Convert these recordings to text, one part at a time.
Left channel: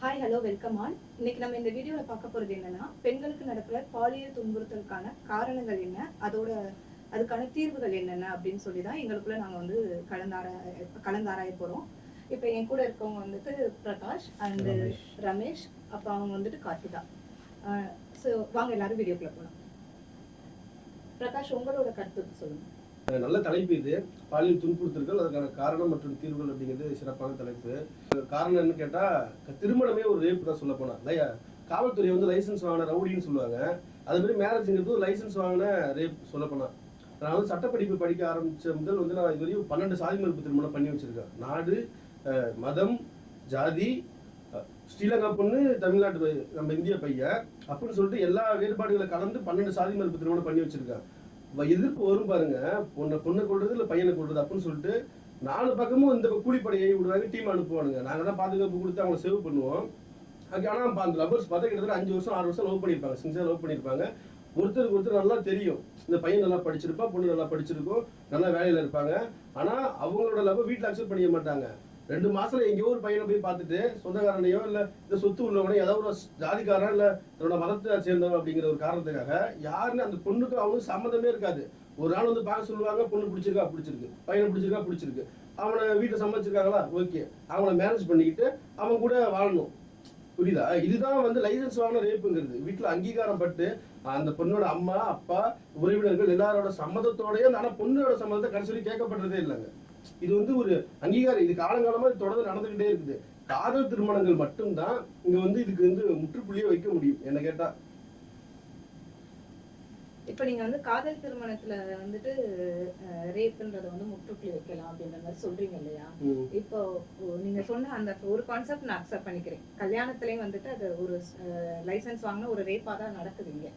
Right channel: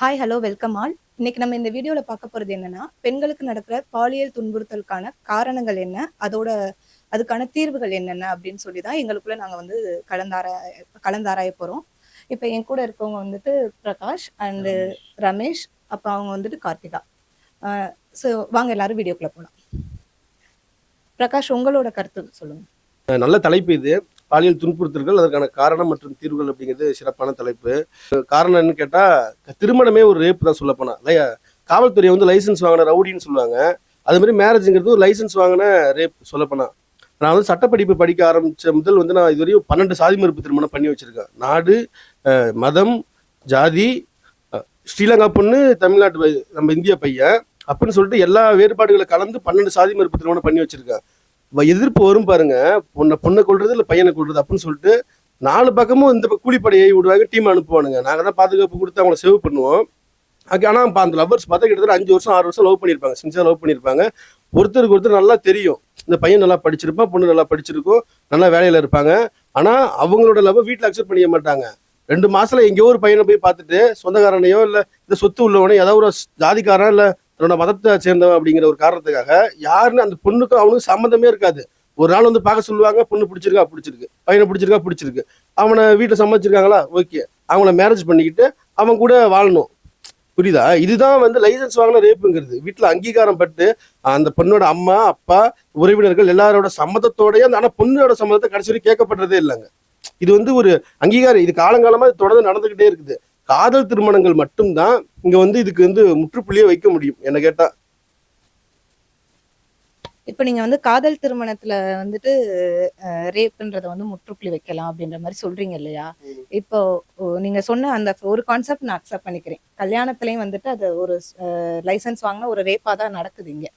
Hi, hello, welcome all. இன்னைக்கு நம்ம இந்த வீடியோல பார்க்க போறது என்னன்னா, பெண்களுக்கு நடக்கிற பாலியல் துன்புறுத்தலுக்கான காரணங்கள் என்ன? அதுக்கான தீர்வுகள் என்னென்ன? அப்படின்னு சொல்லி தான் எங்களுக்குள்ள நாங்க வந்து கலந்தாராய போறோம். இப்ப என் கூட இருக்கவங்க வந்துட்டு பிரகாஷ் அண்ட் ரமேஷ். ரமேஷ். அப்ப அவங்க வந்துட்டு கார்த்திகா. அ ஸோ வாங்க எல்லாரும் வீடியோக்குள்ள போலாம். பிரகாஷ், உங்களோட கருத்து சொல்லுங்க. நல்ல தலைப்பு இது. பாலியல் துன்புறுத்தல்கள், அதற்கான காரணம் மற்றும் தீர்வுகள் அப்படிங்கிறது சிறப்பான தலைப்பு. காரணம் என்னன்னு கேட்டா, திருமணமே ஒரு ரேப் தான் சொல்லப்போனா. காவல்துறை வந்து லைசன்ஸ் வாங்கின ரவுடின்னு சொல்லுவாங்க. அது மாதிரி மேரேஜுங்கிறது ஒரு லைசன்ஸ் வாங்கின ரேப் சொல்லப்போனா. நான் வந்து சட்டப்படிப்பு படிக்க ஆரம்பிச்ச முதல் வந்து நான் இதுவரையும் 12 சாதி மறுப்பு திருமணம் பண்ணி வச்சிருக்கேன். நாடு, மதம், ஜாதி, ஸ்ரீலங்கா பொண்ணு, தமிழ்நாட்டு நம்ம இந்திய பையன் அப்படின்னு சொல்லிட்டு எல்லா வேறுபாடுகளை கலந்து 12 சாதி மறுப்பு திருமணம் பண்ணி வச்சிருக்கேன். எதிர்ப்பு வரும் பாருங்க, பொண்ணை கொள்றது இல்லை பையனை கொள்றது அப்படின்னு சொல்லிட்டு 4 பக்கமும் இந்த கூலிப்படையை விடுவாங்க, டீம் அனுப்புவானுங்க. நாங்கள் தான் பாதுகாப்பு கொடுத்து அவங்களை சேவ் பண்ணுவோம். ஆனால் அந்த லவ்வர்ஸ் பார்த்தா கிட்டத்தட்ட 5 வருஷம் 6 வருஷம் லவ் பண்ணியிருப்பாங்க, சின்சியராக லவ் பண்ணியிருப்பாங்க. ஒருத்தருக்கு ஒருத்தர் நல்லா தெரியும், இந்த பையன் நல்லா படிச்சிருப்பான், பொண்ணு நல்லா படிச்சிருக்கும், நல்லா வேலையில் இருப்பாங்க. ஆனால் அவங்களோட லவ் வீட்டில் அக்செப்ட் பண்ணிக்க மாட்டாங்க. 2 மாசத்துல எங்கேயோ ஒரு பையனை போய் பார்த்துட்டு சொந்தக்காரனையோ இல்லை இந்த சொத்து உள்ளவனோ ஏதாவது ஒரு ஜாதிக்காரன் இல்லை தன்னோட மதத்தை சேர்ந்தவன் அப்படிங்கிற ஒரு காரணத்துக்காக யாருன்னு அந்த பொண்ணுக்கும் அவனுக்கு சம்மந்தமே இருக்காது. ஒரு நாள் வந்து பார்க்க சொல்லுவாங்க, பொண்ணு பிடிச்சிருக்கா பிடிச்சிருக்கு, பையனை பிடிச்சிருக்கா பிடிச்சிருக்கு, அவனை வீட்டில் சம்மதிச்சிருக்காங்களா ஓகே, அவங்கள மேரேஜ் பண்ணிக்கிட்டு அவன் கூட வாழணும். புரியுதா? இதுதான் வந்து லைசன்ஸ் வாங்கின ரேப்புங்கிறது. வீட்டில் அங்கீகாரம் பட்டு அந்த பொண்ணோட அம்மா அப்பா உறவினர்கள் எல்லாரோட சம்மதத்தோடய, அந்த ஆனால் பொண்ணோட சம்மதத்தை கடைசி வரைக்கும் கேட்கப்படுறதே இல்லைங்க. இது வந்து ஒரு அங்கீகாரம். இது காலங்காலமா தொடர்ந்து நடந்துகிட்டே இருக்குது. காதல் திருமணங்கள் மட்டும்தான் இங்க வந்து இதுக்கு வந்து முற்றுப்புள்ளியே வைக்க முடியும் என்ன கேட்டா. இப்ப நீங்க வந்து காதல் திருமணத்துல வந்துட்டு ரேப்ன்றத வந்து முற்றுப்புள்ளி வைக்கலாம் அப்படின்ற மாதிரி சொல்றீங்க இல்லையா? இப்போ நீங்க சொன்ன அந்த ஒரு கான்செப்ட் நான் அக்செப்ட் பண்ணிக்கிறேன். கல்யாணத்திலயும் வந்துட்டு அது ஒரு லைசன்ஸ் வாங்கின ஒரு ரேப்பா தான் நடக்குது இங்க.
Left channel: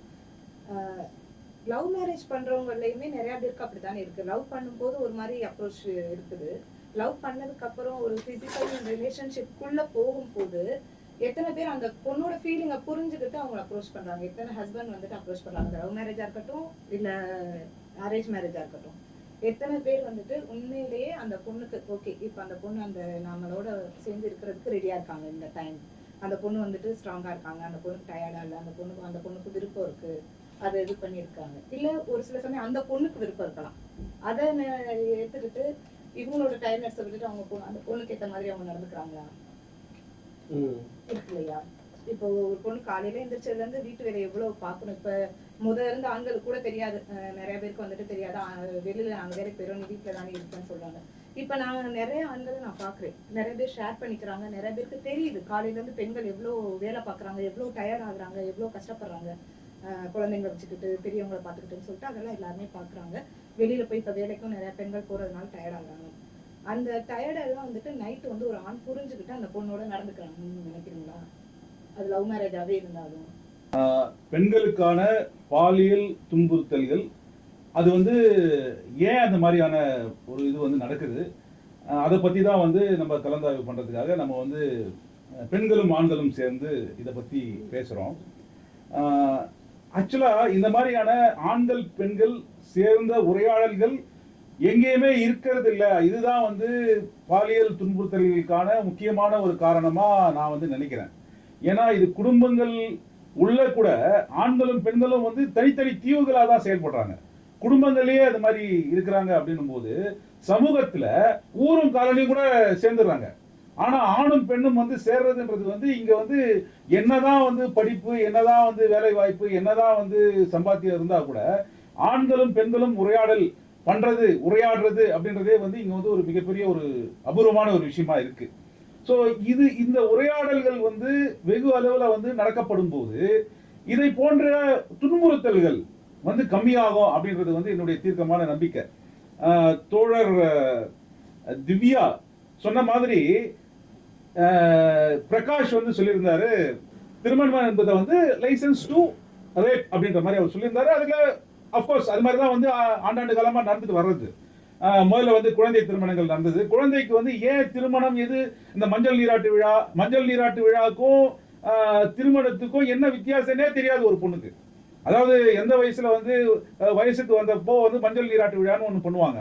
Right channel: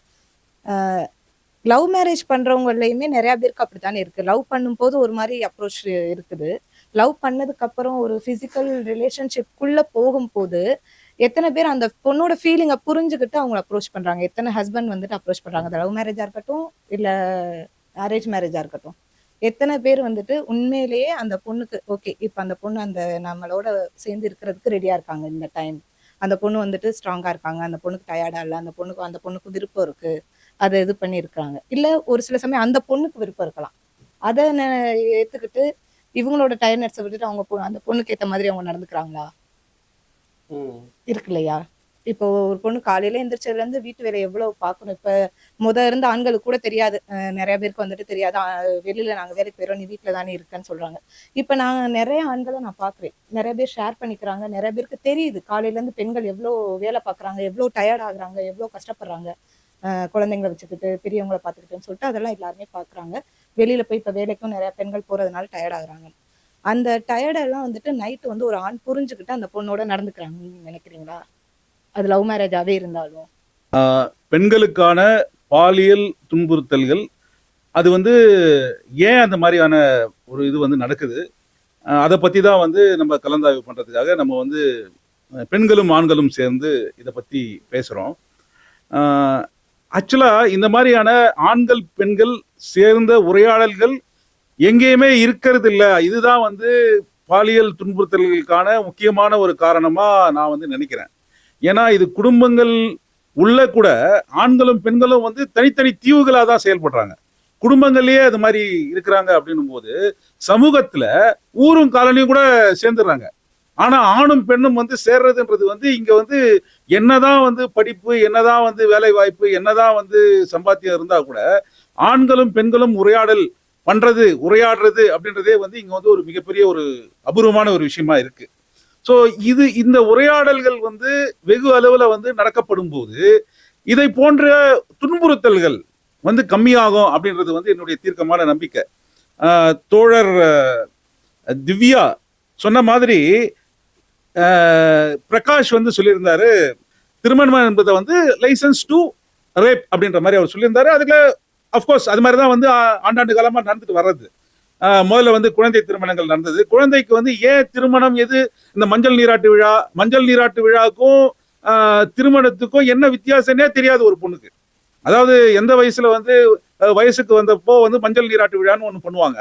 லவ் மேரேஜ் பண்றவங்களையுமே நிறைய பேருக்கு அப்படித்தானே இருக்கு. லவ் பண்ணும்போது ஒரு மாதிரி அப்ரோச் இருக்குது. லவ் பண்ணதுக்கு அப்புறம் ஒரு பிசிக்கல் ரிலேஷன்ஷிப்குள்ள போகும்போது எத்தனை பேர் அந்த பொண்ணோட ஃபீலிங்கை புரிஞ்சுக்கிட்டு அவங்களை அப்ரோச் பண்றாங்க? எத்தனை ஹஸ்பண்ட் வந்துட்டு அப்ரோச் பண்றாங்க? அது லவ் மேரேஜா இருக்கட்டும், இல்ல அரேஞ்ச் மேரேஜா இருக்கட்டும். எத்தனை பேர் வந்துட்டு உண்மையிலேயே அந்த பொண்ணுக்கு ஓகே, இப்ப அந்த பொண்ணு அந்த நம்மளோட சேர்ந்து இருக்கிறதுக்கு ரெடியா இருக்காங்க இந்த டைம். அந்த பொண்ணு வந்துட்டு ஸ்ட்ராங்கா இருக்காங்க, அந்த பொண்ணுக்கு டயர்டா இல்லை, அந்த பொண்ணுக்கு விருப்பம் இருக்கு, அதை இது பண்ணியிருக்காங்க. இல்லை ஒரு சில சமயம் அந்த பொண்ணுக்கு விருப்பம் இருக்கலாம். அதை ஏற்றுக்கிட்டு இவங்களோட டயர்னஸை விட்டுட்டு அவங்க அந்த பொண்ணுக்கு ஏற்ற மாதிரி அவங்க நடந்துக்கிறாங்களா? இருக்கு இல்லையா? இப்போ ஒரு பொண்ணு காலையில எந்திரிச்சதுலேருந்து வீட்டு வேலை எவ்வளவு பார்க்கணும். இப்ப இருந்த ஆண்களுக்கு கூட தெரியாது, நிறைய பேருக்கு வந்துட்டு தெரியாது, வெளியில நாங்க வேலைக்கு போயிடும், நீ வீட்டுல தானே இருக்கேன்னு சொல்றாங்க. இப்ப நான் நிறைய ஆண்களை நான் பாக்குறேன், நிறைய பேர் ஷேர் பண்ணிக்கிறாங்க. நிறைய பேருக்கு தெரியுது காலையில இருந்து பெண்கள் எவ்வளவு வேலை பார்க்குறாங்க, எவ்வளவு டயர்ட் ஆகுறாங்க, எவ்வளவு கஷ்டப்படுறாங்க, குழந்தைங்களை வச்சுக்கிட்டு பெரியவங்களை பார்த்துக்கிட்டுன்னு சொல்லிட்டு அதெல்லாம் எல்லாருமே பார்க்குறாங்க. வெளியில போய் இப்போ வேலைக்கும் நிறைய பெண்கள் போறதுனால டயர்ட் ஆகுறாங்க. அந்த டயர்டெல்லாம் வந்துட்டு நைட்டு வந்து ஒரு ஆண் புரிஞ்சுக்கிட்டு அந்த பொண்ணோட நடந்துக்கிறாங்க. நீங்க நினைக்கிறீங்களா? அது லவ் மேரேஜாவே இருந்தாலும் பெண்களுக்கான பாலியல் துன்புறுத்தல்கள் அது வந்து ஏன் அந்த மாதிரியான ஒரு இது வந்து நடக்குது, அதை பற்றி தான் வந்து நம்ம கலந்தாய்வு பண்ணுறதுக்காக நம்ம வந்து பெண்களும் ஆண்களும் சேர்ந்து இதை பற்றி பேசுகிறோம். ஆக்சுவலாக இந்த மாதிரியான ஆண்கள் பெண்கள் சேர்ந்த உரையாடல்கள் எங்கேயுமே இருக்கிறது இல்லை. இதுதான் வந்து பாலியல் துன்புறுத்தல்களுக்கான முக்கியமான ஒரு காரணமாக நான் வந்து நினைக்கிறேன். ஏன்னா இது குடும்பங்கள் உள்ள கூட ஆண்களும் பெண்களும் வந்து தனித்தனி தீவுகளாக தான் செயல்படுறாங்க. குடும்பங்கள்லயே அது மாதிரி இருக்கிறாங்க அப்படின்னும் போது சமூகத்துல ஊரும் காலனியும் கூட சேர்ந்துடுறாங்க. ஆனா ஆணும் பெண்ணும் வந்து சேர்றதுன்றது வந்து இங்க வந்து என்னதான் வந்து படிப்பு, என்னதான் வந்து வேலை வாய்ப்பு, என்னதான் வந்து சம்பாத்தியம் இருந்தா கூட ஆண்களும் பெண்களும் உரையாடுறது அப்படின்றதே வந்து இங்க வந்து ஒரு மிகப்பெரிய ஒரு அபூர்வமான ஒரு விஷயமா இருக்கு. ஸோ இந்த உரையாடல்கள் வந்து வெகு அளவில் வந்து நடக்கப்படும் போது இதை போன்ற துன்புறுத்தல்கள் வந்து கம்மியாகும் அப்படின்றது வந்து என்னுடைய தீர்க்கமான நம்பிக்கை. தோழர் திவ்யா சொன்ன மாதிரி பிரகாஷ் வந்து சொல்லியிருந்தாரு, திருமணம் என்பதை வந்து லைசன்ஸ் டு ரேப் அப்படின்ற மாதிரி அவர் சொல்லியிருந்தாரு. அதுக்கு அஃப்கோர்ஸ் அது மாதிரி தான் வந்து ஆண்டாண்டு காலமாக நடந்துட்டு வர்றது. முதல்ல வந்து குழந்தை திருமணங்கள் நடந்தது. குழந்தைக்கு வந்து ஏன் திருமணம், எது இந்த மஞ்சள் நீராட்டு விழாவுக்கும் திருமணத்துக்கும் என்ன வித்தியாசம்னே தெரியாது ஒரு பொண்ணுக்கு. அதாவது எந்த வயசுல வந்து வயசுக்கு வந்தப்போ வந்து மஞ்சள் நீராட்டு விழான்னு ஒன்று பண்ணுவாங்க.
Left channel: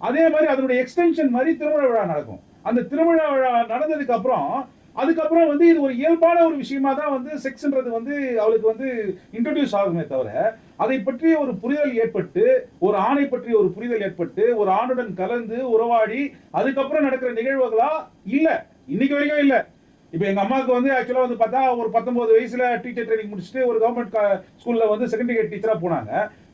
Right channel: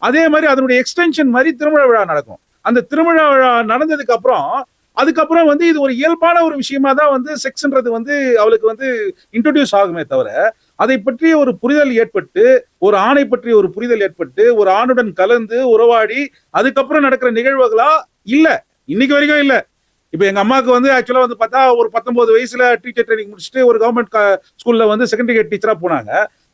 அதே மாதிரி அதனுடைய எக்ஸ்டென்ஷன் மாதிரி திருமண விழா நடக்கும். அந்த திருமண விழா நடந்ததுக்கு அப்புறம் அதுக்கப்புறம் வந்து இது ஒரு இயல்பான ஒரு விஷயமா தான் வந்து செக்ஸ்ன்றது வந்து அவளுக்கு வந்து இன்ட்ரோடியூஸ் ஆகுமே தவிர அதை பற்றிய ஒரு புரிதல் ஏற்பட்டு, ஒரு ஆணை பற்றிய ஒரு புரிதல் ஏற்பட்டு, ஒரு ஆணுடன் கலந்து உறவாடி அதுக்கப்புறம் நடக்கிற நிகழ்வுகளா இல்ல. இன்னைக்கு வரைக்கும் இல்ல. இப்ப எங்க அம்மாவுக்கு வந்து ஆக்சுவலா வந்து பார்த்தா ஒரு 19 வயசுல டீச்சர் ட்ரைனிங் முடிச்சுட்டு ஒரு கவர்மெண்ட் ஸ்கூல்ல வந்து செகண்டரி கிரேட் டீச்சரா போனாங்க.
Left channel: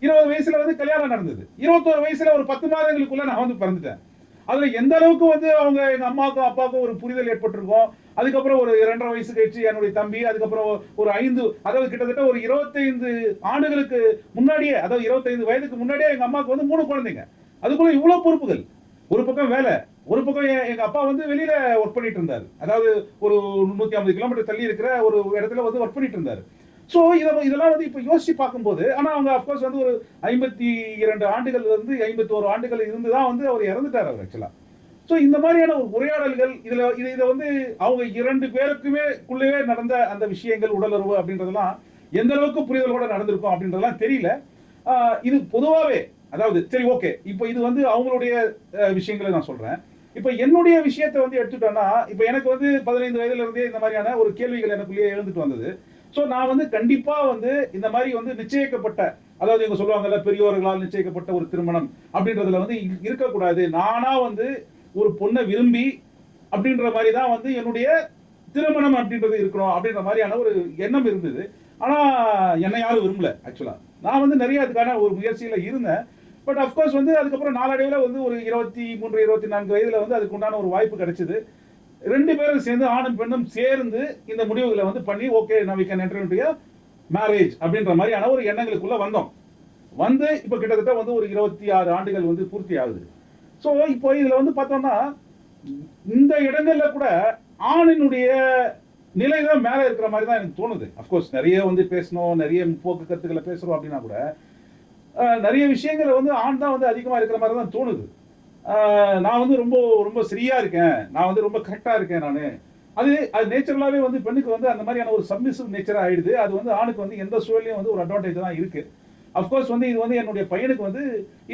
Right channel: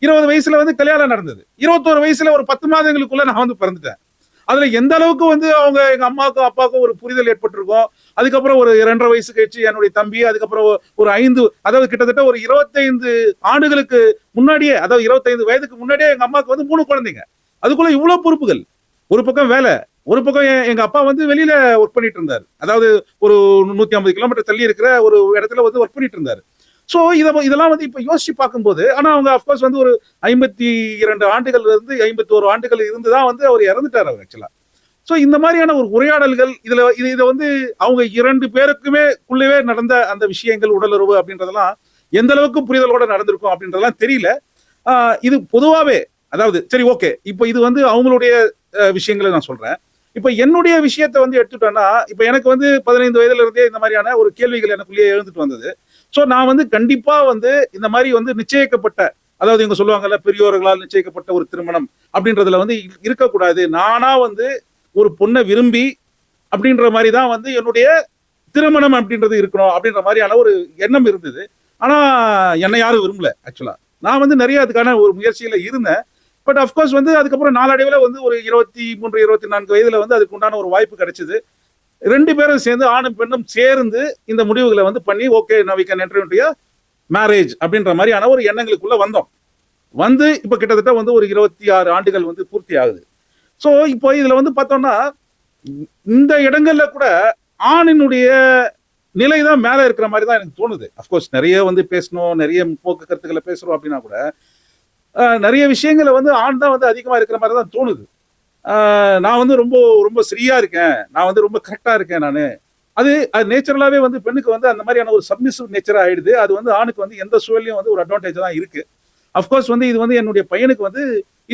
20 வயசுல வந்து கல்யாணம் நடந்தது. 21 வயசுல ஒரு 10 மாதங்களுக்குள்ள நான் வந்து பிறந்துட்டேன். அதுல எந்த அளவுக்கு வந்து அவங்க எங்க அம்மாவுக்கும் அப்பாவுக்கும் ஒரு புரிதல் ஏற்பட்டிருக்கும். அதுக்கப்புறம் ஒரு 2.5 வயசு கழிச்சு என்னுடைய தம்பி, அதுக்கப்புறம் ஒரு 5, அதாவது கிட்டத்தட்ட ஒரு 25 ஆண்டுகளுக்கு முன்னாடியே, அதாவது 25 வயதுக்கு முன்னாடியே எங்க அம்மாவுக்கு வந்து 3 குழந்தைங்க. அதுக்குள்ள இவ்வளவு பொறுப்புகள். ஒரு பக்கம் வேலை, ஒரு பக்கம் எங்க அப்பா வந்து வெளியில ஒர்க் பண்ணிட்டு இருந்தாரு. அதாவது ஒரு 150 கிலோமீட்டர் தள்ளி இருக்கிற ஒரு இடத்துல வந்து ஒர்க் பண்ணிட்டு இருந்தாரு. சோ இதெல்லாம் வந்து இப்ப யோசிச்சு பார்க்கும்போது, ஆனா அவங்க அப்கோர்ஸ் வந்து ஒரு 52 ஆண்டுகள் இருந்து 51 ஆண்டுகள் இருந்துதான் வந்து அவர் இறந்துட்டார் அவர் ஆக்சுவலா. சோ இந்த மாதிரியான ஒரு உரையாடல்கள் இதை வந்து அவங்க 2 பேருக்குமே உள்ளவே நடந்த அந்த விஷயங்கள், உடலுறவு அப்படின்றதெல்லாம் எந்த அளவுக்கு புரிதலோட நடந்திருக்கும் அப்படின்றதெல்லாம் தெரியல. இது பொதுவாவே, அதாவது சரி ஓகே, இப்போ இது வந்து அவங்களுடைய விஷயங்களை நான் சொல்றேன். இப்ப என்னுடைய விஷயத்தை வந்து எடுத்துட்டோம்னா, இப்ப எனக்கு வந்து 15 வயதுல இருந்தே இந்த மாதிரியான ஒரு கேள்விகள் எனக்குள்ளேயே எழுந்துட்டு வந்தது. சோ நான் வந்து கண்டிப்பா வந்து இந்த மாதிரி வந்து நிச்சயிக்கப்பட்ட, அதாவது இவங்க சொல்லுவாங்கல்ல பெரியோர்களால் நிச்சயிக்கப்பட்ட ஒரு திருமணம் அப்படின்றதுல வந்து இருக்கக்கூடாது. நானா வந்து ஒரு பொண்ணை விரும்பி அப்படின்ற மாதிரி தான் வந்து என்னுடைய திருமணம் அப்படின்றது இருக்கணும் அப்படின்ற மாதிரியான ஒரு எண்ணம் இருந்தது. ஆனா என்னை யாரும் விரும்பல ஆக்சுவலா. நான் வந்து நிறைய அதுக்கான ஒரு முயற்சியில இருந்தேன். பட் அப்கோர்ஸ் வந்து அதுக்கப்புறம் நாளடைவில் வந்து ஒரு 23, 24 வயதுல வந்து அதுக்கு உண்டான ஒரு வாய்ப்பு கிடைச்சது. 2 பேரும் சேர்ந்து, ஆணும் பெண்ணும் சேர்ந்து இந்த முடிவுகளை வந்து பண்ணி okay now we can enter into marriage அப்படின்ற மாதிரியான ஒரு எண்ணங்களுக்குள்ள வந்தோம். வந்து இப்ப கிட்டத்தட்ட வந்து ஒரு 26 ஆண்டுகள் வந்து பூர்த்தி ஆகுது. சோ இப்போ இதுல வந்து பார்த்தோம்னா இந்த இடங்கள்ல கூட ஆணினுடைய நிலைதான் மேல இருக்கிற மாதிரி தான் எனக்கு தோணுது. அப்கோர்ஸ் நிறைய வந்து பேசணும், நிறைய முற்போக்கு கருத்துக்களை பேசுறோம் அப்படின்னா கூட நிறைய விஷயங்களை வந்து ஆண் தான் வந்து அதிகமா இருக்கிற மாதிரி தான் தோணுது. நான் வந்து ரொம்ப ரொம்ப சரியா இருக்கேன், நான் வந்து ரொம்ப கரெக்டா இருக்கேன் நானு. அது நேச்சுரலாவே வந்து பெண்ணுக்கு வந்து அந்த மாதிரியான ஒரு சப்மிசிவ் நேச்சரா ஆயிடுது. அது வந்து ஆணுக்கு வந்து எந்த சூழலையும் வந்து ஒரு அட்வான்டேஜ் தான் இருக்கு. அப்கோர்ஸ் வந்து இது வந்து என்னுடைய பையனுக்கு வந்து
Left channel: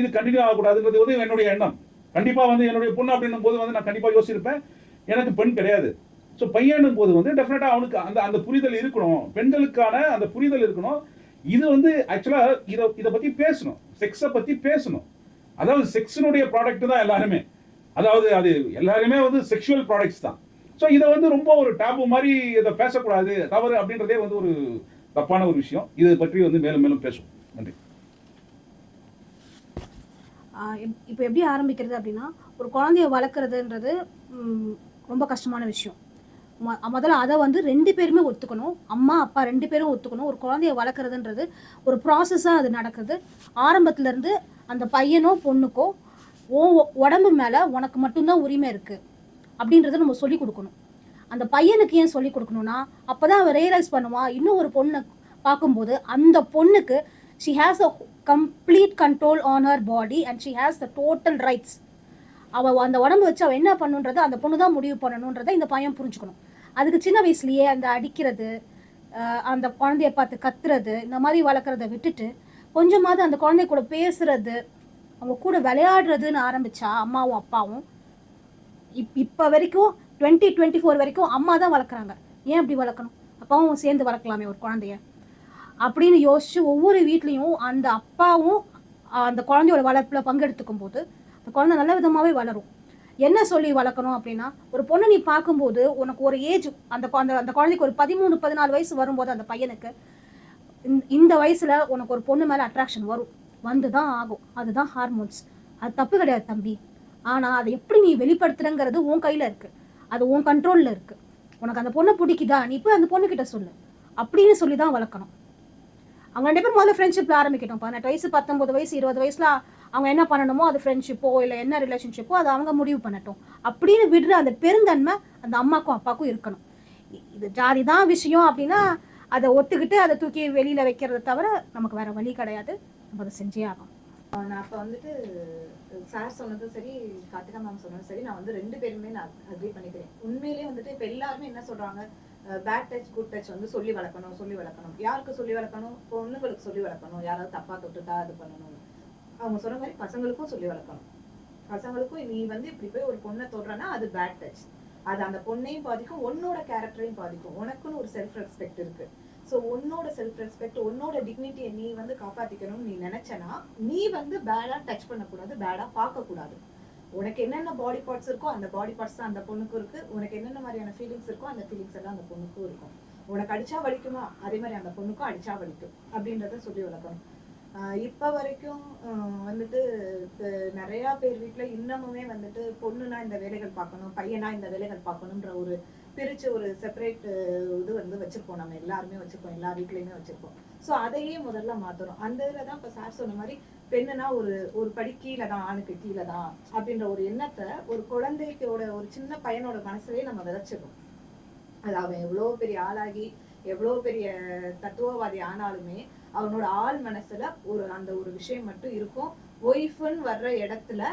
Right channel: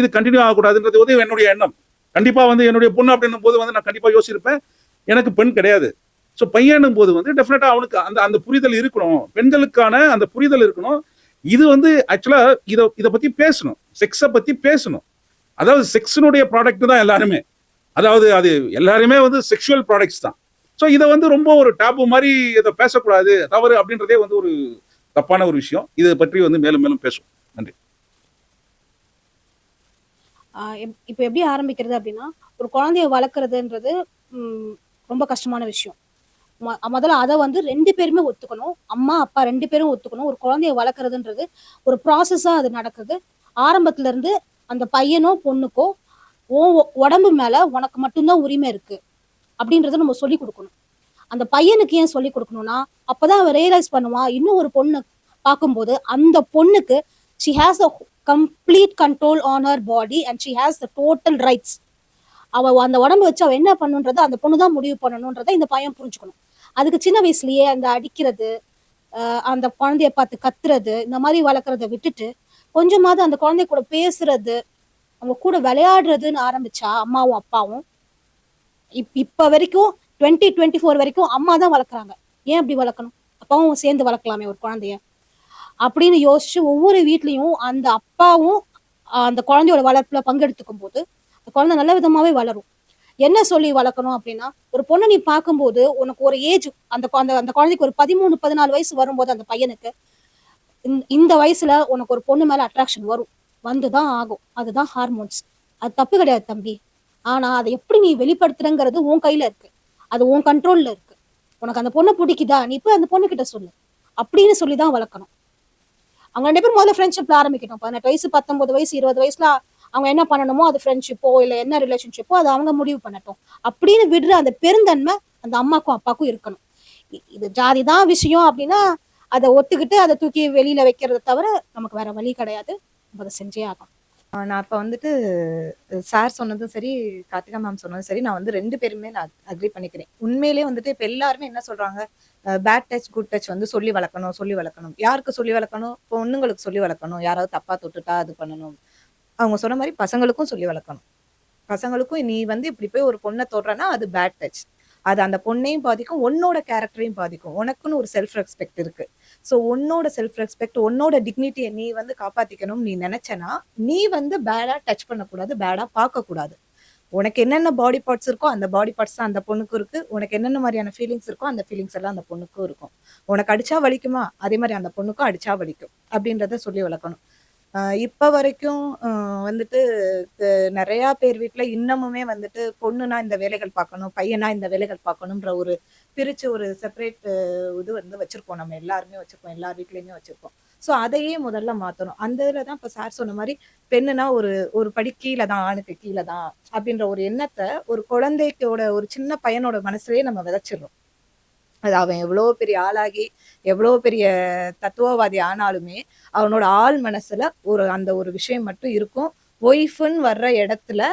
இது கண்டினியூ ஆகக்கூடாதுன்றது வந்து என்னுடைய எண்ணம். கண்டிப்பா வந்து என்னுடைய பொண்ணு அப்படின்னும் போது வந்து நான் கண்டிப்பா யோசிச்சிருப்பேன், எனக்கு பெண் கிடையாது. ஸோ பையனும் போது வந்து டெஃபினட்டா அவனுக்கு அந்த அந்த புரிதல் இருக்கணும், பெண்களுக்கான அந்த புரிதல் இருக்கணும். இது வந்து ஆக்சுவலா இதை பத்தி பேசணும், செக்ஸை பத்தி பேசணும். அதாவது செக்ஸினுடைய ப்ராடக்ட் தான் எல்லாருமே, அதாவது அது எல்லாருமே வந்து செக்ஷுவல் ப்ராடக்ட்ஸ் தான். ஸோ இதை வந்து ரொம்ப ஒரு டாப்பு மாதிரி இதை பேசக்கூடாது, தவறு அப்படின்றதே வந்து ஒரு தப்பான ஒரு விஷயம். இதை பற்றி வந்து மேலும் மேலும் பேசுவோம். நன்றி. இப்போ எப்படி ஆரம்பிக்கிறது அப்படின்னா, ஒரு குழந்தைய வளர்க்குறதுன்றது ரொம்ப கஷ்டமான விஷயம். முதல்ல அதை வந்து 2 பேருமே ஒத்துக்கணும். அம்மா அப்பா 2 பேரும் ஒத்துக்கணும். ஒரு குழந்தைய வளர்க்குறதுன்றது ஒரு ப்ராசஸா அது நடக்குது. ஆரம்பத்துல இருந்து அந்த பையனோ பொண்ணுக்கோ உடம்பு மேல உனக்கு மட்டும்தான் உரிமை இருக்கு அப்படின்றத நம்ம சொல்லி கொடுக்கணும். அந்த பையனுக்கு ஏன் சொல்லி கொடுக்கணும்னா, அப்பதான் அவன் ரியலைஸ் பண்ணுவான், இன்னும் ஒரு பொண்ணு பார்க்கும்போது அந்த பொண்ணுக்கு she has the complete control on her body and she has the total rights. அவ அந்த உடம்பு வச்சு அவ என்ன பண்ணுன்றதை அந்த பொண்ணு தான் முடிவு பண்ணணுன்றதை இந்த பையன் புரிஞ்சுக்கணும். அதுக்கு சின்ன வயசுலயே அந்த அடிக்கிறது, அந்த குழந்தைய பார்த்து கத்துறது, இந்த மாதிரி வளர்க்குறத விட்டுட்டு கொஞ்சமாவது அந்த குழந்தை கூட பேசுறது, அவங்க கூட விளையாடுறதுன்னு ஆரம்பிச்சா அம்மாவும் அப்பாவும், இப்ப வரைக்கும் 2024 வரைக்கும் அம்மா தான் வளர்க்குறாங்க. ஏன் அப்படி வளர்க்கணும்? அப்பாவும் சேர்ந்து வளர்க்கலாமே ஒரு குழந்தைய அப்படின்னு யோசிச்சு ஒவ்வொரு வீட்லயும் அந்த அப்பாவும் அந்த குழந்தையோட வளர்ப்புல பங்கெடுத்துக்கும் போது அந்த குழந்தை நல்ல விதமாவே வளரும். என்ன சொல்லி வளர்க்கணும் அப்படின்னா, ஒரு பொண்ணு நீ பார்க்கும்போது உனக்கு ஒரு ஏஜ், அந்த குழந்தைக்கு ஒரு 13, 14 வயசு வரும்போது அந்த பையனுக்கு இந்த வயசுல உனக்கு ஒரு பொண்ணு மேல அட்ராக்ஷன் வரும், வந்துதான் ஆகும். அதுதான் ஹார்மோன்ஸ். அது தப்பு கிடையாது தம்பி. ஆனா அதை எப்படி நீ வெளிப்படுத்துறங்கிறது உன் கையில இருக்கு, அது உன் கண்ட்ரோல்ல இருக்கு. உனக்கு அந்த பொண்ணை பிடிக்குதா, நீ போய் அந்த பொண்ணு கிட்ட சொல்லு அப்படின்னு சொல்லிதான் வளர்க்கணும். அவங்க 2 பேரும் முதல்ல ஃப்ரெண்ட்ஷிப்ல ஆரம்பிக்கட்டும். 18 வயசு 19 வயசு 20 வயசுல அவங்க என்ன பண்ணணுமோ, அது ஃப்ரெண்ட்ஷிப்போ இல்ல என்ன ரிலேஷன்ஷிப்போ அதை அவங்க முடிவு பண்ணட்டும் அப்படின்னு விடுற அந்த பெருந்தன்மை அந்த அம்மாக்கும் அப்பாவுக்கும் இருக்கணும். இது ஜாதி தான் விஷயம் அப்படின்னா அதை ஒத்துக்கிட்டு அதை தூக்கி வெளியில வைக்கிறத தவிர நமக்கு வேற வழி கிடையாது. அதை செஞ்சே ஆகணும். நான் இப்போ வந்துட்டு சார் சொன்னதும் சரி, கார்த்திகா மேம் சொன்னதும் சரி, நான் வந்து 2 பேருமே நான் அக்ரி பண்ணிக்கிறேன். உண்மையிலேயே வந்துட்டு இப்போ எல்லாருமே என்ன சொல்றாங்க, பேட் டச் குட் டச் வந்து சொல்லி வளர்க்கணும், சொல்லி வளர்க்கணும். யாருக்கு சொல்லி வளர்க்கணும்? பொண்ணுங்களுக்கு சொல்லி வளர்க்கணும். யாராவது தப்பா தொட்டுட்டா அது பண்ணணும். அவங்க சொன்ன மாதிரி பசங்களுக்கும் சொல்லி வளர்க்கணும். பசங்களுக்கும் நீ வந்து இப்படி போய் ஒரு பொண்ணை தொடுறனா அது பேட் டச். அது அந்த பொண்ணையும் பாதிக்கும், உன்னோட கேரக்டரையும் பாதிக்கும். உனக்குன்னு ஒரு செல்ஃப் ரெஸ்பெக்ட் இருக்கு. ஸோ உன்னோட செல்ஃப் ரெஸ்பெக்ட், உன்னோட டிக்னிட்டியை நீ வந்து காப்பாத்திக்கணும்னு நீ நினைச்சனா, நீ வந்து பேடா டச் பண்ணக்கூடாது, பேடா பார்க்கக்கூடாது. உனக்கு என்னென்ன பாடி பார்ட்ஸ் இருக்கோ அந்த பாடி பார்ட்ஸ் தான் அந்த பொண்ணுக்கும் இருக்கு. உனக்கு என்னென்ன மாதிரியான ஃபீலிங்ஸ் இருக்கோ அந்த ஃபீலிங்ஸ் எல்லாம் அந்த பொண்ணுக்கும் இருக்கும். உனக்கு அடிச்சா வலிக்குமா, அதே மாதிரி அந்த பொண்ணுக்கும் அடிச்சா வலிக்கும் அப்படின்றத சொல்லி வளர்க்கணும். இப்ப வரைக்கும் வந்துட்டு நிறைய பேர் வீட்ல இன்னமுமே வந்துட்டு பொண்ணுனா இந்த வேலைகள் பார்க்கணும், பையனா இந்த வேலைகள் பார்க்கணும்ன்ற ஒரு பிரிச்சு ஒரு செப்பரேட் இது வந்து வச்சிருக்கோம். நம்ம எல்லாருமே வச்சிருக்கோம், எல்லார் வீட்லயுமே வச்சிருக்கோம். ஸோ அதையே முதல்ல மாத்தணும். அந்த இதில் தான் இப்போ சார் சொன்ன மாதிரி பெண்ணுனா ஒரு படி கீழே தான், ஆணுக்கு கீழே தான் அப்படின்ற ஒரு எண்ணத்தை ஒரு குழந்தைக்கோட ஒரு சின்ன பையனோட மனசுலயே நம்ம விதைச்சிடுறோம். அது அவன் எவ்வளோ பெரிய ஆளாகி எவ்வளோ பெரிய தத்துவவாதி ஆனாலுமே அவனோட ஆள் மனசுல அந்த ஒரு விஷயம் மட்டும் இருக்கும். ஒய்ஃப்னு வர்ற இடத்துல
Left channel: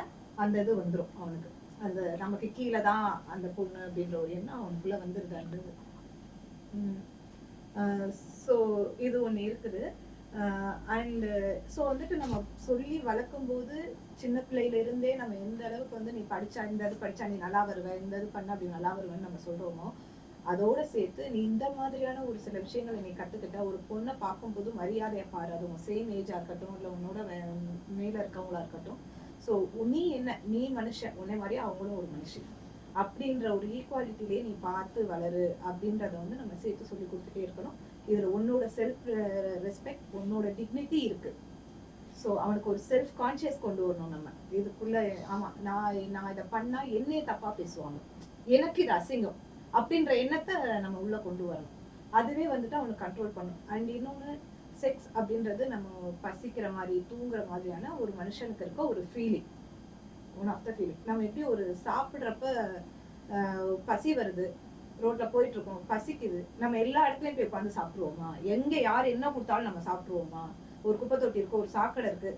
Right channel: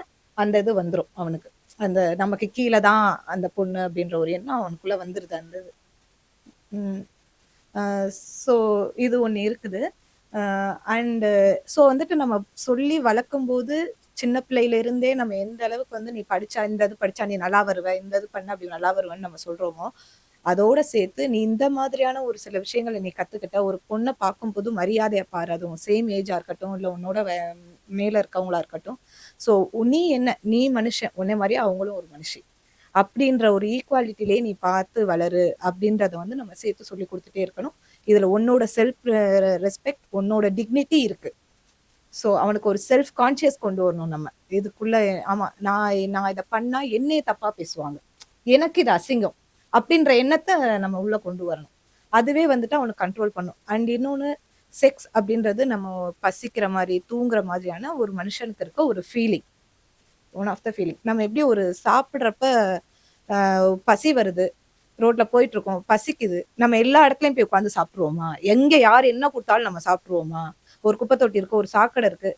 அந்த இது வந்துடும் அவனுக்கு. அந்த நமக்கு கீழே தான் அந்த பொண்ணு அப்படின்ற ஒரு எண்ணம் அவனுக்குள்ள வந்துருது அந்த இது. ஸோ இது ஒன்று இருக்குது. அண்டு ஸோ வந்துட்டு நம்ம சொல்லி வளர்க்கும் போது சின்ன பிள்ளையில இருந்தே நம்ம எந்த அளவுக்கு வந்து நீ படிச்சா இந்த இது படிச்சா நீ நல்லா வருவ, இந்த இது பண்ண அப்படி நல்லா வருவேன்னு நம்ம சொல்றோமோ, அதோட சேர்த்து நீ இந்த மாதிரியான ஒரு சில விஷயங்களை நீ கத்துக்கிட்ட. ஒரு பொண்ணை பார்க்கும்போது மரியாதையை பாரு, அதுவும் சேம் ஏஜா இருக்கட்டும் இல்லை உன்னோட மேல இருக்கவங்களா இருக்கட்டும். ஸோ நீ என்ன, நீ மனுஷன், உன்னை மாதிரியே அவங்களும் ஒரு மனுஷி அப்படின்ற ஒரு ஈக்குவாலிட்டிலே நீ பார்த்து வளரு அப்படின்றத வந்து நம்ம சேர்த்து சொல்லி கொடுத்துட்டே இருக்கணும். இதுல உன்னோட செல்ஃப் ரெஸ்பெக்ட், உன்னோட டிக்னிட்டி இருக்கு. ஸோ அவனுக்கு ஒரு செல்ஃப் கான்சியஸ் கொண்டு வரணும் நம்ம இதுக்குள்ள. ஆமா, நான் இதை பண்ணா என்னையே தப்பா பேசுவாங்க, எனக்கு இது அசிங்கம் அப்படின்ற எண்ணத்தை நம்ம உள்ள கொண்டு வரணும். அதுவே வந்துட்டு அவனுக்கு கண்ட்ரோல் பண்ணும். அண்ட் இன்னொன்று, செக்ஸ் அப்படின்றது நம்ம பசிக்கிற மாதிரி தூங்குற மாதிரியான ஒரு மனுஷனுக்கு இருக்க ஒரு feeling, one of the feeling. நம்ம எப்படி ஒரு சாப்பிட்றப்ப பசி வருது, ரோட்ல போயிட்டு இருக்கோம், பசிக்குது, நம்ம எல்லா இடத்துலயும் போய் உட்காந்து சாப்பிட்ருவோமா? எங்க யார் என்ன கொடுத்தாலும் நம்ம சாப்பிட்ருவோமா? ஒரு குப்பை தொட்டி இருக்கு, ஒரு சாக்கடை இருக்கு,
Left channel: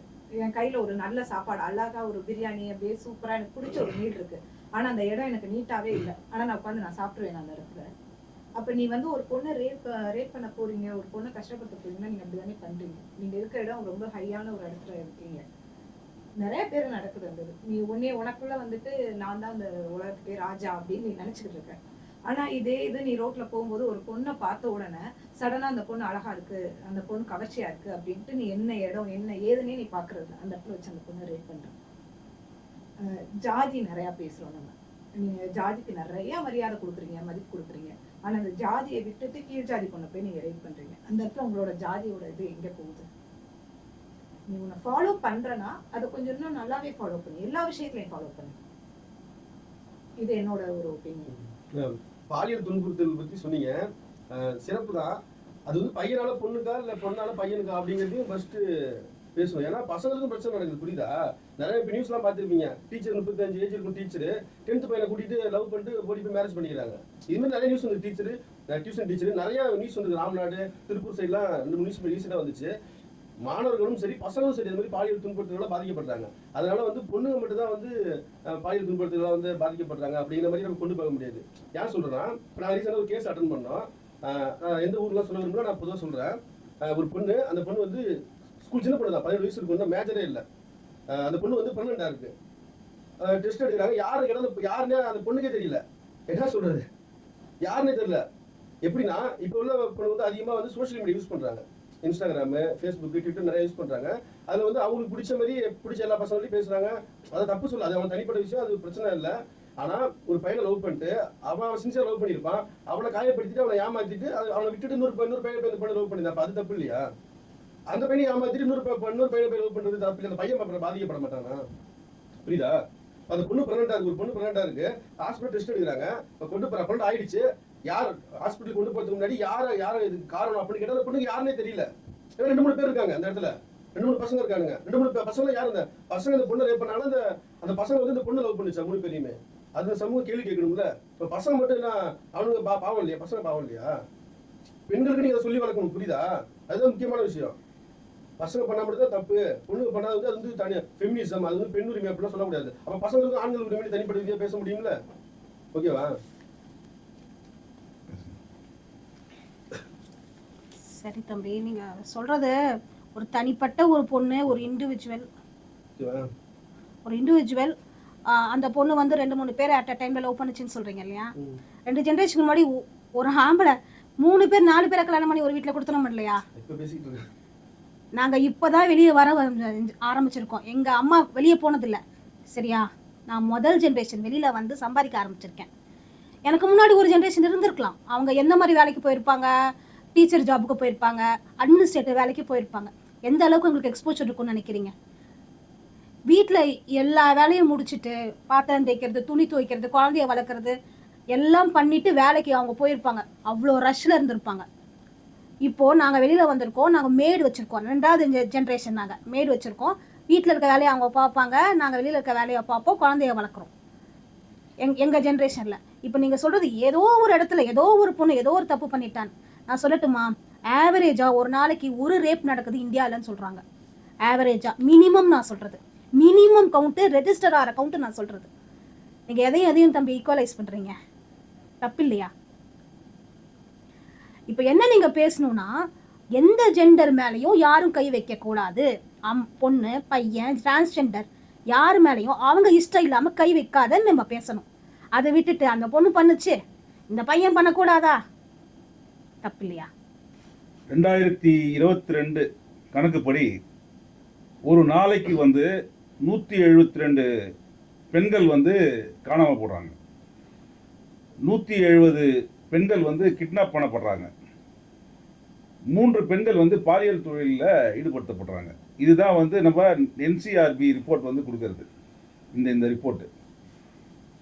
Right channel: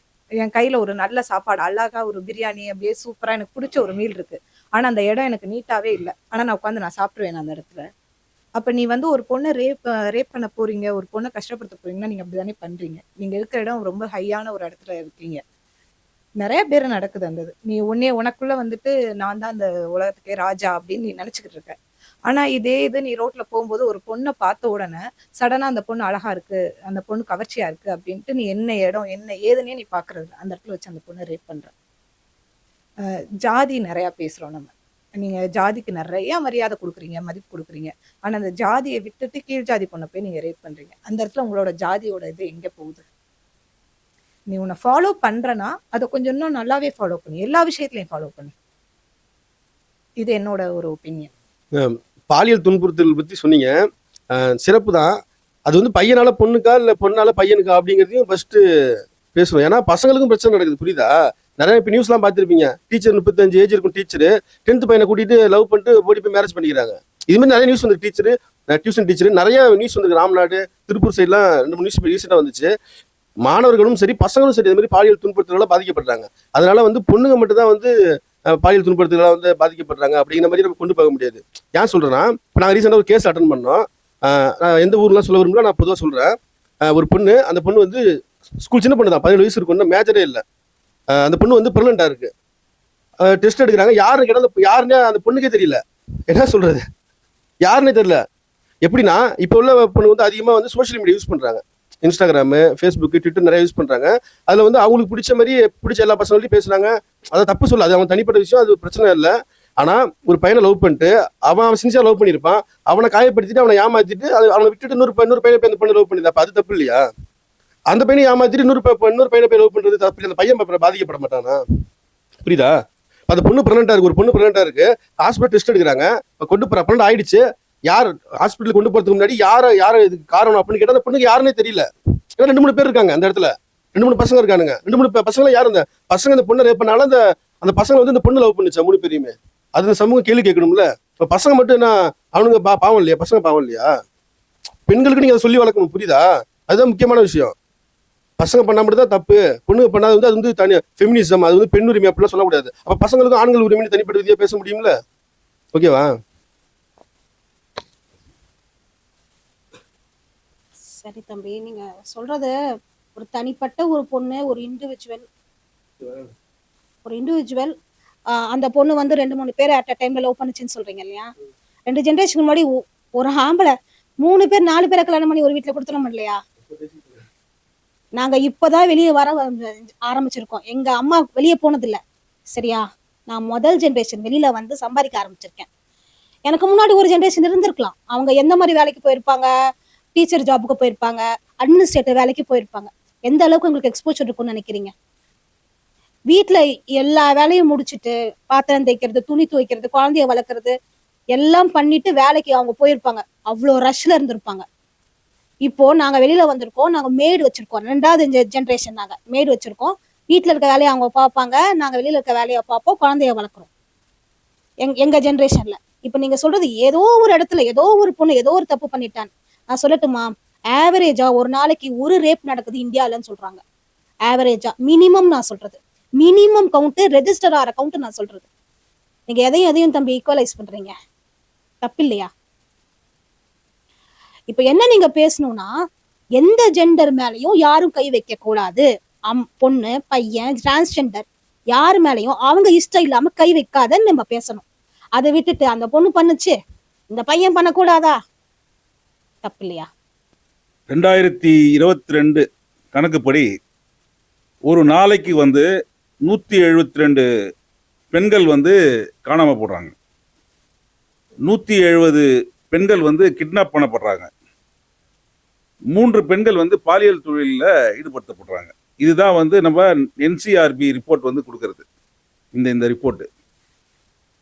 என் கையில ஒரு நல்ல சாப்பாடு, அழகா ஒரு பிரியாணி அப்படியே சூப்பரா எனக்கு பிடிச்ச ஒரு மீல் இருக்கு, ஆனா அந்த இடம் எனக்கு நீட்டாவே இல்லை, ஆனா நான் உட்காந்து நான் சாப்பிடுவேன் அந்த இடத்துல. அப்ப நீ வந்து ஒரு பொண்ணை ரேப் பண்ண போறீங்க, ஒரு பொண்ணை கஷ்டப்படுத்த போறீங்கன்னா நீங்க அப்படிதானே பண்றீங்க. நீங்க இருக்கிற இடம் ரொம்ப ஹையான ஒரு இடத்துல இருக்கீங்க. நிறைய பேர் நடக்குது அந்த இது. நீ உனக்குள்ள வந்துட்டு நான் தான் அந்த உலகத்துக்கே ராஜா அப்படின்னு நீ நினைச்சுக்கிட்டு இருக்க. ஆனா இதே இது நீ ரோட்ல போகும்போது ஒரு பொண்ணை பார்த்த உடனே சடனா அந்த பொண்ணு அழகா இருக்கு, அந்த பொண்ணு கவர்ச்சியா இருக்கு அப்படின்ட்டு நீ என்ன இடம் என்ன ஏதுன்னே நீ பாக்குறது அந்த இடத்துல வச்சு அந்த பொண்ணை ரேப் பண்ற. ஜாதி நிறைய பேசுறோம் நம்ம. நீங்க ஜாதிக்கு நிறைய மரியாதை கொடுக்குறீங்க, மதிப்பு கொடுக்குறீங்க. ஆனா அந்த ஜாதியை விட்டுட்டு கீழ் ஜாதி பொண்ணை போய் நீங்க ரேப் பண்றீங்க. அந்த இடத்துல உங்களோட ஜாதியோட இது எங்க போகுது? நீ உன்னை ஃபாலோ பண்றனா அதை கொஞ்சம் இன்னும் நல்லாவே ஃபாலோ பண்ணு, எல்லா விஷயத்துலையும் ஃபாலோ பண்ணு. இது என்னோட ஒரு ஒப்பீனியன். பாலியல் துன்புறுத்தல் பத்தி சொன்னீங்க, சிறப்பு தான். அது வந்து பையனால பொண்ணுக்கா இல்லை பொண்ணால பையனுக்கா அப்படிங்கிறதையும் ஃபர்ஸ்ட் பேசணும். ஏன்னா பசங்களுக்கும் பிரச்சனை நடக்குது, புரியுதா? நிறைய இப்போ நியூஸ்லாம் பார்த்துருப்பீங்க. டீச்சர் 35 ஏஜ் இருக்கும் டீச்சரு 10th பையனை கூட்டிட்டு லவ் பண்ணிட்டு ஓடி போய் மேரேஜ் பண்ணிக்கிறாங்க. இது மாதிரி நிறைய நியூஸ் வந்து டீச்சரு, டியூஷன் டீச்சரு நிறைய நியூஸ் வந்து ராம்நாடு திருப்பூர் சைட்லாம் 2-3 நியூஸ் ரீசெண்டாக வந்துச்சு. மாணவர்களும் சரி பசங்களும் சரி இது மாதிரி பாலியல் துன்புறுத்தலால பாதிக்கப்படுறாங்க. அதனால வந்து பொண்ணுங்க மட்டும் தான் வந்து பாலியல் துன்புறுத்தலால வந்து பாதிக்கப்படுறாங்க அப்படிங்கிற மாதிரி நம்ம கொண்டு போக முடியாது. ஏன் சொல்றேன்னா, இப்போ நாங்கள் ரீசெண்டாக ஒரு கேஸ் அட்டன் பண்ணோம். நான் எந்த ஊர்லாம் சொல்ல விரும்பல, நான் பொதுவாக சொல்றேன். ஒரு பொண்ணு, அந்த பொண்ணு வந்து ஸ்கூல் சின்ன பொண்ணு தான், 17 வயசு இருக்கும், மேஜரே இல்லை. அந்த பொண்ணு வந்து பிரெக்னெண்டா இருக்கு. டெஸ்ட் எடுக்கிறாங்க, யாருன்னு கேட்டால் யாருன்னே அந்த பொண்ணுக்கே தெரியல. என்ன சொல்றது, யாருன்னே தெரியல. எப்படின்னா இப்போ உள்ள பொண்ணு வந்து அதிகமாக வந்து சோஷியல் மீடியா யூஸ் பண்றாங்க, இன்ஸ்டாகிராமு, ஃபேஸ்புக்கு, ட்விட்டர் நிறைய யூஸ் பண்றாங்க. அதில் வந்து அவங்களுக்கு பிடிச்ச மாதிரி பிடிச்ச எல்லா பசங்களையும் பேசுறாங்க. அதை தப்பு சொல்ல, அது அவங்க தனிப்பட்ட விஷயம், அது பிரச்சனை இல்லை. ஆனால் ஒரு பையனை லவ் பண்ணிட்டு அவன் சின்சியராக லவ் பண்ணியிருப்பான், அவனை காயப்படுத்திட்டு அவனை ஏமாத்திட்டு அவனை விட்டுட்டு இன்னொரு பையனை போய் அந்த பொண்ணு லவ் பண்ணியிருந்தா, அப்போ அது தப்பு இல்லையா? அந்த பையனை ஏமாத்திட்டு இன்னொரு பையனை போய் லவ் பண்ணுறது தப்பு இல்லை. அந்த பையன் பாதிக்கப்பட மாட்டானா? புரியுதா? அந்த பொண்ணு பிரெக்னெண்டா இருக்கு, ஒரு பொண்ணு பிரெக்னெண்டா இருக்கு, ஹாஸ்பிட்டல் டெஸ்ட் எடுக்கிறாங்க, கொண்டு போற பிரெக்னென்ட் ஆயிடுச்சு. யார் ஹாஸ்பிட்டல் கொண்டு போறதுக்கு முன்னாடி யார இதுக்கு காரணம் அப்படின்னு கேட்டா அந்த பொண்ணுக்கு யாருன்னே தெரியல. ஏன்னா 2-3 பேர் இருக்காங்க அந்த இடத்துல, 2-3 பசங்க இருக்கானுங்க. 2-3 பசங்க யாரு? இந்த பசங்க இந்த பொண்ணை ரேப் பண்ணாலும் அந்த பசங்க வந்து இந்த பொண்ணு லவ் பண்ணுச்சா 3 பேரையுமே? அது இந்த சமூகம் கேள்வி கேட்கணும்ல. இப்போ பசங்க மட்டும் என்ன அவனுங்க பாவம் இல்லையா? பசங்க பாவம் இல்லையா? பெண்களுக்கு நீங்க அதை சொல்லி வளர்க்கணும், புரியுதா? அதுதான் முக்கியமான விஷயம். பசங்க பண்ணா மட்டும் தான் தப்பு, பொண்ணுங்க பண்ணாது வந்து அது வந்து தனி ஃபெமினிசம், அது வந்து பெண் உரிமை அப்படிலாம் சொல்லக்கூடாது. அப்ப பசங்களுக்கும் ஆண்கள் உரிமைன்னு தனிப்பட்ட விதியா பேச முடியும்ல? ஓகேவா? சரி தம்பி, நீங்க சொல்றத ஒரு தனிப்பட்ட ஒரு பொண்ணு, ஒரு இண்டிவிஜுவல் அந்த பொண்ணு வந்து 2-3 பேர் அட் அ டைம்ல லவ் பண்ணுச்சுன்னு சொல்றீங்க இல்லையா? 2 ஜெனரேஷன் முன்னாடி ஒரு ஆம்பளை 3 பேர் 4 பேரை கல்யாணம் பண்ணி ஒரு வீட்டுல கொடுத்துட இல்லையா? நாங்க இப்பதான் வெளியே வர ஆரம்பிச்சிருக்கோம். எங்க அம்மா வெளியே போனது இல்ல, சரியா? நான் முதல் ஜெனரேஷன் வெளியில வந்து சம்பாதிக்க ஆரம்பிச்சிருக்கேன். எனக்கு முன்னாடி ஒரு ஜெனரேஷன் இருந்திருக்கலாம். அவங்க எந்த மாதிரி வேலைக்கு போயிருப்பாங்க, டீச்சர் ஜாபுக்கு போயிருப்பாங்க, அட்மினிஸ்ட்ரேட்டிவ் வேலைக்கு போயிருப்பாங்க. எந்த அளவுக்கு உங்களுக்கு எக்ஸ்போஜர் இருக்கும்னு நினைக்கிறீங்க? வீட்டுல எல்லா வேலையும் முடிச்சுட்டு பாத்திரம் தேய்க்கிறது, துணி துவைக்கிறது, குழந்தைய வளர்க்கறது எல்லாம் பண்ணிட்டு வேலைக்கு அவங்க போயிருப்பாங்க. அவ்வளோ ரஷ்ல இருந்திருப்பாங்க. இப்போ நாங்க வெளியில வந்திருக்கோம், நாங்க மேடு வச்சிருக்கோம். 2வது ஜெனரேஷன் நாங்க மேடு வச்சிருக்கோம். வீட்டுல இருக்க வேலையை அவங்க பார்ப்பாங்க, நாங்க வெளியில இருக்க வேலையை பார்ப்போம், குழந்தைய வளர்க்குறோம். எங்க ஜெனரேஷன்ல இப்ப நீங்க சொல்றது ஏதோ ஒரு இடத்துல ஏதோ ஒரு பொண்ணு ஏதோ ஒரு தப்பு பண்ணிட்டான். நான் சொல்லட்டுமா, ஆவரேஜா ஒரு நாளைக்கு ஒரு ரேப் நடக்குது இந்தியாலன்னு சொல்றாங்க. ஆவரேஜா மினிமம் நான் சொல்றது, மினிமம் கவுண்ட், ரெஜிஸ்டர் ஆகிற கவுண்ட் நான் சொல்றது. நீங்க எதையும் தம்பி ஈக்குவலைஸ் பண்றீங்க, தப்பு இல்லையா? இப்ப என்ன நீங்க பேசணும்னா, எந்த ஜெண்டர் மேலயும் யாரும் கை வைக்க கூடாது. பொண்ணு பையன் டிரான்ஸ்ஜெண்டர் யாரு மேலயும் அவங்க இஷ்டம் இல்லாம கை வைக்காதன்னு நம்ம பேசணும். அதை விட்டுட்டு அந்த பொண்ணு பண்ணுச்சு இந்த பையன் பண்ணக்கூடாதா, தப்பு இல்லையா? 2022 கணக்குப்படி ஒரு நாளைக்கு வந்து 172 பெண்கள் வந்து காணாம போடுறாங்க. 170 பெண்கள் வந்து கிட்னாப் பண்ணப்படுறாங்க. 3 பெண்கள் வந்து பாலியல் தொழிலில் ஈடுபடுத்தப்படுறாங்க. இதுதான் வந்து நம்ம NCRB ரிப்போர்ட் வந்து கொடுக்கறது, இந்த ரிப்போர்ட்டு.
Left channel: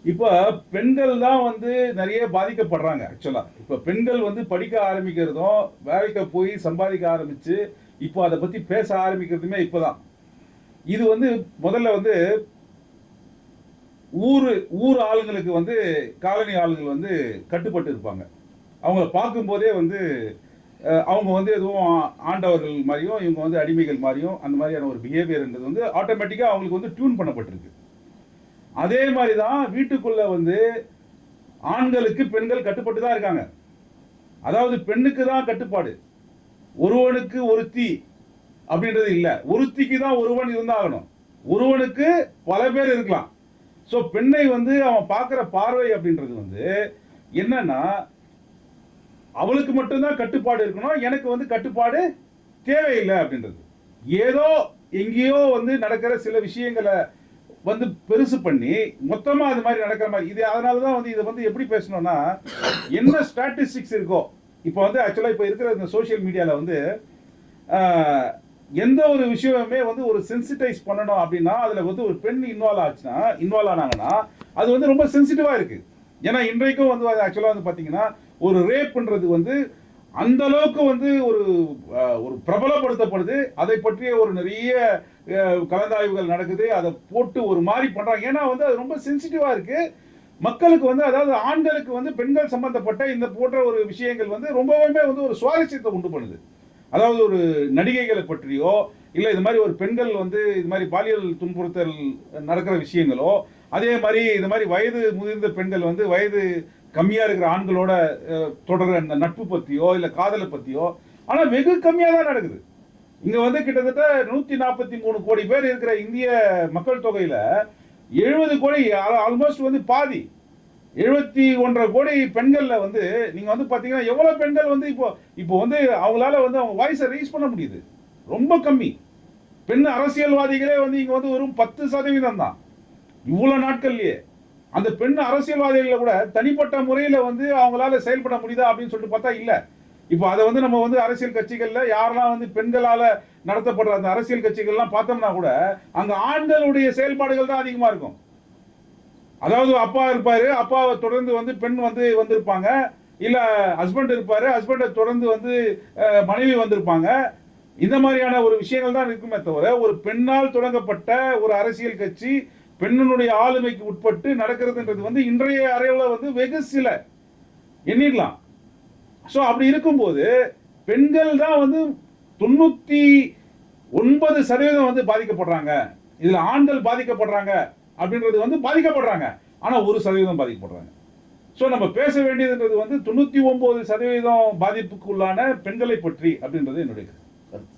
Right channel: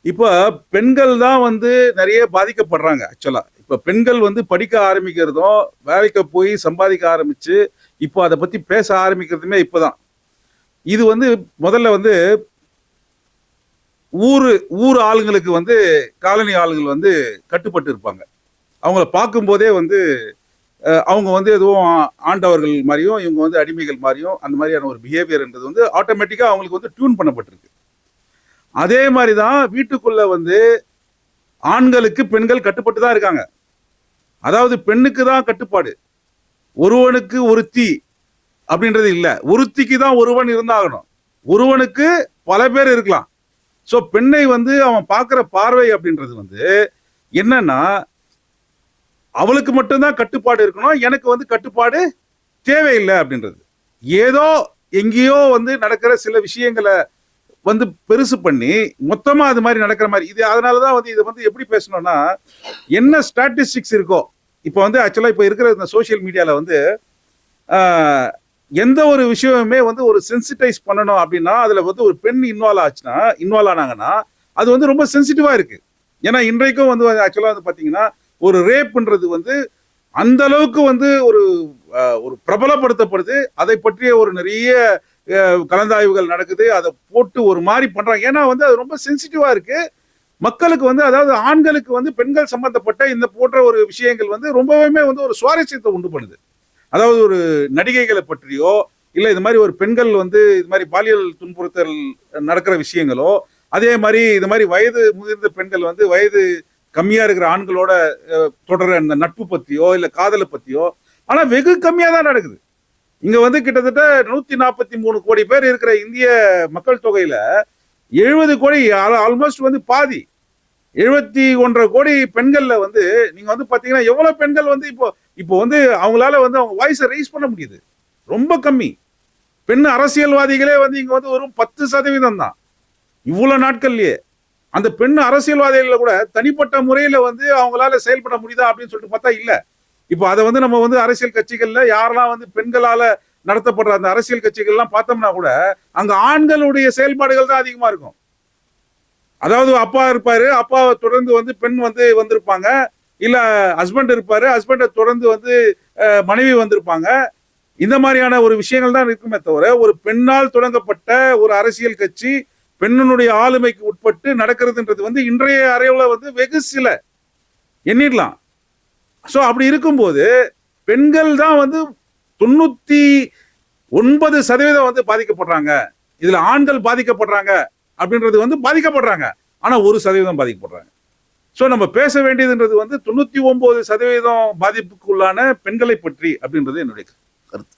இப்போ பெண்கள் தான் வந்து நிறைய பாதிக்கப்படுறாங்க. ஆக்சுவலா இப்போ பெண்கள் வந்து படிக்க ஆரம்பிக்கிறதும் வேலைக்கு போய் சம்பாதிக்க ஆரம்பிச்சு இப்போ அதை பத்தி பேச ஆரம்பிக்கிறதுமே இப்போதான். இது வந்து முதல்ல வந்து ஊர் ஆளுங்களுக்கு வந்து காலனி ஆளுங்கள் வந்து கட்டுப்பட்டு இருப்பாங்க. அவங்கள பார்க்கும்போதே வந்து அவங்க வந்து எதுவும் ஆண்டவர்கள் மாதிரியும் இவங்க வந்து அடிமைகள் மாதிரியும் அந்த மாதிரியான ஒரு பிஹேவியர் என்பது வந்து ஆட்டோமேட்டிக்காக அவங்களுக்கு வந்து டியூன் பண்ணப்பட்டிருக்கு. அதே மாதிரி தான் வீட்டுக்குள்ள வந்து ஆண்களுக்கு பெண்கள் கட்டுப்பட்டு தான் இருக்காங்க. அதாவது பெண்ணுக்கு தான் கட்டுப்பாடு, ஒருவனுக்கு ஒருத்தி அப்படின்றது இல்லை. ஒருத்திக்கு தான் ஒருவன் இருந்தாகணும், ஒருவனுக்கு பல பேர் இருக்கலாம். ஸோ பெண்ணை வந்து அவன் பார்க்குற பார்வை அப்படின்றது வந்து என்னன்னா, அவளுக்கு மட்டும்தான் கட்டுப்பாடு இருக்கணும், எனக்கு வந்து கட்டுப்பாடு தேவையில்லை அப்படின்றது. ஏதோ எங்கேயோ வந்து நடக்கிற சில விஷயங்களை வந்து பெருசு பண்ணி மொத்தமா அது மாதிரி நடக்கிற மாதிரி இது. அதனாலதான் வந்து இதை வந்து எப்படி பேசணும்னா, என்ன ஸ்டாட்டிஸ்டிக்ஸ் இருக்கோ இப்போ வந்து ஆக்சுவலா இப்போ இருக்கிற இந்த சோசியல் மீடியால வந்து எந்த ஒரு விஷயமுமே வந்து ஒரு சென்சிட்டைஸ் பண்ணணும் அப்படின்னா அதுல வந்து ஒரு பெண் இன்வால்வ் ஆனாங்கன்னா அது வந்து ரொம்ப சென்சிட்டிவா இருக்கு. ஏன்னா இன்றைக்கும் வந்து ஆக்சுவலா வந்து பாத்தீங்கன்னா ஒரு ரேப்ன்றது வந்து அந்த அளவுக்கு வந்து ஒரு பிரபலப்படுத்தப்படுது. அதை பற்றிய ஒரு நிறைய கலந்தாய்வுகள் நடக்குது. அதை போட்டு ஒரு மாதிரி பண்றாங்க. ஏன்னா வந்து அது ரொம்ப சென்சிட்டிவா இருக்கு மக்களுக்கு வந்து. அதாவது ஆண்களுக்கு வந்து பெண்கள் சம்பந்தப்பட்ட இந்த போன்ற ஒரு விஷயங்கள் வந்து ரொம்பவே வந்து ஒரு சுவாரஸ்யத்தை உண்டு பண்ணுது. அதாவது ஒரு நடிகைகளை பற்றியோ இல்லை இது மாதிரி ஒரு பெண்கள் வந்து இது மாதிரி பாலியல் துன்புறுத்தல் நடக்கிற விஷயங்களோ, அதே மாதிரி இது மாதிரி வயது முதிர்ந்த பெண்கள் வந்து வயது கம்மியா இருக்கிற ஆண்களோட தொடர அந்த நட்பு பத்தியோ இல்லை காதலை பத்தியோ, ஆனா வெகு கம்மியா தான் நடக்குது. இங்க வந்து கிட்டத்தட்ட 143 கோடி பேர் இருக்கிற இந்திய மக்கள் தொகையில 70 கோடி, ஆல்மோஸ்ட் வந்து பாதி 71.5 கோடி பெண்கள்ல வந்து நீங்க வந்து பாத்தீங்கன்னா எவ்வளவு பெண்கள் வந்து இப்போ வந்து அவங்களால வந்து அவங்க வாய்ஸை ரைஸ் பண்ண முடியுது. ரொம்ப கம்மி. பெண் அரசியல்வாதிகளே வந்து இங்க வந்து வெறும் 10% தான் இவ்வளவு நாட்கள்லயே. அந்த பெண் அரசியல்வாதிகள் கூட தனிப்பட்ட முறையில வந்து அவங்களால செயல்பட முடியுதா அப்படின்னு சொல்லிட்டு பார்த்தா இல்ல. இப்போ அதை வந்து நம்ம வந்து அரசியல் கட்சிகள்ல யாரெல்லாம் வந்து பெண்களால நடத்தப்படுற அந்த அரசியல் கட்சிகள்லாம் பார்த்தோம்னா கூட அங்க ஆண்களுடைய செயல்பாடுகள் தான் அதிகமா இருக்கும். அதாவது அப்பா இருப்பாரு, அப்பாவை தொடர்ந்து வந்து பெண் வந்து வந்திருப்பாங்க, இல்ல ஹஸ்பண்ட் இருப்பாரு, ஹஸ்பண்டை தொடர்ந்து வந்து மனைவி வந்திருப்பாங்க. இந்த மாதிரியான ஒரு விஷயங்கள் தான் இருக்குமே தவிர ஒரு பெண்ணால் தொடங்கப்பட்ட ஒரு அரசியல் கட்சி பெண்ணுடைய ஆளுமைக்கு உட்பட்டு நடக்கிறதுன்றது வந்து இன்றைய அறையில வந்து வெகு சில எண்ணிடலாம். ஸோ அப்படி இருக்கும்போது பெண்கள் தான் வந்து 99% வந்து பாதிக்கப்படுறாங்க. இதுல ஆண்கள் பாதிக்கப்படுறாங்க அப்படின்றது வந்து பாதிக்கப்படுறாங்க, ஆனா 1% பாதிக்கப்படுறாங்க. ஸோ நம்ம பேச வேண்டியதுன்றது வந்து 99% பாதிப்புக்குள்ளான பெண்களை பற்றி அப்படின்றது என்னுடைய கருத்து.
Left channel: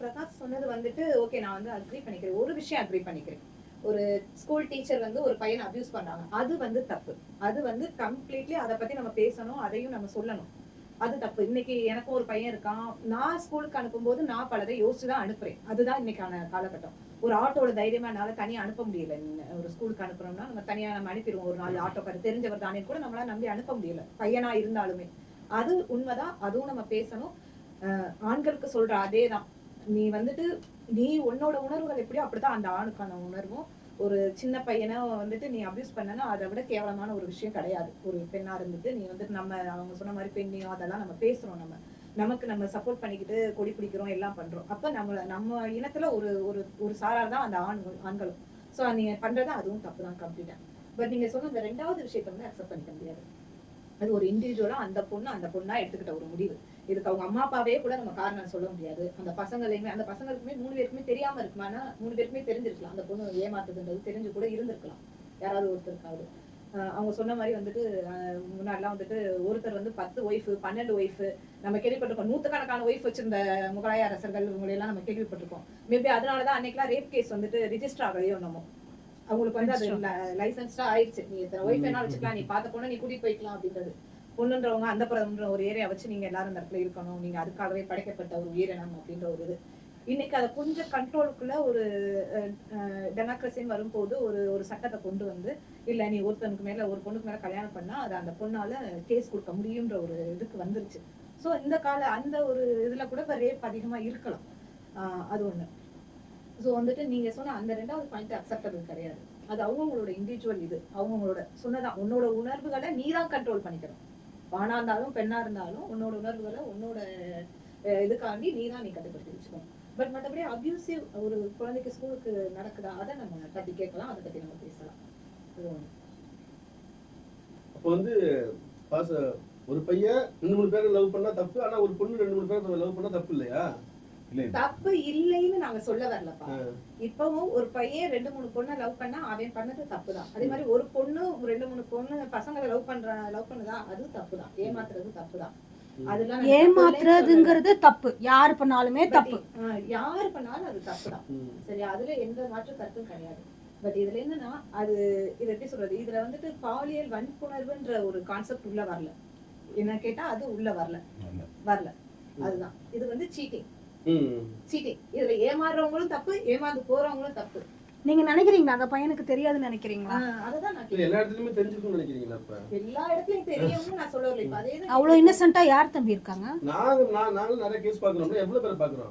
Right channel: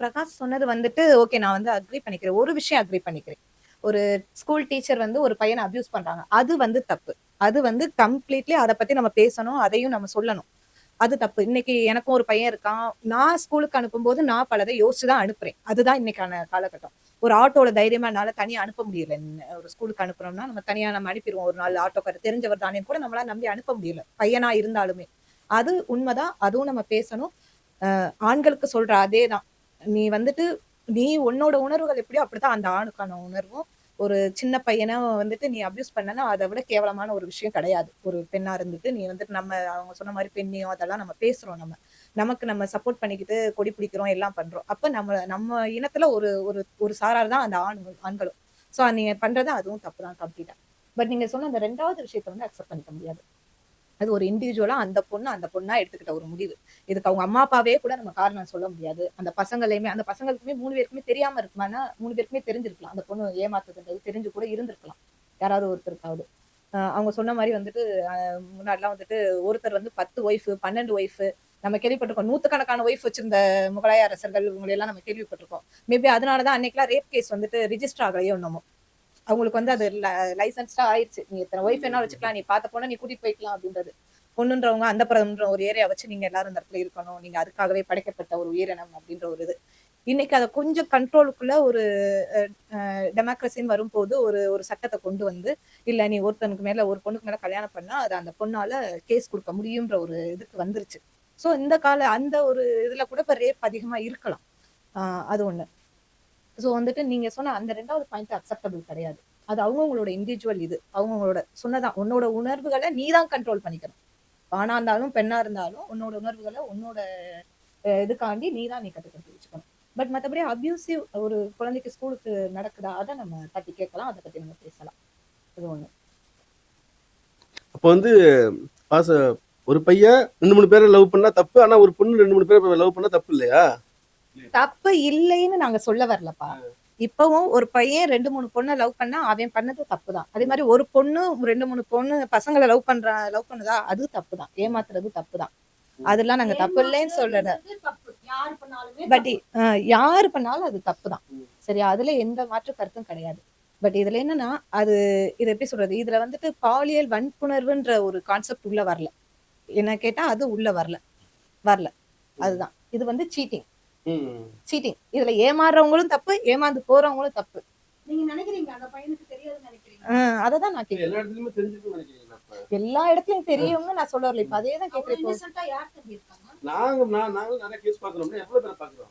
பிரகாஷ் சொன்னது வந்துட்டு ஓகே, நான் வந்து அக்ரி பண்ணிக்கிறேன். ஒரு விஷயம் அக்ரி பண்ணிக்கிறேன். ஒரு ஸ்கூல் டீச்சர் வந்து ஒரு பையனை அபியூஸ் பண்றாங்க, அது வந்து தப்பு. அது வந்து கம்ப்ளீட்லி அதை பத்தி நம்ம பேசணும், அதையும் நம்ம சொல்லணும். அது தப்பு. இன்னைக்கு எனக்கும் ஒரு பையன் இருக்கான். நான் ஸ்கூலுக்கு அனுப்பும்போது நான் பலதை யோசிச்சு தான் அனுப்புறேன். அதுதான் இன்னைக்கான காலகட்டம். ஒரு ஆட்டோல தைரியமா என்னால தனியா அனுப்ப முடியல. ஒரு ஸ்கூலுக்கு அனுப்புறோம்னா நம்ம தனியா நம்ம அனுப்பிடுவோம். ஒரு 4 ஆட்டோக்காரர் தெரிஞ்சவர் தானே கூட நம்மளால நம்பி அனுப்ப முடியல. பையனா இருந்தாலுமே. அது உண்மைதான். அதுவும் நம்ம பேசணும். ஆண்களுக்கு சொல்ற அதேதான். நீ வந்துட்டு நீ உன்னோட உணர்வுகள் எப்படியோ அப்படிதான் அந்த ஆணுக்கான உணர்வும். ஒரு சின்ன பையனை வந்துட்டு நீ அபியூஸ் பண்ணனா அதை விட கேவலமான ஒரு விஷயம் கிடையாது. ஒரு பெண்ணா இருந்துட்டு நீ வந்துட்டு நம்ம அவங்க சொன்ன மாதிரி பெண்ணியம் அதெல்லாம் நம்ம பேசுறோம். நமக்கு நம்ம சப்போர்ட் பண்ணிக்கிட்டு கொடி பிடிக்கிறோம் எல்லாம் பண்றோம். அப்ப நம்ம இனத்துல ஒரு ஒரு ஒரு சாரார் தான் அந்த ஆண்களும். சோ நீங்க பண்றது அதுவும் தப்பு தான் கம்ப்ளீட்டா. பட் நீங்க சொன்ன அந்த 2வது விஷயத்தை வந்து அக்செப்ட் பண்ணிக்க முடியாது. அது ஒரு இண்டிவிஜுவலா அந்த பொண்ணா எடுத்துக்கிட்ட ஒரு முடிவு. இதுக்கு அவங்க அம்மா அப்பாவே கூட நம்ம காரணம் சொல்ல முடியாது. அந்த பசங்களுக்குமே 3 பேருக்குமே தெரியாம இருக்குமானா 3 பேருக்குமே தெரிஞ்சிருக்கலாம். அந்த பொண்ணு ஏமாத்துதுன்றது தெரிஞ்சு கூட இருந்திருக்கலாம். யாராவது ஒருத்தருக்காவது. அவங்க சொன்ன மாதிரி வந்துட்டு முன்னாடிலாம் வந்துட்டு ஒருத்தர் வந்து 10 ஒய்ஃப் 12 ஒய்ஃப் நம்ம கேள்விப்பட்டிருக்கோம். நூத்துக்கணக்கான ஒய்ஃப் வச்சிருந்த முகலாய அரசர்கள் இவங்களை எல்லாம் நம்ம கேள்விப்பட்டிருக்கோம். மேபி அதனாலதான் அன்னைக்கெல்லாம் ரேப் கேஸ் வந்துட்டு ரிஜிஸ்டர் ஆகலையோ என்னமோ. அவங்களுக்கு வந்து அது லைசன்ஸ்டா ஆயிடுச்சு. நீ எத்தனை ஒய்ஃப் என்ன வச்சுக்கலாம், நீ பார்த்த பொண்ணை நீ கூட்டிட்டு போய்க்கலாம் அப்படின்றது. பொண்ணுன்றவங்க அந்த புறம்ன்ற ஒரு ஏரியா வச்சு நீங்க எல்லாரும் இந்த இடத்துல இருக்கணும், நீங்க அதுக்காகவே படைக்கப்பட்ட ஒரு உயிரினம் அப்படின்ற ஒரு இது. இன்னைக்கு அதை கொஞ்சம் கண்ட்ரோலுக்குள்ள ஒரு டெமோக்ரஸின்னு வரும்போது ஒரு சட்டத்தை கொண்டு வந்து இல்ல நீ ஒருத்தனுக்கு மேல ஒரு பொண்ணுக்கு மேல கல்யாணம் பண்ணா அது அந்த பொண்ணால கேஸ் கொடுக்க முடியும்ன்ற ஒரு இதுக்கு வந்துருச்சு. சோ அந்த ஒரு இதுல கூட இப்ப ரேப் அதிகமா இருக்கலாம். அது ஒண்ணு. சோ வந்துட்டு நீங்க சொன்ன அந்த 2வது பாயிண்ட் அக்செப்டபிள் கிடையாது. அது அவங்களோட இண்டிவிஜுவல் இது. அவங்களோட சொன்னதான் உன்னோட உணர்வுகளை நீ தான் கண்ட்ரோல் பண்ணிக்கணும். ஆணா இருந்தாலும் பெண்ணா இருந்தாலும் உன்னோட உணர்வுகளை உன்னோட இதுக்காண்டி நீ கட்டுப்படுத்தி வச்சுக்கணும். பட் மற்றபடி அபியூசிவ் ஒரு குழந்தைக்கு ஸ்கூலுக்கு நடக்குதா அதை நம்ம தட்டி கேட்கலாம், அதை பத்தி நம்ம பேசலாம். அது ஒண்ணு. அப்போ வந்து ஒரு பையன் 2-3 பேரை லவ் பண்ணா தப்பு, ஆனா ஒரு பொண்ணு 2-3 பேரை லவ் பண்ணா தப்பு இல்லையா? தப்பு இல்லைன்னு நாங்க சொல்ல வரலப்பா. இப்பவும் ஒரு பையன் 2-3 பொண்ணை லவ் பண்ணா அவன் பண்ணது தப்புதான். அதே மாதிரி ஒரு பொண்ணு 2-3 பொண்ணு பசங்களை லவ் பண்ணுதா அது தப்புதான். ஏமாத்துறது தப்புதான். அதெல்லாம் நாங்க தப்பு இல்லைன்னு சொல்லல. தப்பு யாரு பண்ணாலுமே பட் யாரு பண்ணாலும் அது தப்புதான். சரியா? அதுல எந்த மாற்று கருத்தும் கிடையாது. பட் இதுல என்னன்னா இது எப்படி சொல்றது, இதுல வந்துட்டு பாலியல் வன்புணர்வுன்ற ஒரு கான்செப்ட் உள்ள வரல. என்ன கேட்டா அது உள்ள வரல. அதுதான் இது வந்து சீட்டிங். இதுல ஏமாறுறவங்களும் தப்பு, ஏமாந்து போறவங்களும் தப்பு. நீங்க நினைக்கிறீங்களா அந்த பையனுக்கு தெரியாதுன்னு நினைக்கிறீங்களா? அததான் நான் கேக்குறேன். எல்லா இடத்துலயுமே தெரிஞ்சிருக்கும்னு நினைக்கிறீங்களா? அப்ப எல்லா இடத்துலயும் தெரியும்னு நான் சொல்ல வரல. இப்ப அதேதான் அவ்வளவு இன்னசென்ட்டா யார் தம்பி இருக்காங்க? நாங்களும் நிறைய கேஸ் பாக்குறோம். எவ்வளவு பேர் பாக்குறோம்?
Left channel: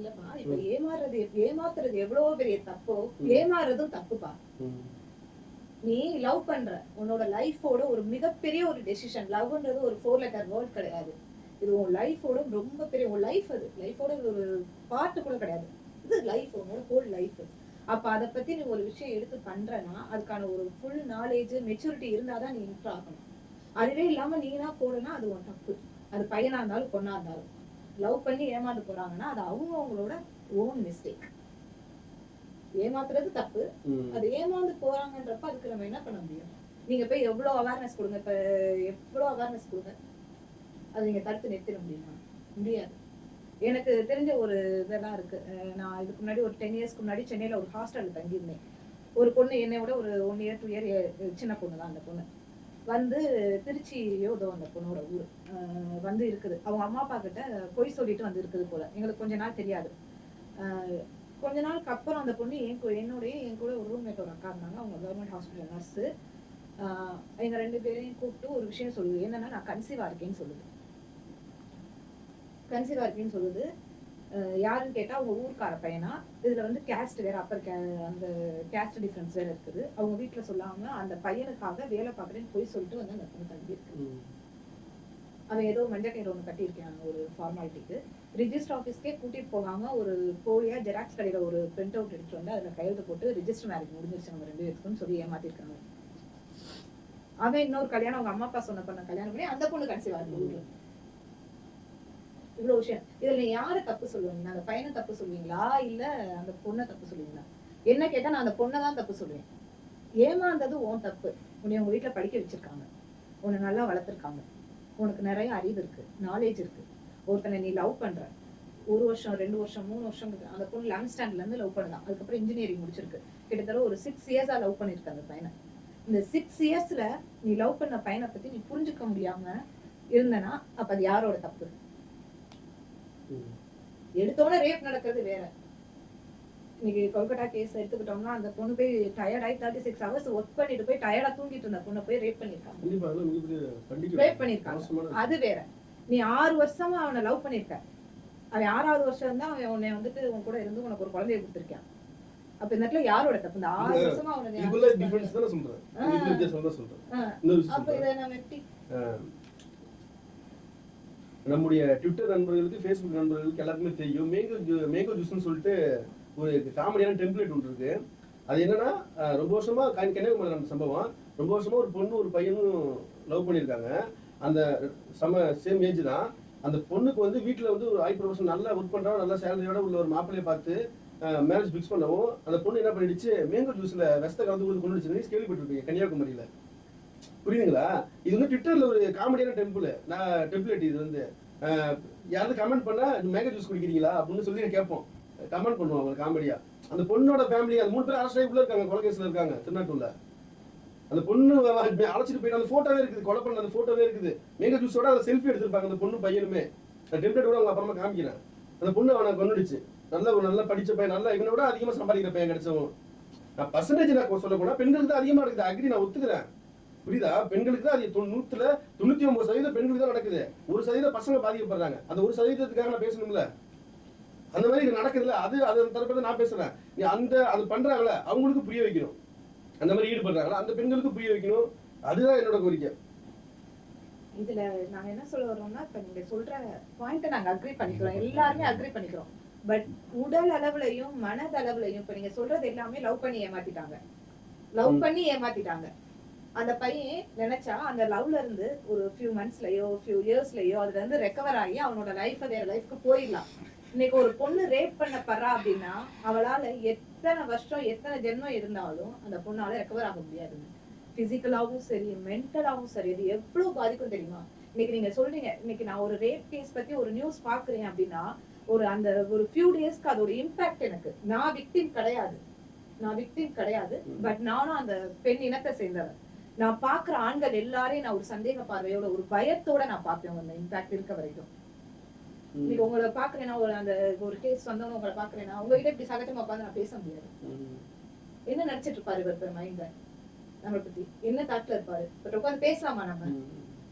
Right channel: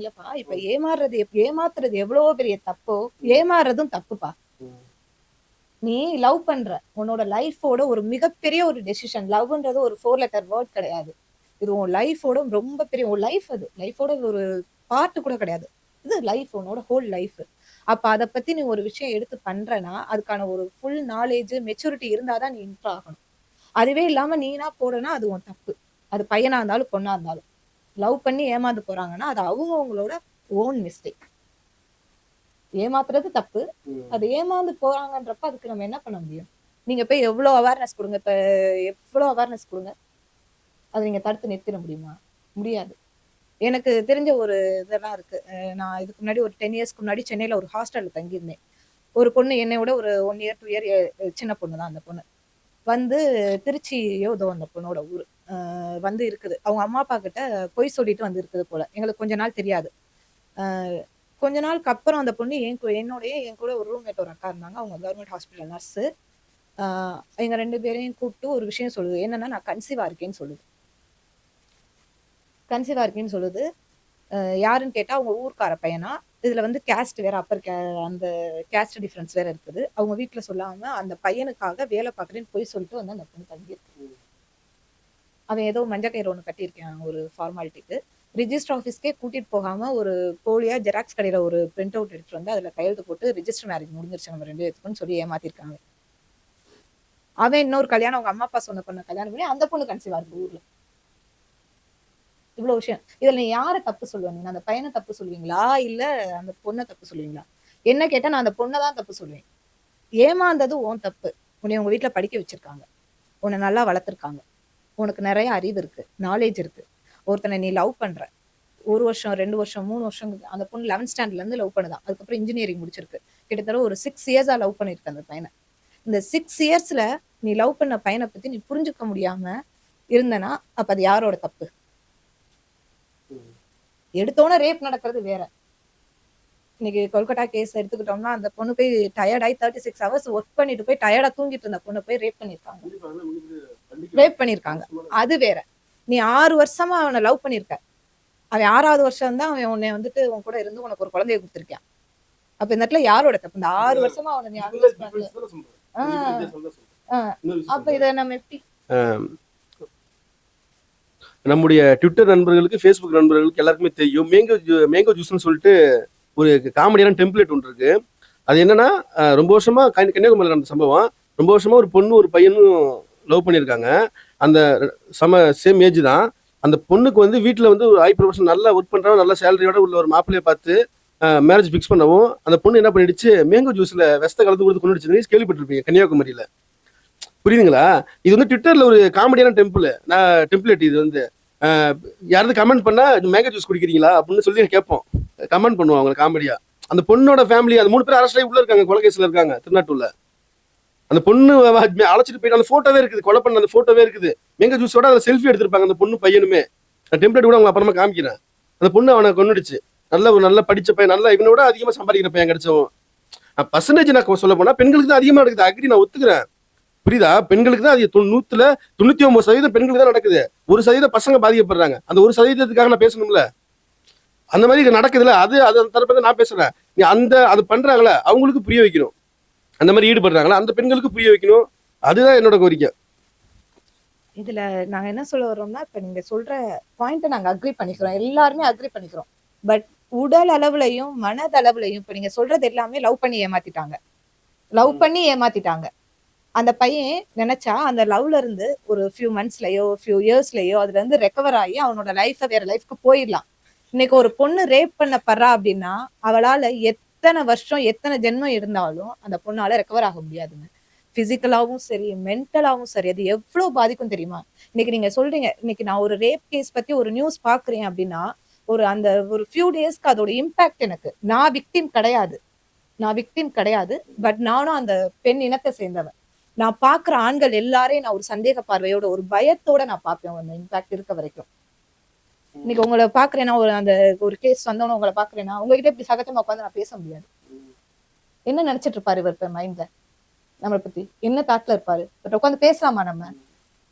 இல்லப்பா. இப்ப ஏமாத்துறது எவ்வளவோ பெரிய தப்போ, ஏமாறுறதும் தப்புப்பா. நீ லவ் பண்ற உன்னோட லைஃபோட ஒரு மிகப்பெரிய ஒரு டெசிஷன். லவ்ன்றது ஒரு 4 லெட்டர் வேர்ட் கிடையாது. இது உன் லைஃபோட ரொம்ப பெரிய உன் லைஃப். அது லைஃபோட ஒரு பார்ட் கூட கிடையாது. இது லைஃப், உன்னோட ஹோல் லைஃப். அப்ப அதை பத்தி நீ ஒரு விஷயம் எடுத்து பண்றனா அதுக்கான ஒரு ஃபுல் நாலேஜ் மெச்சூரிட்டி இருந்தாதான் நீ இன்ட்ரா ஆகணும். அதுவே இல்லாம நீனா போறனா அது உன் தப்பு. அது பையனா இருந்தாலும் பொண்ணா இருந்தாலும் லவ் பண்ணி ஏமாந்து போறாங்கன்னா அது அவங்களோட ஓன் மிஸ்டேக். ஏமாத்துறது தப்பு. அது ஏமாந்து போறாங்கன்றப்ப அதுக்கு நம்ம என்ன பண்ண முடியும்? நீங்க போய் எவ்வளவு அவேர்னஸ் கொடுங்க. இப்ப எவ்வளவு அவேர்னஸ் கொடுங்க, அதை நீங்க தடுத்து நிறுத்திட முடியுமா? முடியாது. எனக்கு தெரிஞ்ச ஒரு இதெல்லாம் இருக்கு. நான் இதுக்கு முன்னாடி ஒரு 10 இயர்ஸ்க்கு முன்னாடி சென்னையில ஒரு ஹாஸ்டல்ல தங்கியிருந்தேன். ஒரு பொண்ணு என்னை விட ஒரு 1 இயர் 2 இயர் சின்ன பொண்ணு தான். அந்த பொண்ணு வந்து திருச்சியோ ஏதோ அந்த பொண்ணோட ஊர் வந்து இருக்குது. அவங்க அம்மா அப்பா கிட்ட பொய் சொல்லிட்டு வந்து இருக்குது போல. எங்களுக்கு கொஞ்ச நாள் தெரியாது. கொஞ்ச நாளுக்கு அப்புறம் அந்த பொண்ணு என் கூட ஒரு ரூம்மேட் ஒரு அக்கா இருந்தாங்க. அவங்க கவர்மெண்ட் ஹாஸ்பிட்டல் நர்ஸு. எங்க 2 பேரையும் கூப்பிட்டு ஒரு விஷயம் சொல்லுது. என்னன்னா நான் கன்சீவா இருக்கேன்னு சொல்லுது. யாருன்னு கேட்டா அவங்க ஊர்க்கார பையனா. இதுல வந்து கேஸ்ட் வேற, அந்த கேஸ்ட் டிஃபரன்ஸ் வேற இருக்குது. அவங்க வீட்டுல சொல்லாம அந்த பையனுக்காக வேலை பார்க்குறேன்னு போய் சொல்லிட்டு வந்து அந்த பொண்ணு தங்கி இருக்கு. அவன் ஏதோ மஞ்சக்கயிறு ஒண்ணு கட்டியிருக்கான் ஒரு ஃபார்மாலிட்டிக்கு. ரிஜிஸ்டர் ஆஃபீஸ்க்கே கூட்டிட்டு போகாம ஒரு போலியா ஜெராக்ஸ் கடையில ஒரு பிரிண்ட் அவுட் எடுத்துட்டு வந்து அதுல கையெழுத்து போட்டு ரிஜிஸ்டர் மேரேஜ் முடிஞ்சிருச்சு நம்ம 2 பேருக்குன்னு சொல்லி ஏமாத்திருக்காங்க. அவன் இன்னொரு கல்யாணம் அவங்க அம்மா அப்பா சொன்ன பொண்ணு கல்யாணம் பண்ணி அந்த பொண்ணு கன்சீவா இருக்கு ஊர்ல. இவ்வளவு விஷயம். இதுல நீ யார தப்பு சொல்லுவீங்க? அந்த பையனை தப்பு சொல்லுவீங்களா இல்ல அந்த பொண்ணை தப்பு சொல்லுவீங்களா? என்ன கேட்டா நான் அந்த பொண்ணை தான் தப்பு சொல்லுவேன். ஏமாந்தது உன் தப்பு. உன்னை உங்க வீட்டுல படிக்க வச்சிருக்காங்க, உன்னை நல்லா வளர்த்துருக்காங்க, உனக்கு நிறைய அறிவு இருக்கு, நாலேஜ் இருக்கு. ஒருத்தனை நீ லவ் பண்ற, 1 வருஷம் 2 வருஷம் 3 வருஷம் அந்த பொண்ணு 11th ஸ்டாண்டர்ட்ல இருந்து லவ் பண்ணுதான். அதுக்கப்புறம் இன்ஜினியரிங் முடிச்சிருக்கு. கிட்டத்தட்ட ஒரு 6 இயர்ஸா லவ் பண்ணிருக்கு அந்த பையனை. இந்த 6 இயர்ஸ்ல நீ லவ் பண்ண பையனை பத்தி நீ புரிஞ்சுக்க முடியாம இருந்தனா அப்ப அது யாரோட தப்பு? எடுத்தோன்னே ரேப் நடக்கிறது வேற. இன்னைக்கு கொல்கட்டா கேஸ் எடுத்துக்கிட்டோம்னா அந்த பொண்ணு போய் டயர்ட் ஆகி 36 ஹவர்ஸ் ஒர்க் பண்ணிட்டு போய் டயர்டா தூங்கிட்டு இருந்த பொண்ணை போய் ரேப் பண்ணிருக்காங்க. அது வேற. நீ 6 வருஷமா அவனை லவ் பண்ணிருக்க. அவன் 6வது வருஷம் தான் அவன் உன்னை வந்துட்டு உன் கூட இருந்து உனக்கு ஒரு குழந்தைய கொடுத்துருக்கான். அப்ப இந்த இடத்துல யாரோட தப்பு? இந்த 6 வருஷமா அவனை நீ அப்ப இதை நம்ம எப்படி நம்முடைய ட்விட்டர் நண்பர்களுக்கு, ஃபேஸ்புக் நண்பர்களுக்கு எல்லாருக்குமே தெரியும், மேங்கோ ஜூஸ்ன்னு சொல்லிட்டு ஒரு காமெடியான டெம்ப்ளேட் ஒன்று இருக்கு. அது என்னன்னா, ரொம்ப வருஷமா கன்னியாகுமரியில் நடந்த சம்பவம். ரொம்ப வருஷமா ஒரு பொண்ணு ஒரு பையனும் லவ் பண்ணியிருக்காங்க. அந்த சேம் ஏஜ் தான். அந்த பொண்ணுக்கு வந்து வீட்டில் வந்து ஒரு ஹை ப்ரொஃபஷன் நல்லா ஒர்க் பண்ணுறாங்க, நல்ல சேலரியோட உள்ள ஒரு மாப்பிள்ளையை பார்த்து மேரேஜ் ஃபிக்ஸ் பண்ணவும் அந்த பொண்ணு என்ன பண்ணிடுச்சு, மேங்கோ ஜூஸில் விஷத்தை கலந்து கொடுத்து கொண்டுடுச்சு. கேள்விப்பட்டிருப்பீங்க கன்னியாகுமரியில். புரியுதுங்களா? இது வந்து ட்விட்டரில் ஒரு காமெடியான டெம்ப்ளேட். இது வந்து யாராவது கமெண்ட் பண்ணா மேங்கோ ஜூஸ் குடிக்கிறீங்களா அப்படின்னு சொல்லி கேட்போம், கமெண்ட் பண்ணுவோம் அவங்க காமெடியா. அந்த பொண்ணோட ஃபேமிலி அந்த 3 பேர் அரெஸ்ட் ஆகி உள்ள இருக்காங்க, கொலை கேஸ்ல இருக்காங்க திருநாட்டூர்ல. அந்த பொண்ணு அழைச்சிட்டு போயிட்டு அந்த போட்டோவே இருக்குது, கொலை பண்ண அந்த போட்டோவே இருக்குது. மேங்கோ ஜூஸோட அதில் செல்ஃபி எடுத்திருப்பாங்க அந்த பொண்ணு பையனுமே. அந்த டெம்ப்ளேட் கூட அவங்க அப்புறமா காமிக்கிறேன். அந்த பொண்ணு அவனை கொண்டுடுச்சு. நல்ல படிச்ச பையன், நல்லா இவனோட அதிகமாக சம்பாதிக்கிற பையன் கிடைச்சவன். பர்சன்டேஜ் நான் சொல்ல போனா பெண்களுக்கு தான் அதிகமாக நடக்குது. அக்ரி, நான் ஒத்துக்கிறேன். புரியுதா? பெண்களுக்கு தான் அது 99% பெண்களுக்கு தான் நடக்குது. 1% பசங்க பாதிக்கப்படுறாங்க. அந்த 1%க்காக நான் பேசணும்ல. அந்த மாதிரி நடக்குதுல்ல, அது அந்த தரப்பை நான் பேசுறேன். நீ அது பண்றாங்களே அவங்களுக்கு புரிய வைக்கணும். அந்த மாதிரி ஈடுபடுறாங்களா அந்த பெண்களுக்கு புரிய வைக்கணும். அதுதான் என்னோட கோரிக்கை. இதுல நாங்க என்ன சொல்ல வரோம்னா, இப்ப நீங்க சொல்ற பாயிண்ட்டை நாங்க அக்ரி பண்ணிக்கிறோம், எல்லாருமே அக்ரி பண்ணிக்கிறோம். பட் உடல் அளவுலையும் மனதளவுலையும் இப்ப நீங்க சொல்றது எல்லாமே லவ் பண்ணி ஏமாத்திட்டாங்க. அந்த பையன் நினைச்சா அந்த லவ்ல இருந்து ஒரு ஃபியூ மந்த்ஸ்லயோ ஃபியூ இயர்ஸ்லயோ அதுல இருந்து ரெக்கவர் ஆகி அவனோட லைஃபை வேற லைஃப்க்கு போயிடலாம். இன்னைக்கு ஒரு பொண்ணு ரேப் பண்ணப்படுறா அப்படின்னா அவளால எத்தனை வருஷம் எத்தனை ஜென்மம் இருந்தாலும் அந்த பொண்ணால ரெக்கவர் ஆக முடியாதுங்க. பிசிக்கலாவும் சரி மென்டலாவும் சரி அது எவ்வளவு பாதிக்கும் தெரியுமா? இன்னைக்கு நீங்க சொல்றீங்க, இன்னைக்கு நான் ஒரு ரேப் கேஸ் பத்தி ஒரு நியூஸ் பாக்குறேன் அப்படின்னா ஒரு ஃபியூ டேஸ்க்கு அதோட இம்பாக்ட் எனக்கு, நான் விக்டிம் கிடையாது. பட் நானும் அந்த பெண் இனத்தை சேர்ந்தவன். நான் பாக்குற ஆண்கள் எல்லாரையும் நான் ஒரு சந்தேக பார்வையோட ஒரு பயத்தோட நான் பார்ப்பேன் அந்த இம்பாக்ட் இருக்க வரைக்கும். இன்னைக்கு உங்களை பாக்குறேன்னா ஒரு கேஸ் வந்தவன உங்களை பாக்குறேன்னா உங்ககிட்ட இப்படி சகஜமா உட்காந்து நான் பேச முடியாது. என்ன நினைச்சிட்டு இருப்பாரு இவர் மைண்ட்ல, நம்மளை பத்தி என்ன தாட்ல இருப்பாரு, பட் உட்காந்து பேசலாமா நம்ம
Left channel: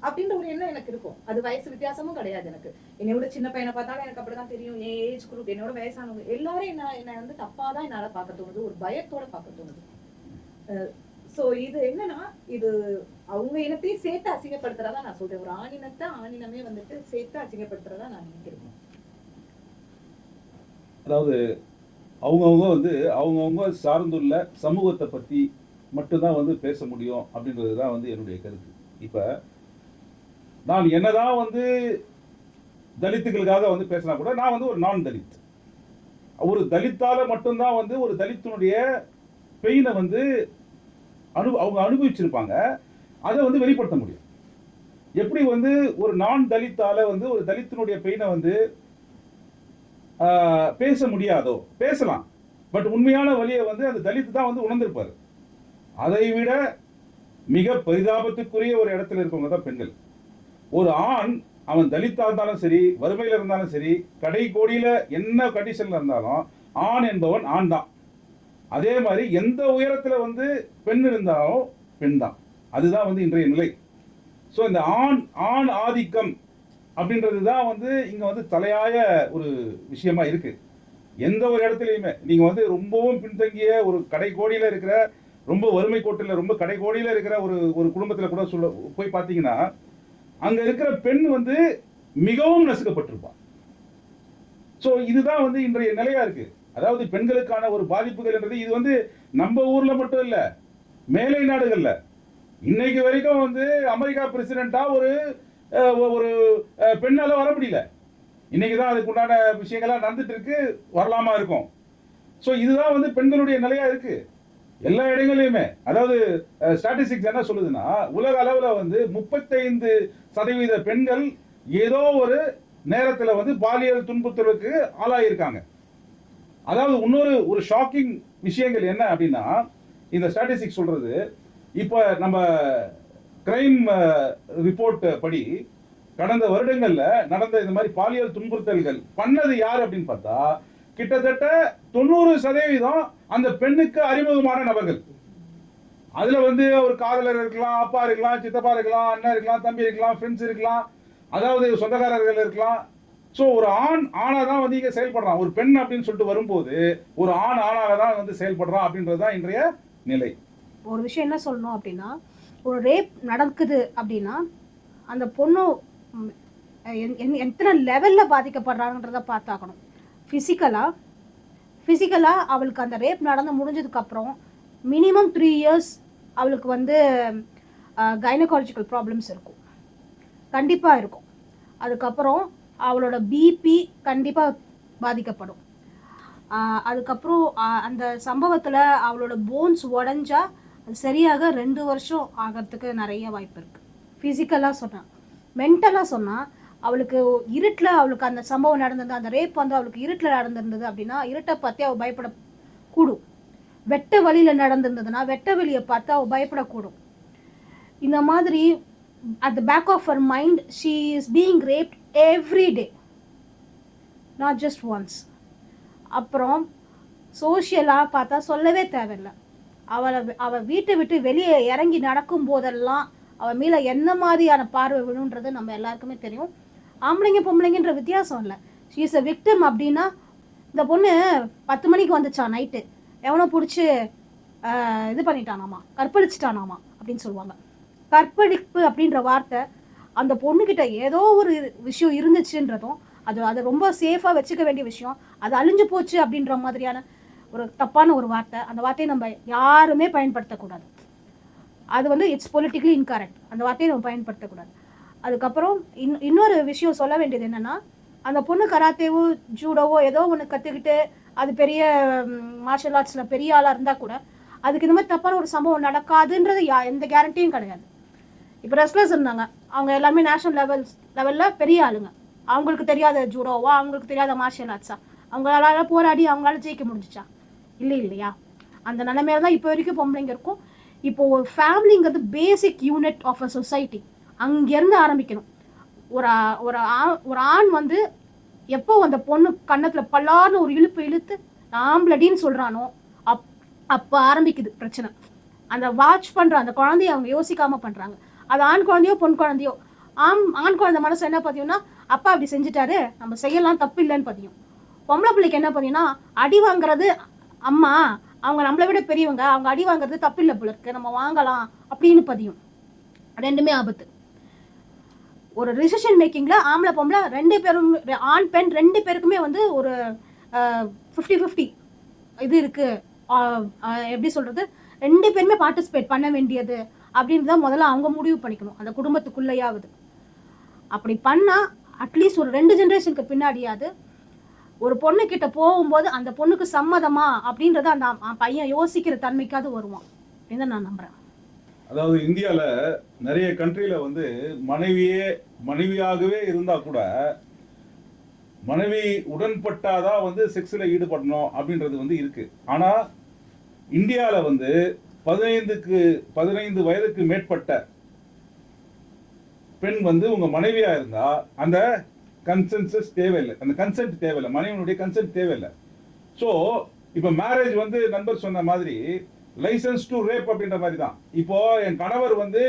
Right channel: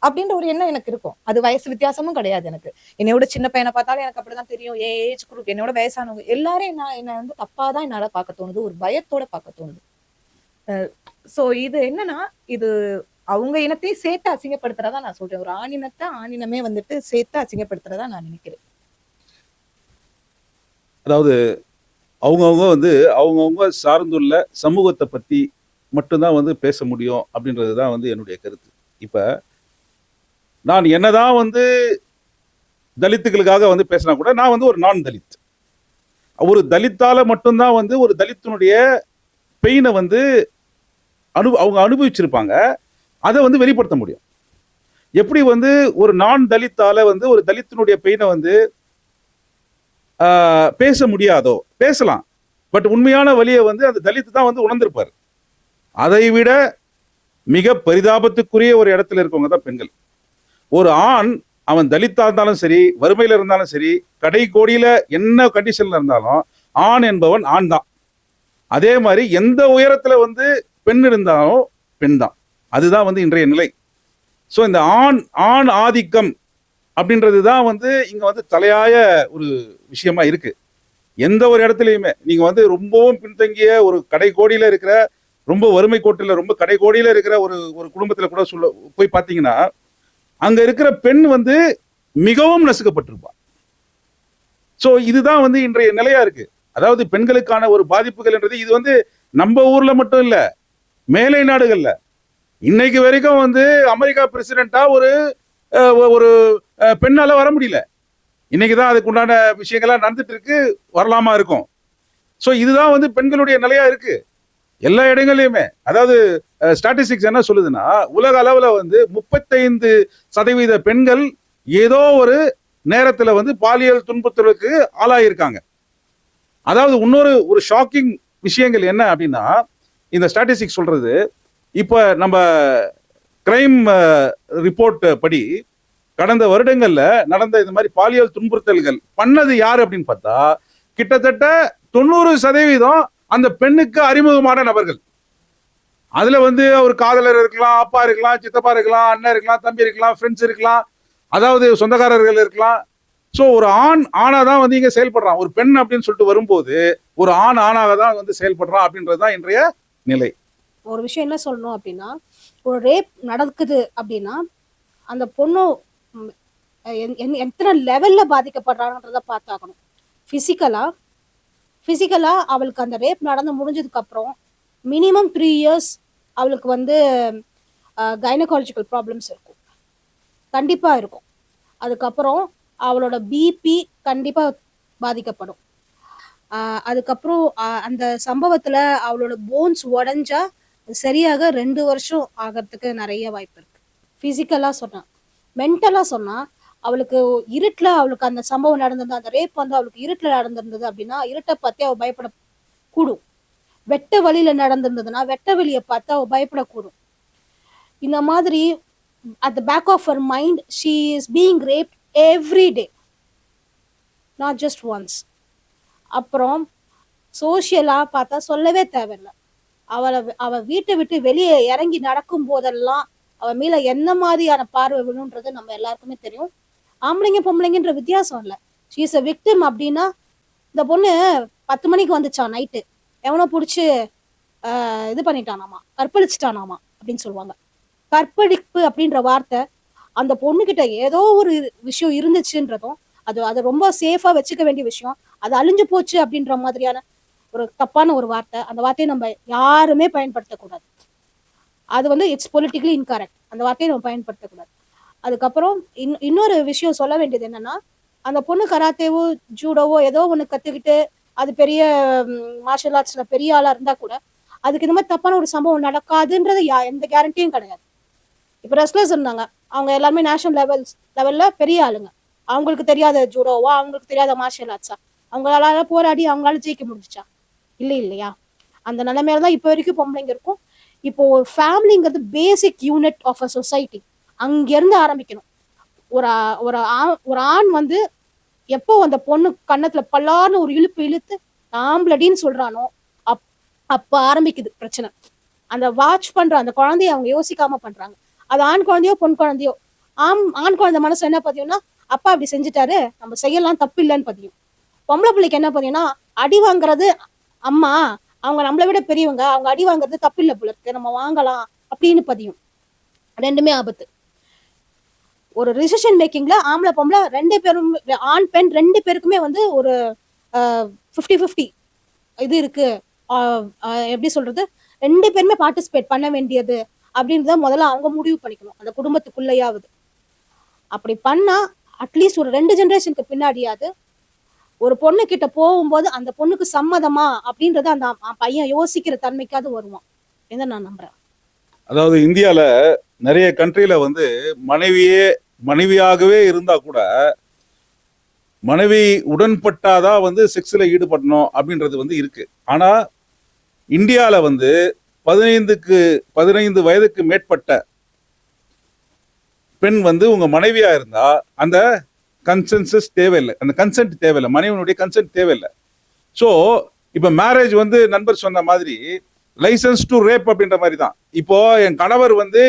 அப்படின்ற ஒரு எண்ணம் எனக்கு இருக்கும். அது வயசு வித்தியாசமும் கிடையாது. எனக்கு என்னோட சின்ன பையனை பார்த்தாலும் எனக்கு அப்படிதான் தெரியும். ஏஜ் குரூப் என்னோட வயசானவங்க எல்லாரும் என்ன வந்து தப்பாதான் என்னால பார்க்க தோணுது, ஒரு பயத்தோட பார்க்க தோணுது. சோ இது என்னன்னா, இது அவங்க இனத்தையும் சேர்த்து அசிங்கப்படுத்துறதா நான் சொல்றேன். ஒரு ஆணினமே வந்துட்டு சேர்த்து அசிங்கப்படுத்துறதா நான் நினைக்கிறேன். அதாவது அவங்கவுங்க வந்து அவங்கவுங்க சார்ந்துள்ள சமூகத்தை பத்தி மட்டும்தான் வந்து பேச முடியும் அப்படின்றது தான் வந்து என்னுடைய கருத்து. இப்ப நான் என்னதான் வந்து தலித்துகளுக்காக வந்து பேசினா கூட நான் வந்து ஒரு நான் தலித். ஒரு தலித்தால மட்டும்தான் வந்து ஒரு தலித்தினுடைய பெயினை வந்து அவங்க அனுபவிச்சிருப்பாங்க, அதை வந்து வெளிப்படுத்த முடியும். எப்படி வந்து ஒரு நான் தலித்தால வந்து ஒரு தலித்தினுடைய பெயினை வந்து பேச முடியாதோ, பேசலாம். பட் உண்மையான வழியை வந்து அந்த தலித்து தான் வந்து உணர்ந்திருப்பாரு. அதை விட மிக பரிதாபத்துக்குரிய ஒரு இடத்துல இருக்கவங்க தான் பெண்கள். ஒரு ஆண் அவன் தலித்தா இருந்தாலும் சரி, வறுமையில இருந்தாலும் சரி, கடை கோடியில என்ன கண்டிஷன்ல இருந்தாலும் ஆண் என்பவன் ஆண் தான். அதே மாதிரி எந்த உயரத்துல வந்து பெண் இருந்தாலும் பெண் தான். அதுதான் வந்து இன்றைய நிலை. ஸோ இந்த ஆண் ஆதிக்கம் அப்படின்றது தான் வந்து இங்க வந்து தலையாய ஒரு விஷயமா இருக்கு. எந்த ஒரு இடத்துலையுமே நீங்க வந்து ரொம்பவும் பின்தங்கிய ஒரு கடை கோடியில இருக்கிற, ரொம்ப வறுமை கோட்டில் ரொம்ப கடை கோடியில இருக்கிற ஒரு குடும்பத்துல கூட போய் பார்த்தீங்கன்னா அங்க இருக்கிற பெண் வந்து மிகவும் நசுக்கப்பட்டிருப்பான். ஸோ இதுதான் வந்து இன்றைய நிலையா இருக்கு. அதாவது பெண்களுக்கான ஒரு பாதிப்புகள் என்றது இது வந்து நம்ம ஊர்ல மட்டும் இல்ல, மேலை நாடுகள்ல இன்னைக்கு வரைக்கும் வந்து அமெரிக்கா பிரசிடென்டா ஒரு பெண்ணால வர முடியல. இன்னைக்குதான் அதுக்கு உண்டான விஷயங்கள்லாம் நடந்துட்டு இருக்கு, வரலாமா இருக்கும். ஸோ இதுதான் வந்து பெண்களுடைய நிலையா இருக்கு எல்லா இடங்களையுமே. அதாவது ஸ்டாட்டிஸ்டிக்ஸ் என்ன சொல்லுதுன்னா, உலக அளவில் வந்து 35% பெண்கள் ஏதோ ஒரு நேரத்துல வந்து பாலியல் துன்புறுத்தலுக்கு ஆளாயிருக்காங்க. அதாவது ஒரு ஷாக்கிங் விஷயங்கள் என்ன அப்படின்னா, இந்த ஸ்டாட்டிஸ்டிக்ஸ் சொல்றது, இப்ப நம்ம கிரைம் ரிப்போர்ட் படி கடந்த வருடங்கள்ல நடந்த இந்த மாதிரி பாலியல் துன்புறுத்தல்கள் பண்ணது யாரு அப்படின்னு பார்த்தா கிட்டத்தட்ட 90% அந்த பெண்ணுக்கு அறிமுகமான நபர்கள். அதுல வந்து ஒரு காதலர் இருக்கலாம், அப்பா இருக்கலாம், சித்தப்பா இருக்கலாம், அண்ணன் இருக்கலாம், தம்பி இருக்கலாம், ஃப்ரெண்ட்ஸ் இருக்கலாம், அதாவது சொந்தக்காரர்கள் இருக்கலாம். ஸோ ஒரு ஆணாதான் வந்து இங்க செயல்படுறான். ஒரு பெண் அப்படின்னு சொல்லிட்டு வரும்போது ஒரு ஆணாக தான் வந்து செயல்படுறான் அப்படின்றதுதான் இன்றைய நிலை. ஒரு விஷயம் என்ன சொல்லணும் அப்படின்னா, ஒரு ரேப் நடக்குது அப்படின்னா அந்த பொண்ணு எத்தனை லெவல்ல பாதிக்கப்படுறாங்கன்றத பார்த்தாக்கணும். பிசிக்கலா அவளுக்கு அந்த ரேப் நடந்து முடிஞ்சதுக்கு அப்புறம் மினிமம் 3 இயர்ஸ் அவளுக்கு வந்து கைனகாலஜிக்கல் ப்ராப்ளம்ஸ் இருக்கும், கண்டிப்பா இருக்கும். அதுக்கப்புறம் அவளோட பிபி கண்டிப்பா பாதிக்கப்படும். அதுக்கப்புறம் அந்த சம்பவத்துல அவளோட போன்ஸ் உடஞ்சா சரியாக 2 வருஷம் ஆகிறதுக்கு நிறைய வாய்ப்பு இருக்கு. பிசிக்கலா சொன்னா. மென்டலா சொன்னா அவளுக்கு இருட்டுல அவளுக்கு அந்த சம்பவம் நடந்தது, அந்த ரேப் வந்து அவளுக்கு இருட்டுல நடந்திருந்தது அப்படின்னா இருட்டை பத்தி அவ பயப்படக்கூடும். வெட்ட வழியில நடந்திருந்ததுன்னா வெட்ட வெளியை பார்த்து அவ பயப்படக்கூடும். இந்த மாதிரி at the back of her mind she is being raped every day, not just once. அப்புறம் சோஷியலா பார்த்தா சொல்லவே தேவையில்லை. அவ வீட்டை விட்டு வெளியே இறங்கி நடக்கும் போதெல்லாம் அவ மேல என்ன மாதிரியான பார்வை விழுன்றது நம்ம எல்லாருக்குமே தெரியும். ஆம்பளைங்க பொம்பளைங்கன்ற வித்தியாசம் இல்லை. she is a victim அப்படின்னா, இந்த பொண்ணு 10 மணிக்கு வந்துச்சா நைட்டு, எவனோ பிடிச்சி இது பண்ணிட்டானாமா, கற்பழிச்சிட்டானாமா அப்படின்னு சொல்லுவாங்க. கற்பழிப்பு அப்படின்ற வார்த்தை அந்த பொண்ணுகிட்ட ஏதோ ஒரு விஷயம் இருந்துச்சுன்றதும் அது ரொம்ப சேஃபா வச்சுக்க வேண்டிய விஷயம், அது அழிஞ்சு போச்சு அப்படின்ற மாதிரியான ஒரு தப்பான ஒரு வார்த்தை. அந்த வார்த்தையை நம்ம யாருமே பயன்படுத்தக்கூடாது. அது வந்து இட்ஸ் பொலிட்டிக்கலி இன்கரெக்ட். அந்த வார்த்தையை நம்ம பயன்படுத்தக்கூடாது. அதுக்கப்புறம் இன்னொரு விஷயம் சொல்ல வேண்டியது என்னன்னா, அந்த பொண்ணு கராத்தேவோ ஜூடோவோ ஏதோ ஒன்று கற்றுக்கிட்டு அது பெரிய மார்ஷல் ஆர்ட்ஸ்ல பெரிய ஆளா இருந்தா கூட அதுக்கு இந்த மாதிரி தப்பான ஒரு சம்பவம் நடக்காதுன்றது எந்த கேரண்டியும் கிடையாது. இப்போ ரெஸ்லர்ஸ் இருந்தாங்க, அவங்க எல்லாருமே நேஷனல் லெவல்ல பெரிய ஆளுங்க. அவங்களுக்கு தெரியாத ஜூடோவா, அவங்களுக்கு தெரியாத மார்ஷியல் ஆர்ட்ஸா, அவங்களால போராடி அவங்களால ஜெயிக்க முடிஞ்சிச்சா? இல்லையா? அந்த நிலைமையில தான் இப்போ வரைக்கும் பொம்பளைங்க இருக்கும். இப்போ ஃபேமிலிங்கிறது basic unit of a society. அங்கிருந்து ஆரம்பிக்கணும். ஒரு ஆண் வந்து எப்போ அந்த பொண்ணு கன்னத்துல பல்லான்னு ஒரு இழுத்து ஆம்பளடின்னு சொல்றானோ அப்ப ஆரம்பிக்குது பிரச்சனை. அந்த வாட்ச் பண்ற அந்த குழந்தைய அவங்க யோசிக்காம பண்றாங்க. அது ஆண் குழந்தையோ பொன் குழந்தையோ, ஆண் குழந்தை மனசு என்ன பதியும்னா, அப்பா அப்படி செஞ்சுட்டாரு, நம்ம செய்யலாம், தப்பு இல்லைன்னு பதியும். பொம்பளை பிள்ளைக்கு என்ன பதியும்னா, அடி வாங்குறது அம்மா, அவங்க நம்மளை விட பெரியவங்க, அவங்க அடி வாங்குறது தப்பு இல்லை போல இருக்கு, நம்ம வாங்கலாம் அப்படின்னு பதியும். ரெண்டுமே ஆபத்து. ஒரு டிசிஷன் மேக்கிங்ல ஆம்பளை பொம்பளை 2 பேரும், ஆண் பெண் 2 பேருக்குமே வந்து ஒரு 50-50 இது இருக்கு. எப்படி சொல்றது, 2 பேருமே பார்ட்டிசிபேட் பண்ண வேண்டியது அப்படின்றத முதல்ல அவங்க முடிவு பண்ணிக்கணும், அந்த குடும்பத்துக்குள்ளேயாவது. அப்படி பண்ணா அட்லீஸ்ட் ஒரு 2 ஜெனரேஷனுக்கு பின்னாடியாவது ஒரு பொண்ணு கிட்ட போகும்போது அந்த பொண்ணுக்கு சம்மதமா அப்படின்றத அந்த பையன் யோசிக்கிற தன்மைக்காவது வருவான் அப்படின்னு நான் நம்புறேன். அதாவது இந்தியால நிறைய கண்ட்ரில வந்து மனைவியாகவே இருந்தா கூட மனைவி உடன்பட்டாதான் வந்து செக்ஸ்ல ஈடுபடணும் அப்படின்றது வந்து இருக்கு. ஆனா இந்தியால வந்து 15 வயதுக்கு மேற்பட்ட பெண் வந்து உங்க மனைவியா இருந்தா அந்த கன்சென்சஸ் தேவையில்லை, அந்த கன்சென்ட் தேவையில்லை, மனைவியினுடைய கன்சென்ட் தேவையில்லை. ஸோ இப்போ மேரேஜ் வந்து நண்பர் சொன்ன மாதிரி லைசன்ஸ் டு ரேப் அப்படின்ற மாதிரி தான். இப்போ என் கணவர் வந்து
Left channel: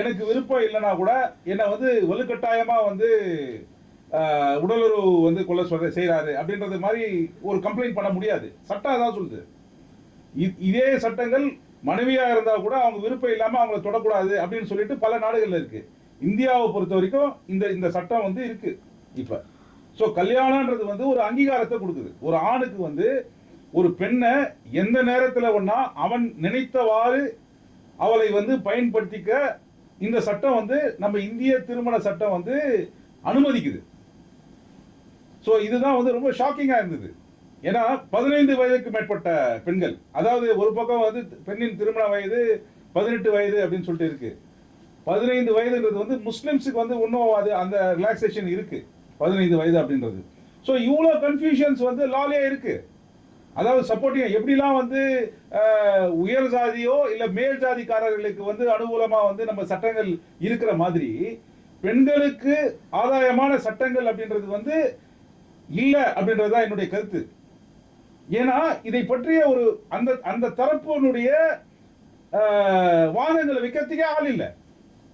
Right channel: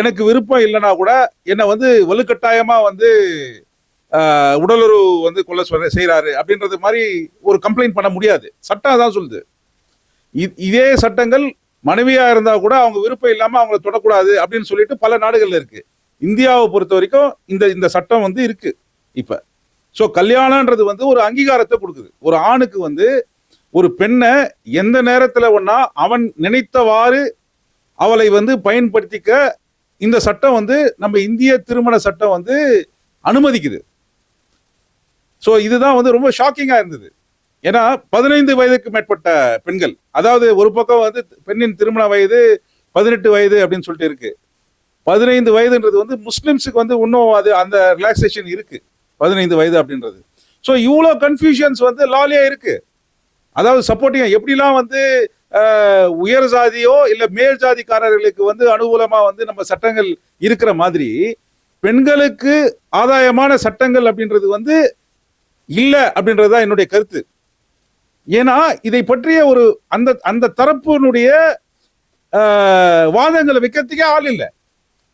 எனக்கு விருப்பம் இல்லைன்னா கூட என்னை வந்து வலுக்கட்டாயமா வந்து உடலுறவு வந்து கொள்ள செய்யறாரு அப்படின்றது மாதிரி ஒரு கம்ப்ளைண்ட் பண்ண முடியாது. சட்டம் தான் சொல்லுது. இதே சட்டங்கள் மனைவியா இருந்தா கூட அவங்க விருப்பம் இல்லாம அவங்கள தொடக்கூடாது அப்படின்னு சொல்லிட்டு பல நாடுகள்ல இருக்கு. இந்தியாவை பொறுத்த வரைக்கும் இந்த சட்டம் வந்து இருக்கு இப்ப. ஸோ கல்யாணம்ன்றது வந்து ஒரு அங்கீகாரத்தை கொடுக்குது. ஒரு ஆணுக்கு வந்து ஒரு பெண்ணை எந்த நேரத்துல ஒன்னா அவன் நினைத்தவாறு அவளை வந்து பயன்படுத்திக்க இந்த சட்டம் வந்து நம்ம இந்திய திருமண சட்டம் வந்து அனுமதிக்குது. ஸோ இதுதான் வந்து ரொம்ப ஷாக்கிங்கா இருந்தது. ஏன்னா 15 வயதுக்கு மேற்பட்ட பெண்கள், அதாவது ஒரு பக்கம் வந்து பெண்ணின் திருமண வயது 18 வயது அப்படின்னு சொல்லிட்டு இருக்கு. 15 வயதுன்றது வந்து முஸ்லிம்ஸுக்கு வந்து இன்னும் அது அந்த ரிலாக்ஸேஷன் இருக்கு. 15 வயது அப்படின்றது. ஸோ இவ்வளோ கன்ஃபியூஷன்ஸ் வந்து லாலியா இருக்கு. அதாவது சப்போர்ட்டிங் எப்படிலாம் வந்து உயர் ஜாதியோ இல்லை மேல் ஜாதிக்காரர்களுக்கு வந்து அனுகூலமா வந்து நம்ம சட்டங்கள் இருக்கிற மாதிரி பெண்களுக்கு ஆதாயமான சட்டங்கள் அப்படின்றது வந்து இல்லை அப்படின்றது தான் என்னுடைய கருத்து. ஏன்னா இதை பற்றிய ஒரு அந்த அந்த தரப்பினுடைய வாதங்களை வைக்கிறதுக்கே ஆள் இல்லை.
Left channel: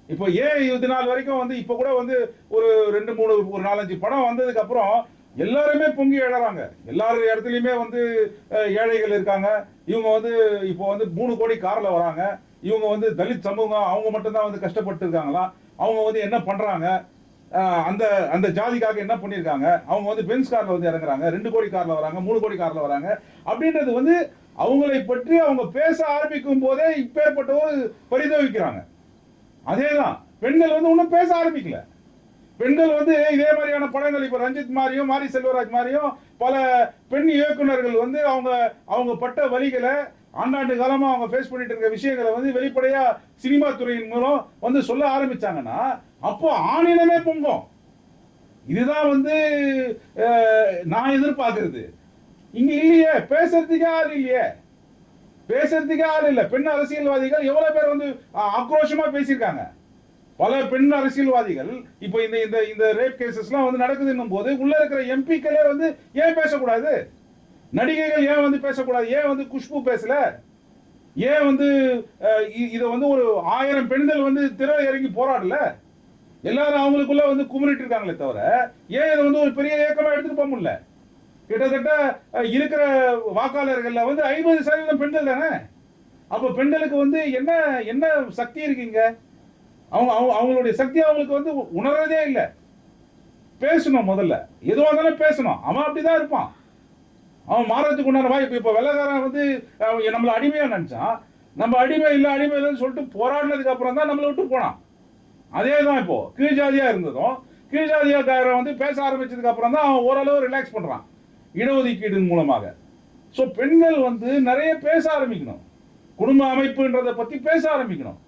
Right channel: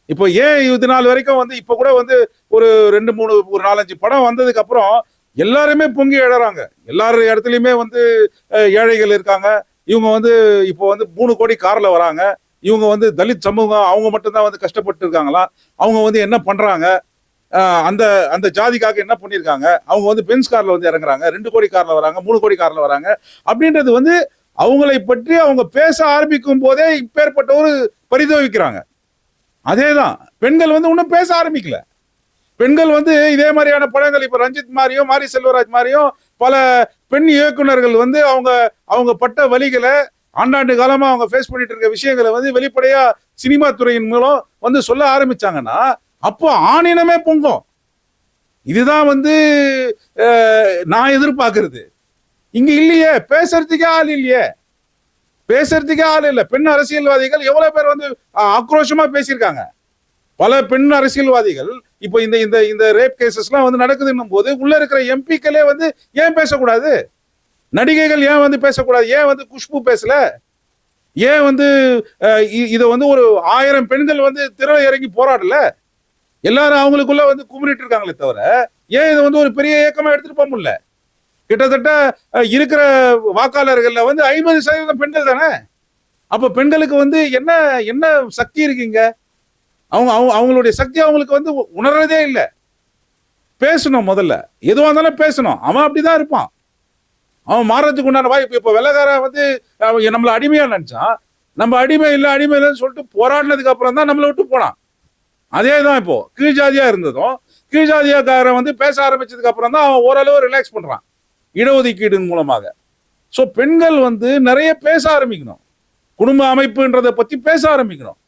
இப்போ ஏன் இது நாள் வரைக்கும் வந்து இப்போ கூட வந்து ஒரு 2-3 ஒரு 4-5 படம் வந்ததுக்கு அப்புறம் எல்லாருமே பொங்கி எழறாங்க. எல்லாரும் இடத்துலையுமே வந்து ஏழைகள் இருக்காங்க. இவங்க வந்து இப்போ வந்து 3 கோடி கார்ல வராங்க. இவங்க வந்து தலித் சமூகம் அவங்க மட்டும்தான் வந்து கஷ்டப்பட்டு இருக்காங்களா, அவங்க வந்து என்ன பண்றாங்க, அந்த அந்த ஜாதிக்காக என்ன பண்ணியிருக்காங்க, அவங்க வந்து பென்ஸ் கார்ல வந்து இறங்குறாங்க, 2 கோடி கார்ல வராங்க, 3 கோடி கார்ல வராங்க அப்படின்றது வந்து அவங்களை பற்றி அவங்க பேச ஆரம்பிக்கும் போதே இப்பேற்பட்ட ஒரு பரிதவிக்கிறாங்க. அதேதான் பெண்கள் வந்து ஒன்றும் பேச ஆரம்பிக்கல. பெண்கள் வந்து இதே மாதிரியான படங்கள் இப்ப ரஞ்சித் மாதிரியும் மாரி செல்வராஜ் மாதிரியும் பல பெண் இயக்குனர்கள் வந்து அவங்க பட்ட வலிகளை ஆண்டாண்டு காலமா அவங்க ஃபேஸ் பண்ணிட்டு இருக்க விஷயங்களை வந்து வெளிப்படையா சினிமா துறையின் மூலம் வந்து சொல்ல ஆரம்பிச்சாங்கன்னா அப்போ ஆணினமே பொங்கும். இதுதான் வந்து நான் எதிர்பார்க்கறது. இங்க இல்லையே, பேசுறதுக்கே ஆள் இல்லையே, பேசுறதுக்கே ஆள் இல்லை. பெண் அரசியல்வாதிகள் எவ்வளவு பேர் வந்து ஆக்ரோஷமா பேசியிருக்காங்க. பல பெண் அரசியல்வாதிகள் இப்போ இந்த இந்த இந்த ரேப் கேசஸ்லாம் வந்து நடக்குதுன்னும் போது உள்ள இருக்கிற எம்பிக்களே வந்து ஏன் பேசக்கூடாது, நடிகைகள் ஏன் வந்து பேசக்கூடாது, ஏன் வந்து குஷ்பு பேசல, ஏன் வந்து இதை வந்து ஒரு 1000 பெண்கள் வந்து திரை இறங்கி போராடல, எல்லாரும் அவங்களுக்குள்ள வந்து குமரிட்டு இருக்காங்களே தவிர ஏன் இதை வந்து ஒரு பெரிய இயக்கமா எடுத்துட்டு போக முடியல? கிட்டத்தட்ட இருக்கிற வாக்காளர்கள்ல வந்து 50% பெண்கள் தானே. அப்ப பெண்களுக்கு வந்து என்ன என்ன சக்தி இருக்குங்க? அவங்களுடைய சக்தி அவங்களுக்கு வந்து உணர்றதே இல்லை. பேசணும், முதல்ல எதுவாக இருந்தாலும் பேசணும். அவன் அப்படிதான் இருப்பான், அவன் மாறதுக்கு உண்டான வாய்ப்பு. இப்போ வெள்ளக்காரன் வந்து நம்மளை அடிமையா நினைச்சான், நம்ம அடிமை இல்லைன்னு சொல்லிட்டு போராடினதுக்கு அப்புறம் தான் நம்மளை விட்டு போனான். அதே தான் இப்போ கீழ் ஜாதியா இருந்ததும் கீழ் ஜாதியாக்காரன் வந்து பேச ஆரம்பிச்சதுக்கு அப்புறம் தான் அவன் ஓரளவு ரிலாக்ஸ் பண்றான் இடஒதுக்கீடு மூலமாக. ஸோ பெண்கள் வந்து நிறைய பேச ஆரம்பிக்கணும், குடும்ப அமைப்புன்றதை பத்தி பேச ஆரம்பிக்கணும்.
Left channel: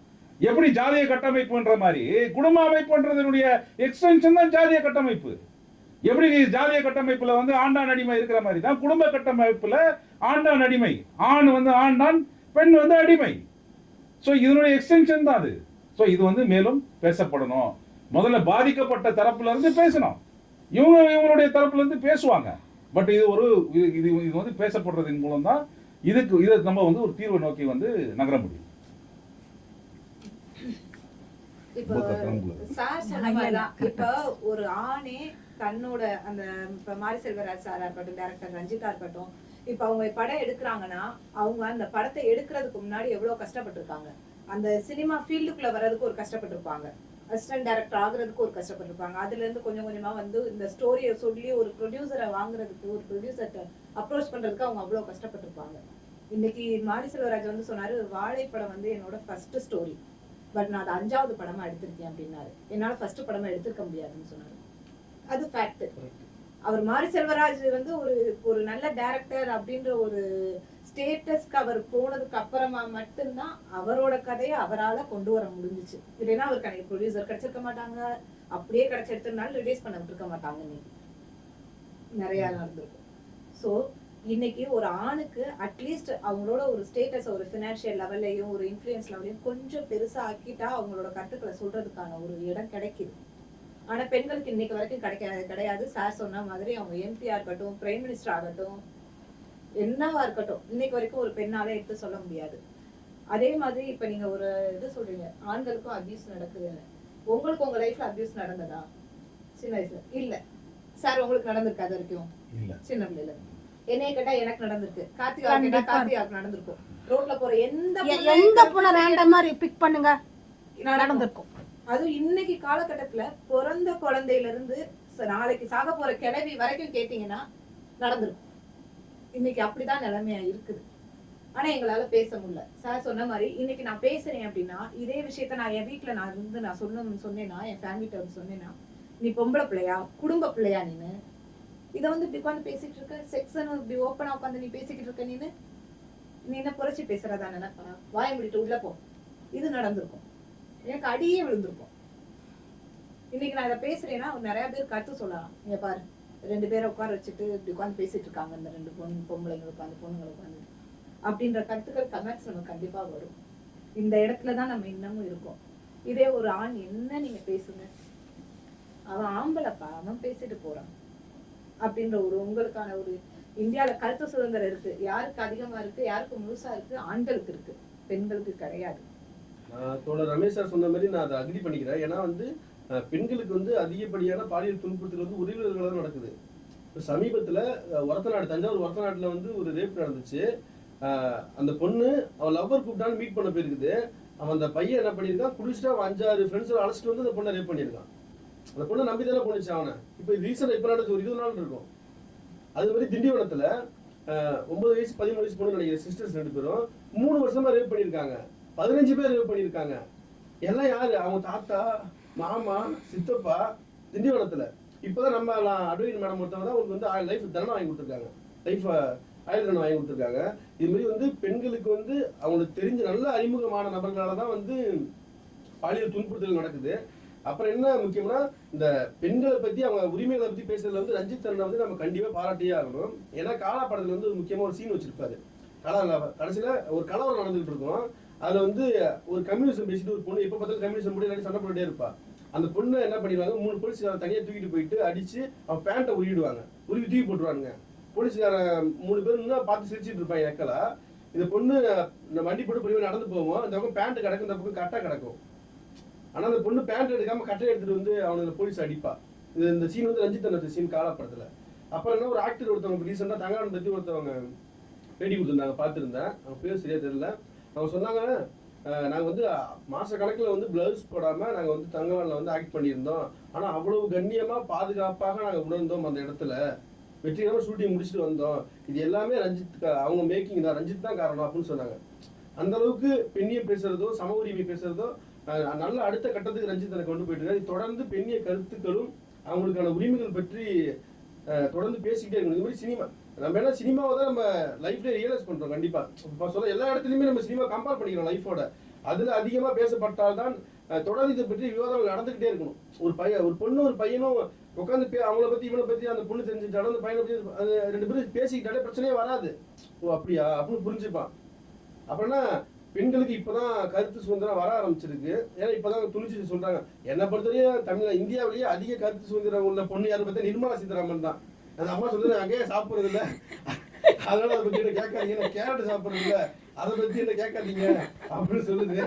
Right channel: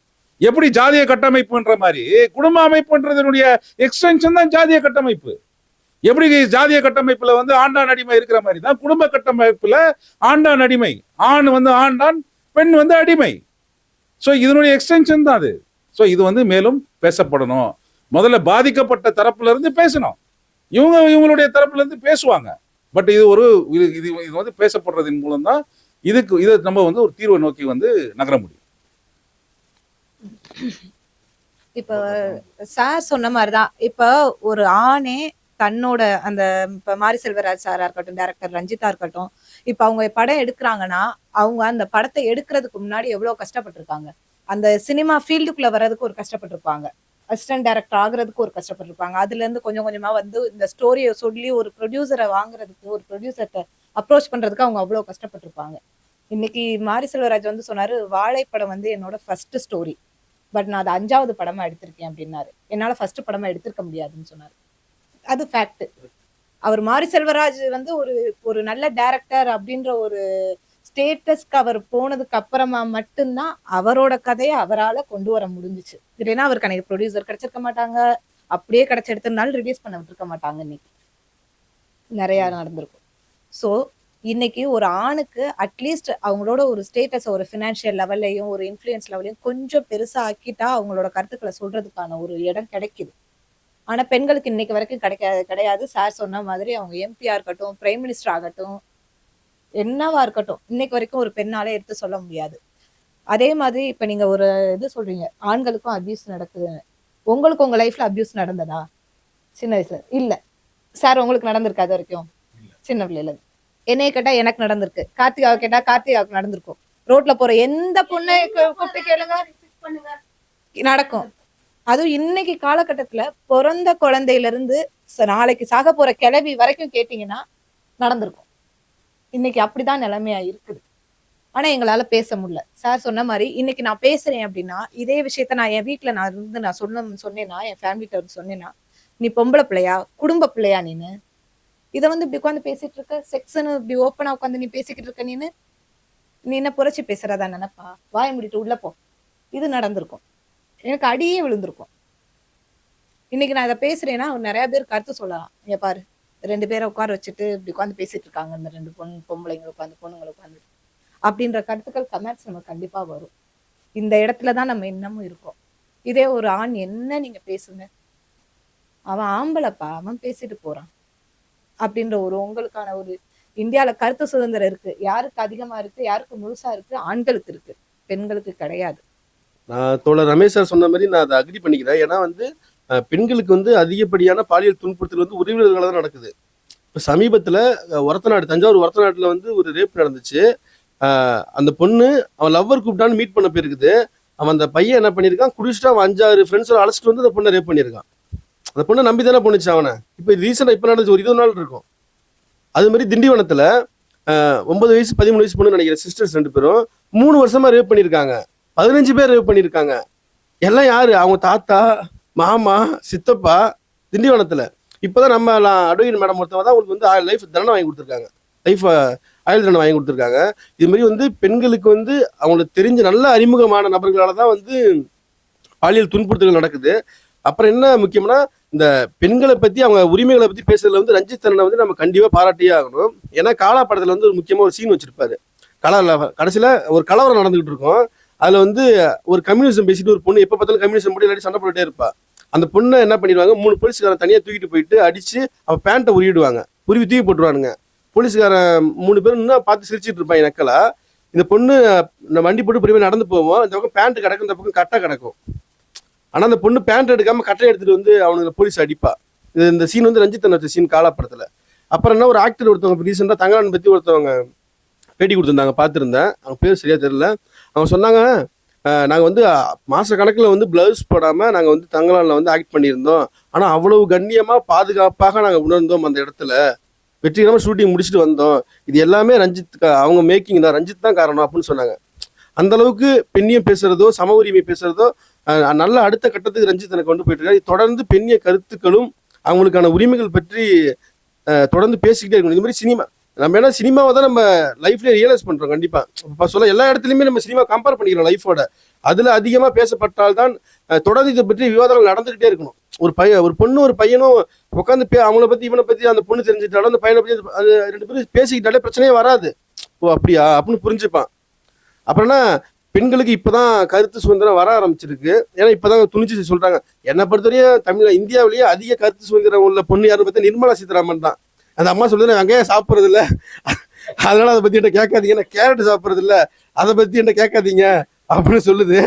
எப்படி ஜாதிய கட்டமைப்புன்ற மாதிரி குடும்ப அமைப்புன்றதனுடைய எக்ஸ்டென்ஷன் தான் ஜாதிய கட்டமைப்பு. எப்படி ஜாதிய கட்டமைப்புல வந்து ஆண்டான் அடிமை இருக்கிற மாதிரி தான் குடும்ப கட்டமைப்புல ஆண்டான் அடிமை, ஆண் வந்து ஆண்டான், பெண் வந்து அடிமை. ஸோ இதனுடைய எக்ஸ்டென்ஷன் தான் அது. ஸோ இது வந்து மேலும் பேசப்படணும். முதல்ல பாதிக்கப்பட்ட தரப்புல இருந்து பேசணும், இவங்களுடைய தரப்புல இருந்து பேசுவாங்க. பட் இது ஒரு இது வந்து பேசப்படுறதின் மூலம் தான் இதை நம்ம வந்து ஒரு தீர்வை நோக்கி வந்து நகர முடியும். இப்ப சார் சொன்ன மாதிரிதான், இப்ப ஒரு ஆணே தன்னோட அந்த இப்ப மாரி செல்வராஜ் சாரா இருக்கட்டும், டைரக்டர் ரஞ்சிதா இருக்கட்டும், இப்ப அவங்க படம் எடுக்கிறாங்கன்னா அவங்க அந்த படத்தை எடுக்கிறதுக்கு முன்னாடி எவ்வளவு கஷ்டப்பட்டிருக்காங்க. அந்த சினிமா ஃபீல்டுக்குள்ள வர்றதுக்கு ஒரு கஷ்டப்பட்டிருப்பாங்க, அசிஸ்டன்ட் டைரக்டர் ஆகுறதுக்கு ஒரு கஷ்டப்பட்டிருப்பாங்க. அதுல இருந்து கொஞ்சம் கொஞ்சமா வந்து இந்த ஸ்டோரியை சொல்லி ஒரு ப்ரொடியூசரை வாங்குறதுக்கு, ஒரு ப்ரொடியூசர்கிட்ட அப்ரோச் பண்றதுக்கு அவங்க அவ்வளவு கஷ்டப்பட்டிருப்பாங்க. இன்னைக்கு மாரி செல்வராஜ் வந்து சொன்னாரு, வாழைப்படம் வந்து என்னோட ஃபர்ஸ்ட் ஸ்டோரி, பட் நான் அதை 5வது படமா எடுத்திருக்கேன் அப்படின்னாரு. என்னால ஃபர்ஸ்ட் படமா எடுத்திருக்க முடியாதுன்னு சொன்னாரு. அது ஃபேக்ட். அவர் மாரி செல்வராஜ் வந்து ஒரு நல்ல டைரக்டர் அப்படின்ற ஒரு ஸ்டேட்டஸ்க்கு அவர் போனதுக்கு அப்புறமா மட்டும்தான் அவரோட கதையை அவரால் கொண்டு வர முடிஞ்சிச்சு. இல்லைன்னா அவருக்கு அன்னைக்கு ப்ரொடியூசர் கிடைச்சிருக்க மாட்டாங்க, அப்படியே கிடைச்ச எடுத்தனாலும் ரிலீஸ் பண்ண விட்டுருக்க மாட்டாங்க. இன்னைக்கு நிறைய நடந்திருக்கும். ஸோ இன்னைக்கு ஒரு ஆணுக்கு அட்லீஸ்ட் அவங்களோட ஒரு ஸ்டேட்டஸ், ஒரு ஃபினான்ஷியல் லெவல்லையும் ஒரு இன்ஃப்ளூயன்ஸ் லெவல்லையும் கொஞ்சம் பெருசா ஆக்கிட்டா அவங்களோட கருத்துக்களை சொல்றதுக்கான ஒரு இடம் கிடைக்குது. ஆனா பெண்களுக்கு இன்னைக்கு வரைக்கும் கிடையாது. சார் சொன்ன மாதிரி அவங்க எம்பியா இருக்கட்டும், பிரைம் மினிஸ்டர் ஆகட்டும், என்னவா இருக்கட்டும், இன்னைக்கு வரைக்கும் ஒரு பெண்ணாலே எடுத்து சொல்ல முடியாது. அதே மாதிரி இப்ப நீங்க ஒரு இது சொல்றீங்க, ஆண்களுக்கும் அபியூஸ் நடக்குதுன்னு. உங்களுக்கு உங்க லைஃப்ல அபியூஸ் நடந்ததா சின்ன வயசுல? இல்ல. சார் உங்களுக்கு நடந்திருக்கா அது வரைக்கும்? சின்ன பிள்ளைல என்னைய கேட்டா எனக்கு நடந்திருக்கு, கார்த்திகாவை கேட்டா கார்த்திகாவுக்கு நடந்திருக்கும், ரோட்ல போற எந்த பொண்ணு நடக்கும். அதுவும் இன்னைக்கு காலகட்டத்துல பிறந்த குழந்தையில இருந்து நாளைக்கு சாக போற கிளவி வரைக்கும் கேட்டீங்கன்னா நடந்திருக்கும். இன்னைக்கு அப்படிதான் நிலைமையா இருக்குது. ஆனா எங்களால பேச முடியல. சார் சொன்ன மாதிரி இன்னைக்கு நான் பேசுறேன் அப்படின்னா இதே விஷயத்த நான் என் வீட்டுல நான் இருந்து நான் சொன்னேன்னா, என் ஃபேமிலிட்ட வந்து சொன்னேன்னா, நீ பொம்பளை பிள்ளையா, குடும்ப பிள்ளையா, நீனு இதை வந்து இப்படி உட்காந்து பேசிட்டு இருக்க, செக்ஸ்ன்னு இப்படி ஓப்பனா உட்காந்து நீ பேசிக்கிட்டு இருக்க, நீ என்ன புரட்சி பேசுறதா நினைப்பா, வாய முடிட்டு உள்ள போ. இது நடந்திருக்கும். எனக்கு அடியே விழுந்திருக்கும். இன்னைக்கு நான் இதை பேசுறேன்னா நிறைய பேர் கருத்து சொல்லலாம். இங்க பாரு 2 பேரை உட்கார வச்சுட்டு இப்படி உட்காந்து பேசிட்டு இருக்காங்க, இந்த 2 பொம்பளைங்க உட்காந்து பொண்ணுங்களை உட்காந்து அப்படின்ற கருத்துக்கள் கமெண்ட்ஸ் நமக்கு கண்டிப்பா வரும். இந்த இடத்துல தான் நம்ம இன்னமும் இருக்கோம். இதே ஒரு ஆண் என்ன நீங்க பேசுங்க, அவன் ஆம்பளைப்பா, அவன் பேசிட்டு போறான் அப்படின்ற ஒரு உங்களுக்கான ஒரு இந்தியால கருத்து சுதந்திரம் இருக்கு. யாருக்கு அதிகமா இருக்கு, யாருக்கு முழுசா இருக்கு? ஆண்களுக்கு இருக்கு, பெண்களுக்கு கிடையாது. நான் தோழர் ரமேஷ் சார் சொன்ன மாதிரி நான் அதை அக்ரி பண்ணிக்கிறேன். ஏன்னா வந்து பெண்களுக்கு வந்து அதிகப்படியான பாலியல் துன்புறுத்தல் வந்து உறவினர்களால் தான் நடக்குது. இப்போ சமீபத்தில் ஒரத்தநாடு, தஞ்சாவூர் ஒரத்தநாட்டில் வந்து ஒரு ரேப் நடந்துச்சு. அந்த பொண்ணு அவன் லவ்வர் கூப்பிட்டான்னு மீட் பண்ண போயிருக்குது. அவன் அந்த பையன் என்ன பண்ணியிருக்கான், குடிச்சிட்டு அவன் 5-6 ஃப்ரெண்ட்ஸோட அழைச்சிட்டு வந்து அந்த பொண்ணை ரேப் பண்ணியிருக்கான். அந்த பொண்ணை நம்பி தானே பொண்ணுச்சு அவனை. இப்போ ரீசெண்டாக இப்போ நடந்துச்சு, ஒரு 20 நாள் இருக்கும். அது மாதிரி திண்டிவனத்தில் 9 வயசு 13 வயசு பொண்ணு நினைக்கிறேன், சிஸ்டர்ஸ் 2 பேரும் 3 வருஷமா ரேப் பண்ணியிருக்காங்க. 15 பேர் ரேப் பண்ணியிருக்காங்க. எல்லாம் யாரு? அவங்க தாத்தா, மாமா, சித்தப்பா, திண்டிவனத்தில். இப்போதான் நம்ம அட்வொகேட் மேடம் ஒருத்தவங்க தான் உங்களுக்கு வந்து லைஃப் தண்டனை வாங்கி கொடுத்துருக்காங்க, லைஃப் ஆயுள் தண்டனை வாங்கி கொடுத்துருக்காங்க. இது மாதிரி வந்து பெண்களுக்கு வந்து அவங்களுக்கு தெரிஞ்ச நல்ல அறிமுகமான நபர்களால தான் வந்து பாலியல் துன்புறுத்தல்கள் நடக்குது. அப்புறம் என்ன முக்கியம்னா, இந்த பெண்களை பற்றி அவங்க உரிமைகளை பற்றி பேசுறதுல வந்து ரஞ்சித் அண்ணனை வந்து நம்ம கண்டிப்பாக பாராட்டியே ஆகணும். ஏன்னா காலா படத்தில் வந்து ஒரு முக்கியமாக ஒரு சீன் வச்சிருப்பாரு. கடைசியில் ஒரு கலவரம் நடந்துகிட்டு இருக்கும். அதில் வந்து ஒரு கம்யூனிசம் பேசிட்டு ஒரு பொண்ணு எப்போ பார்த்தாலும் கம்யூனிசம் போட்டு இல்லாட்டி சண்டை போட்டுட்டே இருப்பா. அந்த பொண்ணை என்ன பண்ணிடுவாங்க, 3 போலீஸ்காரன் தனியாக தூக்கிட்டு போயிட்டு அடிச்சு அவன் பேண்ட்டை உருவிடுவாங்க, உருவி தூக்கி போட்டுருவானுங்க. போலீஸ்காரன் 3 பேரும் இன்னும் பார்த்து சிரிச்சிட்டு இருப்பான் நக்கலா. இந்த பொண்ணு வண்டி போட்டு பொறுமையாக நடந்து போவோம், இந்த பக்கம் பேண்ட் கிடக்கும், இந்த பக்கம் கட்டை கிடக்கும். ஆனால் அந்த பொண்ணு பேண்ட் எடுக்காம கட்டை எடுத்துட்டு வந்து அவனுக்கு போலீஸ் அடிப்பா. இந்த சீன் வந்து ரஞ்சித் அண்ணன் வச்ச சீன் காலா படத்தில். அப்புறம் என்ன, ஒரு ஆக்டர் ஒருத்தவங்க ரீசெண்டாக தங்கலான் பற்றி ஒருத்தவங்க பேட்டி கொடுத்துருந்தாங்க, பார்த்துருந்தேன். அவங்க பேர் சரியா தெரியல. அவங்க சொன்னாங்க, நாங்கள் வந்து மாத கணக்கில் வந்து ப்ளவுஸ் போடாமல் நாங்கள் வந்து தங்கலானில் வந்து ஆக்ட் பண்ணியிருந்தோம். ஆனால் அவ்வளவு கண்ணியமாக பாதுகாப்பாக நாங்கள் உணர்ந்தோம் அந்த இடத்துல. வெற்றிகரமாக ஷூட்டிங் முடிச்சுட்டு வந்தோம். இது எல்லாமே ரஞ்சித் அவங்க மேக்கிங் தான், ரஞ்சித் தான் காரணம் அப்படின்னு சொன்னாங்க. அந்த அளவுக்கு பெண்ணியம் பேசுறதோ சம உரிமை பேசுறதோ நல்ல அடுத்த கட்டத்துக்கு ரஞ்சித் எனக்கு கொண்டு போயிட்டு இருக்காரு. தொடர்ந்து பெண்ணிய கருத்துக்களும் அவங்களுக்கான உரிமைகள் பற்றி தொடர்ந்து பேசிக்கிட்டே இருக்கணும். இது மாதிரி சினிமா, நம்ம ஏன்னா சினிமாவை தான் நம்ம லைஃப்ல ரியலைஸ் பண்றோம். கண்டிப்பா இப்போ சொல்ல எல்லா இடத்துலையுமே நம்ம சினிமா கம்பேர் பண்ணிக்கிறோம் லைஃபோட. அதுல அதிகமாக பேசப்பட்டால்தான் தொடர்ந்து இதை பற்றி விவாதங்கள் நடந்துகிட்டே இருக்கணும். ஒரு பொண்ணு ஒரு பையனும் உட்காந்து அவங்கள பத்தி இவனை பத்தி அந்த பொண்ணு தெரிஞ்சுட்டாலும் அந்த பையனை பத்தி அது 2 பேரும் பேசிக்கிட்டாலே பிரச்சனையே வராது. ஓ அப்படியா அப்படின்னு புரிஞ்சுப்பான். அப்புறம்னா பெண்களுக்கு இப்பதான் கருத்து சுதந்திரம் வர ஆரம்பிச்சிருக்கு. ஏன்னா இப்பதான் துணிச்சு சொல்றாங்க. என்னை பொறுத்தவரையும் இந்தியாவிலேயே அதிக கருத்து சுதந்திரம் உள்ள பொண்ணு யாரும் பார்த்தா நிர்மலா சீதாராமன் தான். அந்த அம்மா சொல்றது, வெங்காயம் சாப்பிட்றது இல்லை, அதனால அதை பத்தி என்ன கேட்காதீங்க, நான் கேரட் சாப்பிட்றது இல்லை, அதை பத்தி என்ன கேட்காதீங்க அப்படின்னு சொல்லுது.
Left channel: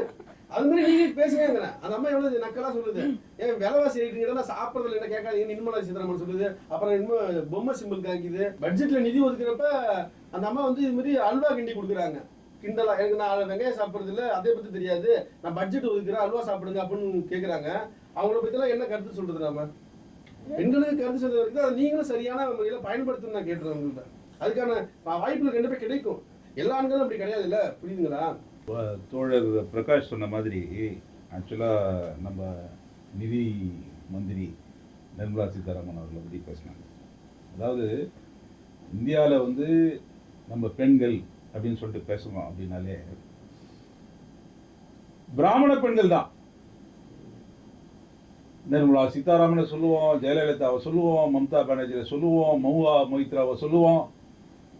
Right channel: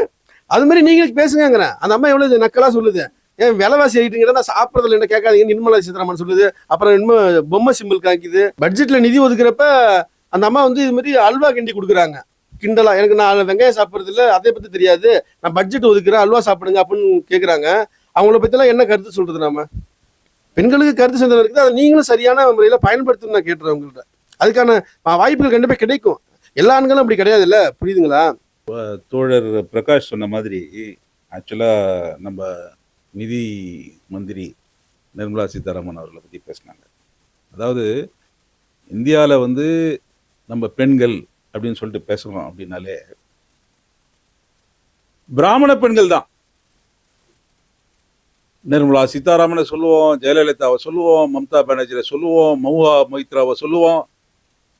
அது மாதிரி நீங்க பேசுங்கிறேன். அந்த அம்மா எவ்வளவு நக்கலா சொல்லுது. ஏன் விலைவாசி ஆயிட்டுங்கிறத சாப்பிட்றதுல என்ன கேட்காதீங்க நிர்மலா சீதாராமன் சொல்லுது. அப்புறம் பொம்மை சிம்பிள் காமிக்குது. பட்ஜெட்ல நிதி ஒதுக்குறப்ப அந்த அம்மா வந்து இது மாதிரி அல்வா கிண்டி கொடுக்குறாங்க கிண்டலா. எனக்கு நான் வெங்காயம் சாப்பிட்றது இல்லை, அதை பத்தி தெரியாது, நான் பட்ஜெட் ஒதுக்குறேன், அல்வா சாப்பிடுங்க அப்படின்னு கேட்குறாங்க. அவங்கள பத்திலாம் என்ன கருத்து சொல்றது? நம்ம பெண்களுக்கு கருத்து சுதந்திரம் இருக்குது, அதை நீங்களும் சரியான முறையில் பயன்படுத்தணும்னு நான் கேட்டுறேன். உங்கள்கிட்ட அதுக்கான வாய்ப்புகள் கண்டிப்பாக கிடைக்கும். எல்லா ஆண்களும் அப்படி கிடையாது இல்லை, புரியுதுங்களா? தோழர் பிரகாஷ் சொன்ன மாதிரி ஆக்சுவலாக நம்ம நிதி மந்திரி நிர்மலா சீதாராமன் அவர்களை பற்றி பேசினாங்க. அதாவது இந்தியாவில் வந்து நம்ம பெண்கள் அப்படின்னு சொல்லிட்டு பேசுகிறோம் அப்படின்னாலே பிராமண பெண்கள் தான். நிர்மலா சீதாராமனை சொல்லுவோம், ஜெயலலிதாவை சொல்லுவோம், மம்தா பானர்ஜியை சொல்லுவோம், மவுவா மொய்த்ராவை சொல்லுவோம்,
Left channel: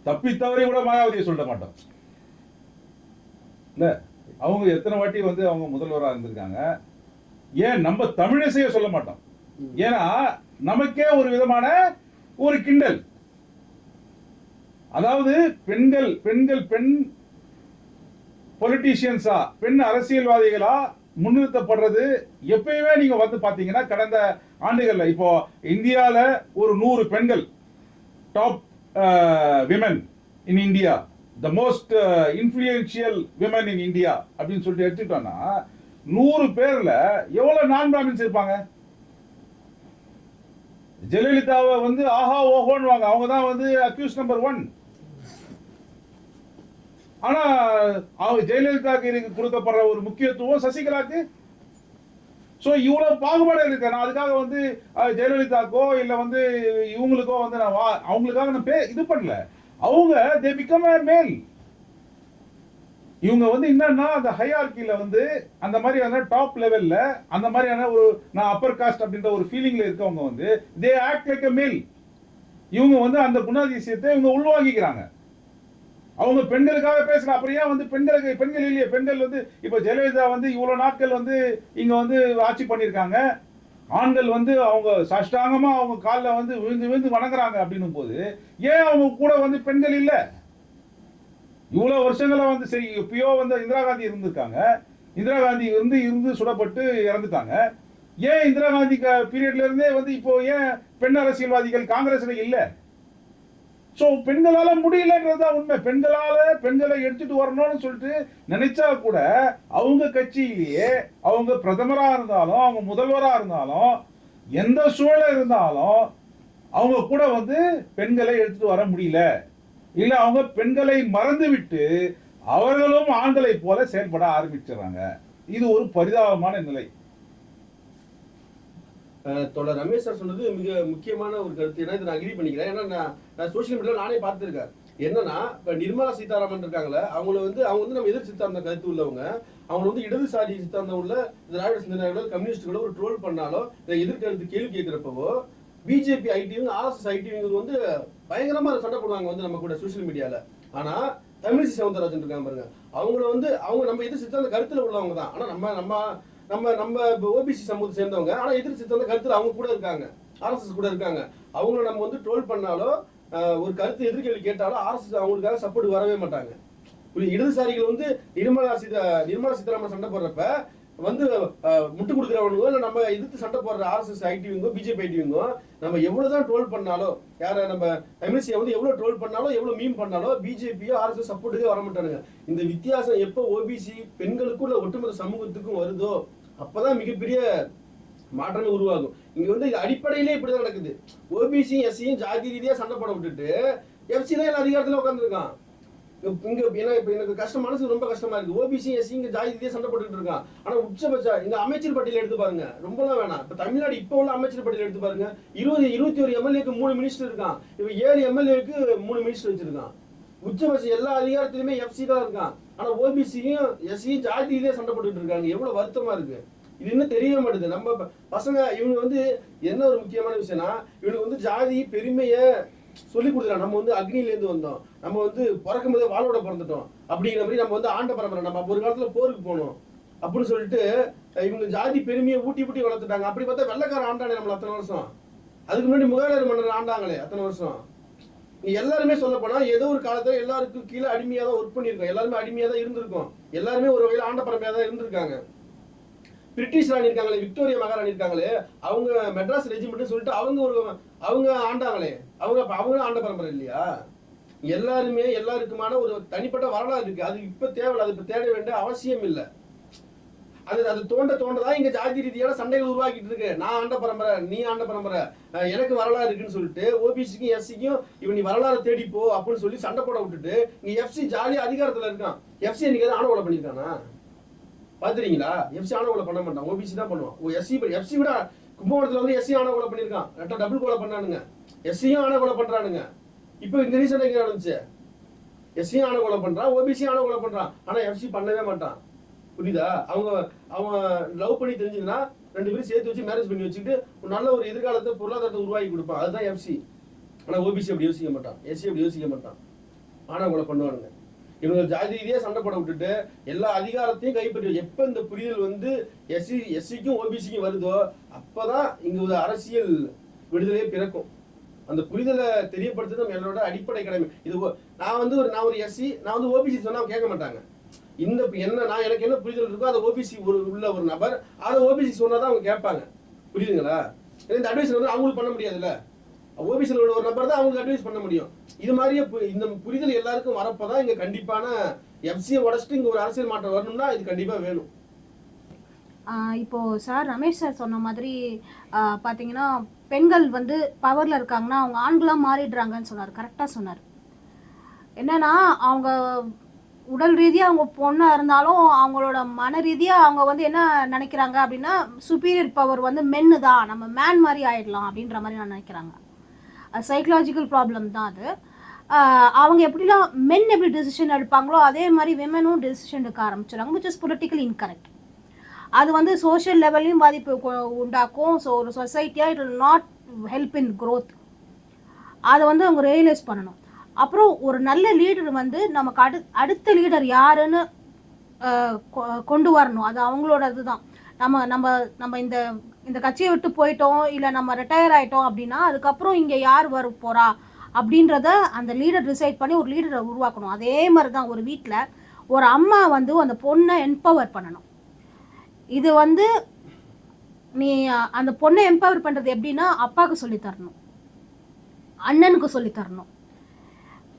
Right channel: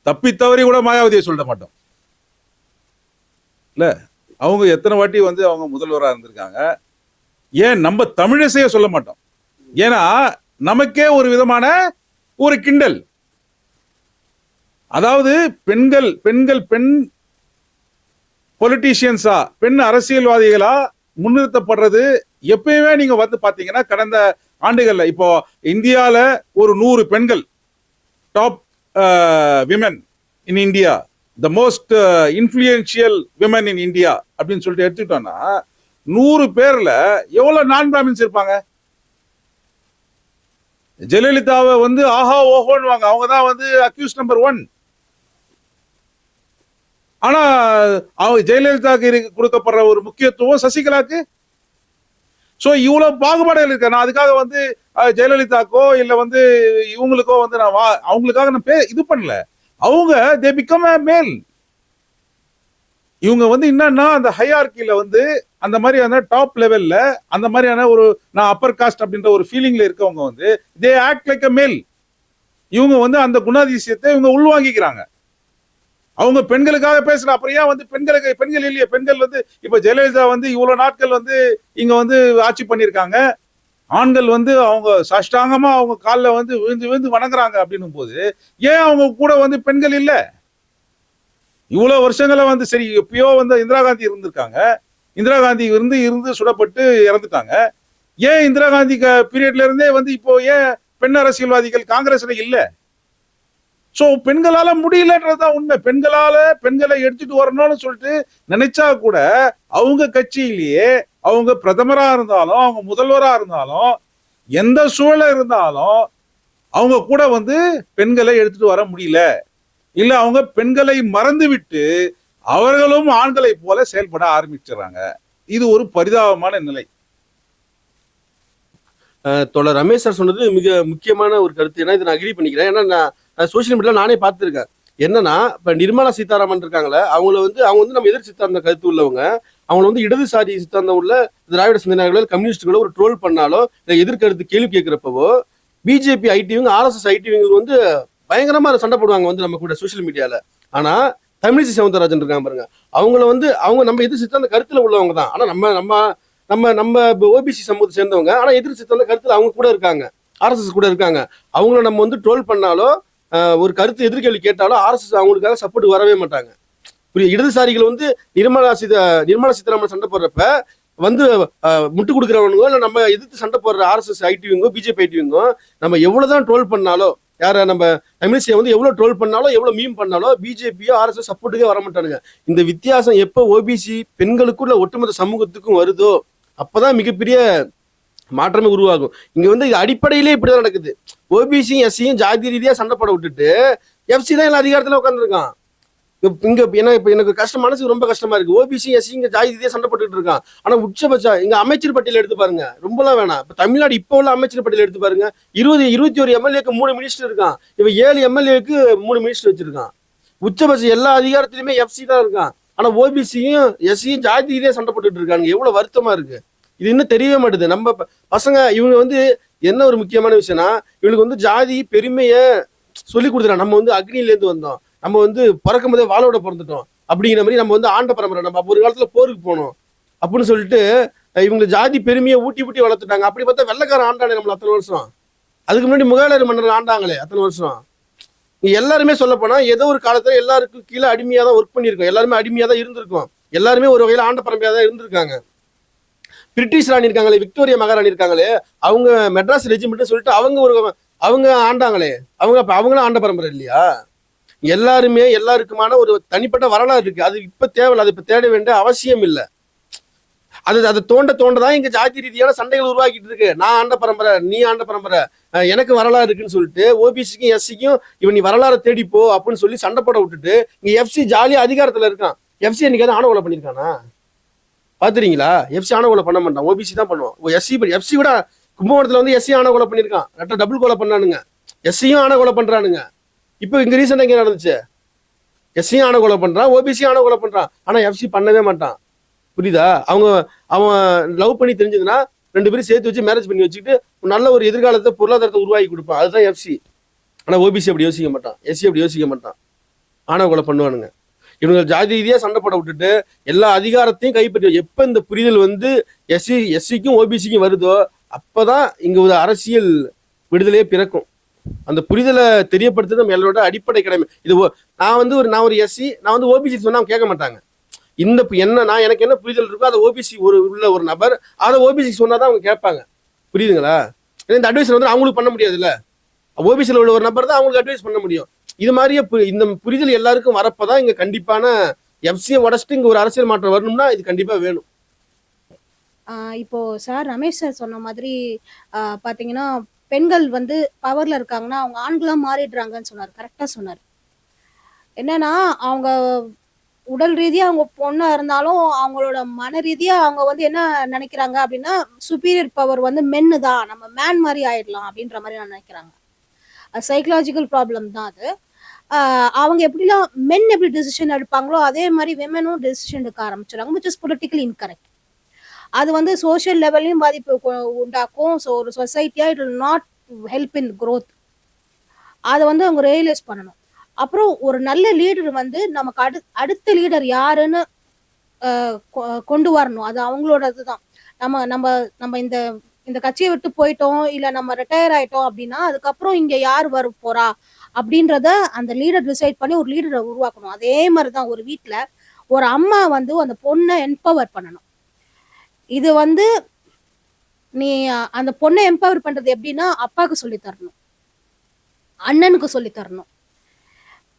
தப்பித்தவரை கூட மாயாவதியை சொல்ல மாட்டோம் இல்ல. அவங்க எத்தனை வாட்டி வந்து அவங்க முதல்வராக இருந்திருக்காங்க. ஏன் நம்ம தமிழிசையை சொல்ல மாட்டோம்? ஏன்னா நமக்கே ஒரு விதமான ஒரு கிண்டல். அதாவது பெண் பொலிட்டீஷியன்ஸா, பெண் அரசியல்வாதிகளா முன்னிறுத்தப்படுறது எப்பயுமே நீங்க வந்து பாத்தீங்கன்னா கடந்த ஆண்டுகள்ல இப்போ இந்தியால ஒரு 100 பெண்கள் top women in India, the most influential women in India அப்படின்னு சொல்லிட்டு எடுத்துக்கிட்டோம்னா 100 பேர்ல எவ்வளவு நான் பிராமின்ஸ் இருப்பாங்க? ஜெயலலிதாவை வந்து ஆஹா ஓஹோன்னு அவங்க தான் வந்து அக்யூஸ் நம்பர் 1. ஆனா ஜெயலலிதாவுக்கு கொடுக்கப்படுற ஒரு முக்கியத்துவம் சசிகலாக்கு. சோ இவ்வளவு பாகுபாடுகள் இருக்கு. நான் அதுக்காக வந்து ஜெயலலிதாக்கோ இல்ல வந்து இவங்களுக்கோ வந்து நான் அவங்களுக்காக நான் இது பண்ணல. அவங்க they become a male. இவங்க வந்து என்னன்னா அந்த ஹையார்கில வந்து அந்த மாதிரியான டாப் லெவல்ல அந்த மாதிரியான ஒரு நான் அப்பர் காஸ்ட் அப்படின்ற ஒரு ஃபீலிங்ல இருக்கவங்க வந்து தே ஆக்ட் லைக் அ மேல். இவங்க வந்து அந்த குணாதிசயத்தை இவங்க உள்வாங்கிக்கிறாங்க. அவங்க பெண்களுக்காக பேசல. அப்புறம் ஏன் வந்து பெண்கள் இல்லையே? பெண்கள் வந்து இப்ப ஜெயலலிதா வந்து இவ்வளவு நாட்கள் வந்து இங்க வந்து ஆட்சி பண்ணிருக்காங்க. ஆண்கள் வந்து அவங்க சாஷ்டாங்கமா அவங்க காலில் வந்து விழுந்து விழுந்து வணங்குறாங்க அப்படின்னும் போது ஏன் அவங்க கூட வந்து பெண்கள் இல்ல? இவ்வளவு வருஷங்களா வந்து சரி எப்பயோ வந்து இந்திரா காந்தி இருந்திருக்காங்க. இந்திரா காந்தி இருந்து சுடப்பட்டு இறந்துட்டாங்க. ஏன் இந்திரா காந்தி பீரியட்ல இருந்தே வந்து இப்போ ஏன் பெண் அரசியல்வாதிகள் காங்கிரஸ்ல இல்ல? சோ பெண்களால முடியலன்றதுதான் உண்மை. பெண்களை எடுத்துட்டு வரணும்னு சொல்லிட்டு நினைச்சா கூட அவங்க கட்சியிலேயே அவங்க பிரதமரா இருந்தாலும் அவங்க முதல்வரா இருந்தாலும் எந்த சூழல இருந்தாலும் அவங்க கூட வந்து பெண்களை எடுத்துட்டு வர முடியல. இல்ல அவங்க பெண்களை மறந்து விட்டு அவர்களும் ஆண்களை போல செயல்பட ஆரம்பிச்சிடறாங்க. இது ஒரு பரிதாபமான நிலை. தோழர் ரமேஷ் சார் சொன்னது மிக முக்கியமான ஒரு கருத்து. ஏன்னா இதை நான் அக்ரி பண்ணிக்கிறேன். ஏன்னா நான் சோசியல் மீடியாவில் நானே பார்த்துருக்கேன். என்னன்னா இப்போ நிர்மலா சீதாராமன் இருக்காங்களே, அவங்க வந்து நம்ம எதிர் சித்தாந்த கருத்து உள்ளவங்க. அவங்களை வந்து இடதுசாரி சித்தாந்தம் உள்ள திராவிட சிந்தனைகளோ கம்யூனிஸ்டுகளோ ஒரு ட்ரோல் பண்ணாலோ இல்லை எதிர்கருத்து கேள்வி கேட்குறப்பவோ பிஜேபி ஐடிவிங்க ஆர்எஸ்எஸ் ஐடிவிங்க வந்து பயங்கரமாக சண்டை போடுவாங்க வந்து நம்ம கூட சோசியல் மீடியாவில். ஆனால் தமிழிசை சவுந்தரராஜன் இருக்காங்க பாருங்க, அவங்கள வந்து அவங்க நம்ம எதிர் சித்தாந்த கருத்தில் உள்ளவங்க தான். ஆனால் நம்ம ஓபிசி சமூகத்தை சேர்ந்தவங்க. ஆனால் எதிர் சித்தாந்த கருத்தில் அவங்க கூட இருக்காங்க, ஆர்எஸ்எஸ் கூட இருக்காங்க. அவங்கள நம்ம வந்து ட்ரோல் பண்ணாலோ ஒரு கருத்து எதிர்கேள்வி கேட்டாலும் ஆர்எஸ்எஸ் அவங்களுக்காக சப்போர்ட் வரவே மாட்டாங்க. இடதுசாரிகள் வந்து நிர்மலா சீதாராமன் சண்டை போடுறப்ப வந்து முட்டு கொடுக்குறவனுங்கோ இல்லை நம்ம எதிர்த்து சண்டை போடுற ஆர்எஸ்எஸ் ஐடிவிங்கோ பிஜேபி ஐடிவிங்கோ நம்ம எவ்வளவுதான் ட்ரோல் பண்ணாலோ, யார நம்ம தமிழிசையை வந்து எவ்வளவு ட்ரோல் பண்ணாலும் எவ்வளவு மீம் பண்ணாலும் பிஜேபியோ ஆர்எஸ்எஸ் சப்போர்ட்டுக்கே வர மாட்டானுங்க. இந்த வித்தியாசம் எப்போ ஓபிசி பெண்களுக்குள்ள ஒட்டுமொத்த சமூகத்துக்கும் வருதோ அப்பதான் மிகப்பெரிய மாற்றமே உருவாகும். இங்க வந்து இது அடிப்படையிலே இப்படிதான் நடக்குது. ஓபிசி எஸ்சியும் ஜாதி ரீதியா சண்டை போட விட்டுட்டு எஃப்சி தான் எல்லா அதிகாரத்துல உட்காந்துருக்கான். இங்க எனக்கு மனசுக்கு ரொம்ப கஷ்டமா இருக்கு. ஓபிசி எஸ்சி இங்க ஜாதி ரீதியா சண்டை போட்டுட்டு இருக்கான். ஆனா உச்சபட்சம் இங்க அமைச்சர் பட்டியல் எடுத்து பாருங்க, ரொம்பலாம் வேணாம். இப்ப தமிழ்நாடு இப்ப உள்ள அமைச்சர் பட்டியல் எடுத்து பாருங்க, 21 எம்எல்ஏக்கு 3 மினிஸ்டர் இருக்கான். இப்ப 7 எம்எல்ஏக்கு 3 மினிஸ்டர் வச்சிருக்கான். உச்சபட்சம் எல்லா அதிகாரத்திலுமே எஃப்சி தான் இருக்கான். ஆனா ஓபிசியும் எஸ்சியும் ஜாதி ரீதியா சண்டை போட்டுட்டு இருக்காங்க. எவ்வளவு வருத்தமா இருக்கு. இது இன்னும் தெரியவே மாட்டுது. நம்ம பசங்க இவங்க வந்து என்ன ஒரு முக்கியமான விஷயம்னா இவங்களுக்கு வந்து ஜாதி பெருமையை சொல்லி கொடுத்துறாங்க. நம்ம வந்து அக்னியிலேருந்து வந்தோம், நம்ம வந்து பிறக்கும் போதே வாழோட பிறந்துட்டோம் அப்படிங்கிற மாதிரி நம்ம வந்து ஆண்ட பரம்பரை, நம்ம அப்போ ஒரு காலத்துல போருக்கு போனோம் அப்படின்னு சொல்லிட்டு இவங்க ஜாதி பெருமையை ஊட்டி வளர்த்துட்டாங்க. அப்படி பார்த்தா வெள்ளைக்காரன் ஆண்டானே நம்மள அத்தனை வருஷம். அதுக்கு முன்னாடி முகலாயர் மன்னர் ஆண்டாங்களே அத்தனை வருஷம். எல்லாருமே சொல்ல போனா ஏதோ ஒரு காலத்துல எல்லாருக்கும் கீழே அடிமையா தான் ஒர்க் பண்ணியிருக்கோம். எல்லாருமே அடிமையா தான் இருந்திருக்கோம். எல்லாருமே ஒரு வகையில ஆண்ட பரம்பரையா தான் இருந்திருக்காங்க. பிரிட்டிஷ் ராணி இருக்காங்களே, விக்டோரியா மகாராணி இருக்காங்களே, அவங்க மெட்ராஸ் ரெஜிமெண்ட் சொல்லிட்டு அவங்க ஆண்டாங்களே, அவங்களும் ஆண்ட பரம்பரை இல்லையா? எல்லாருக்குமான ஒரு தனிப்பட்ட வரலாறு இருக்கு. அது இப்ப தேவையில்லை, அது இப்ப தேட வேண்டிய அவசியம் இல்லை. அது தோண்டதான் இங்க ஜாதி ரீதியான சண்டைகள் உருவாக்கிட்டு இருக்கு. நான் ஆண்ட பரம்பரை, நீ ஆண்ட பரம்பரை, எனக்கு வரலாறு இருக்குன்னு சொல்லிட்டு ஓபிசிக்கும் எஸ்சிக்கும் இவன் நீ வரலாறு தேடிப்போ அப்படின்னு சொல்லி சண்டை போட விட்டுட்டு இங்க எஃப்சி ஜாலியா அதிகாரத்துல இருக்கான். எஃப்சி என்னைக்காவது ஆணவ கொலை பண்ணிருக்கானா பாத்துறீங்களா? எஃப்சி ஆணவ கொலை பண்ண மாட்டான், ஓபிசி தான் பண்ணுவான். எஃப்சி விட கும்பகோணத்துல வந்து எஸ்சி ஆணவ கொலை பண்ணிருக்கான், டபுள் கொலை பண்ணானுங்க. எஸ்சியும் ஆணவ கொலை பண்றானுங்க. இப்போ இங்க ரீசெண்டா எங்க நடந்துச்சு? எஸ்சியும் ஆணவ கொலை பண்றான், ஓபிசியும் ஆணவ கொலை பண்றான். ஆனா எஃப்சி பண்ணவே மாட்டான். புரியுதா? அவன் லவ் பண்ணி தெரிஞ்சதுன்னா 2 பேரும் சேர்த்து வச்சு மேரேஜ் பண்ணி வச்சுக்கிட்டு நல்ல ஒரு எதிர்காலத்தை பொருளாதாரத்தை உருவாக்கி கொடுப்பான். அதுதான் எஃப்சி. ஆனா ஓபிசி அப்படி யோசிக்க மாட்டான், எஸ்சி அப்படி யோசிக்க மாட்டான். ஆணவ கொலை பண்ணுவானுங்க. இவங்க ஜாதி ரீதியா சண்டை போட விட்டுட்டு எல்லா அதிகாரத்தையும் கைப்பற்றி எப்ப இந்த புரிதல் வந்து எஸ்சிக்கும் ஓபிசிக்கும் வருதோ அப்பதான் இங்க ஒரு அரசியல் விடுதலையே பிறக்கும். அந்த புரிதலை தெரியப்படுத்துறது நம்ம எல்லாரோட அடிப்படை கடமை. இது நான் ஒரு எஸ்சி, நான் வந்து ஓபிசி சொன்னா அவங்க கேட்க மாட்டாங்க. எனக்கு என்ன புரிதல் இருக்கோ அதை ஓபிசி உள்ள ஒரு நபர் அதை ஓபிசி சொன்னாதான் அவங்க கேட்பாங்க. புரியுதுங்களா? இந்த அட்வைஸ் வந்து அவங்களுக்கு பண்ண முடியாது இல்ல, ஓபிசியில் உள்ள ஒரு நபர் தான் அவங்களுக்கு அட்வைஸ் பண்ண முடியும். இது மாதிரியே இந்த புரிதல் எல்லாருக்கும் வரப்பதான் இங்க கண்டிப்பான எஃப்சியை உடச்சிட்டு இங்க ஒரு அரசியல் மாற்றம் வரணும்னா இது கண்டிப்பா வேணும். இப்போ சார் ரமேஷ் சார் சொன்ன மாதிரி பாத்தீங்கன்னா பெண்கள் வந்து பவர்ல இருக்காங்கன்னா அவங்க ஆண்களா மாறிடுறாங்கன்னு சொன்னார். கரெக்டா சொன்னார். என்னன்னா அவங்க உடல் ரீதியா அவங்க பொண்ணா இருந்தாலும் அவங்களோட மன ரீதியா அவங்க வந்து என்ன நினைக்கிறாங்க அப்படின்னா சுப்பீரியர் பவர் வந்து மென்னு தான், நம்ம மேன் மாதிரி ஆயிடலாம் அப்படின்ற மாதிரி நான் நினைக்கிறாங்க. சைக்கலாஜிக்கல் ப்ராப்ளம் தான் அது. அவங்க எப்படிலாம் மென் எப்படி டெசிஷன் எடுப்பாங்களோ அதே மாதிரி விமனும் டெசிஷன் எடுக்க ஆரம்பிச்சிடுறாங்க, விச் இஸ் பொலிட்டிக்கலி இன்கரெக்ட். அது வந்து சோஷியல் லெவல்லையும் பாதிப்பு உண்டாக்கும். ஸோ ஒரு சொசைட்டியாக it will not help in growth. அதை வந்து அவங்க ரியலைஸ் பண்ணணும். அப்புறம் ஒரு நல்ல லீடர் வந்து நமக்கு அடுத்த லீடர் யாருன்னு கொண்டு வரணும். அது அவங்களோட இதுதான். நம்ம நம்ம நம்ம இந்த இந்த கட்சியை விட்டு போயிட்டோம், இல்லை நம்ம ரிட்டையர் ஆகிட்டோம் அப்படின்னா அதுக்கப்புறம் இங்கே யார் வர போகிறா அப்படின்றத அந்த லீடர் டிசைட் பண்ணி ஒரு லீடரை உருவாக்கணும். அதே மாதிரி தான் ஒரு வீட்டில் ஒரு அம்மா வந்து அந்த பொண்ணை எம்பவர் பண்ணணும். இது வந்து நீ அந்த பொண்ணை எம்பவர் பண்ணுறது எப்படின்னா அப்பாவுக்கு சொல்லித்தரணும், அண்ணனுக்கு சொல்லித்தரணும்.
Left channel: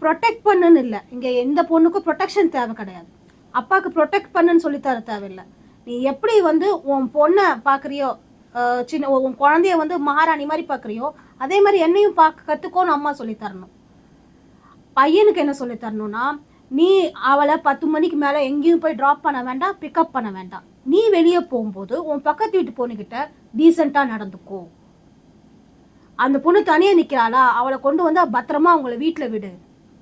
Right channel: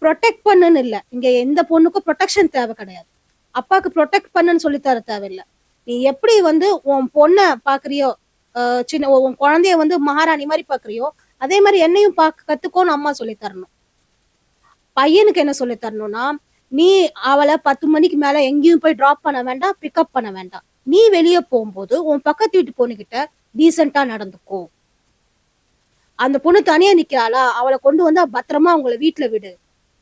ப்ரொடெக்ட் பண்ணுன்னு இல்லை, இங்கே எந்த பொண்ணுக்கும் ப்ரொடெக்ஷன் தேவை கிடையாது. அப்பாவுக்கு ப்ரொடெக்ட் பண்ணுன்னு சொல்லித்தர தேவையில்லை. நீ எப்படி வந்து உன் பொண்ணை பார்க்குறியோ, உன் குழந்தைய வந்து மகாராணி மாதிரி பார்க்குறியோ அதே மாதிரி என்னையும் கற்றுக்கோன்னு அம்மா சொல்லித்தரணும். பையனுக்கு என்ன சொல்லித்தரணும்னா, நீ அவளை 10 மணிக்கு மேலே எங்கேயும் போய் ட்ராப் பண்ண வேண்டாம், பிக்கப் பண்ண வேண்டாம். நீ வெளியே போகும்போது உன் பக்கத்து வீட்டு பொண்ணுக்கிட்ட டீசெண்டாக நடந்துக்கோ. அந்த பொண்ணு தனியாக நிற்கிறாளா, அவளை கொண்டு வந்து பத்திரமா அவங்கள வீட்டில் விடு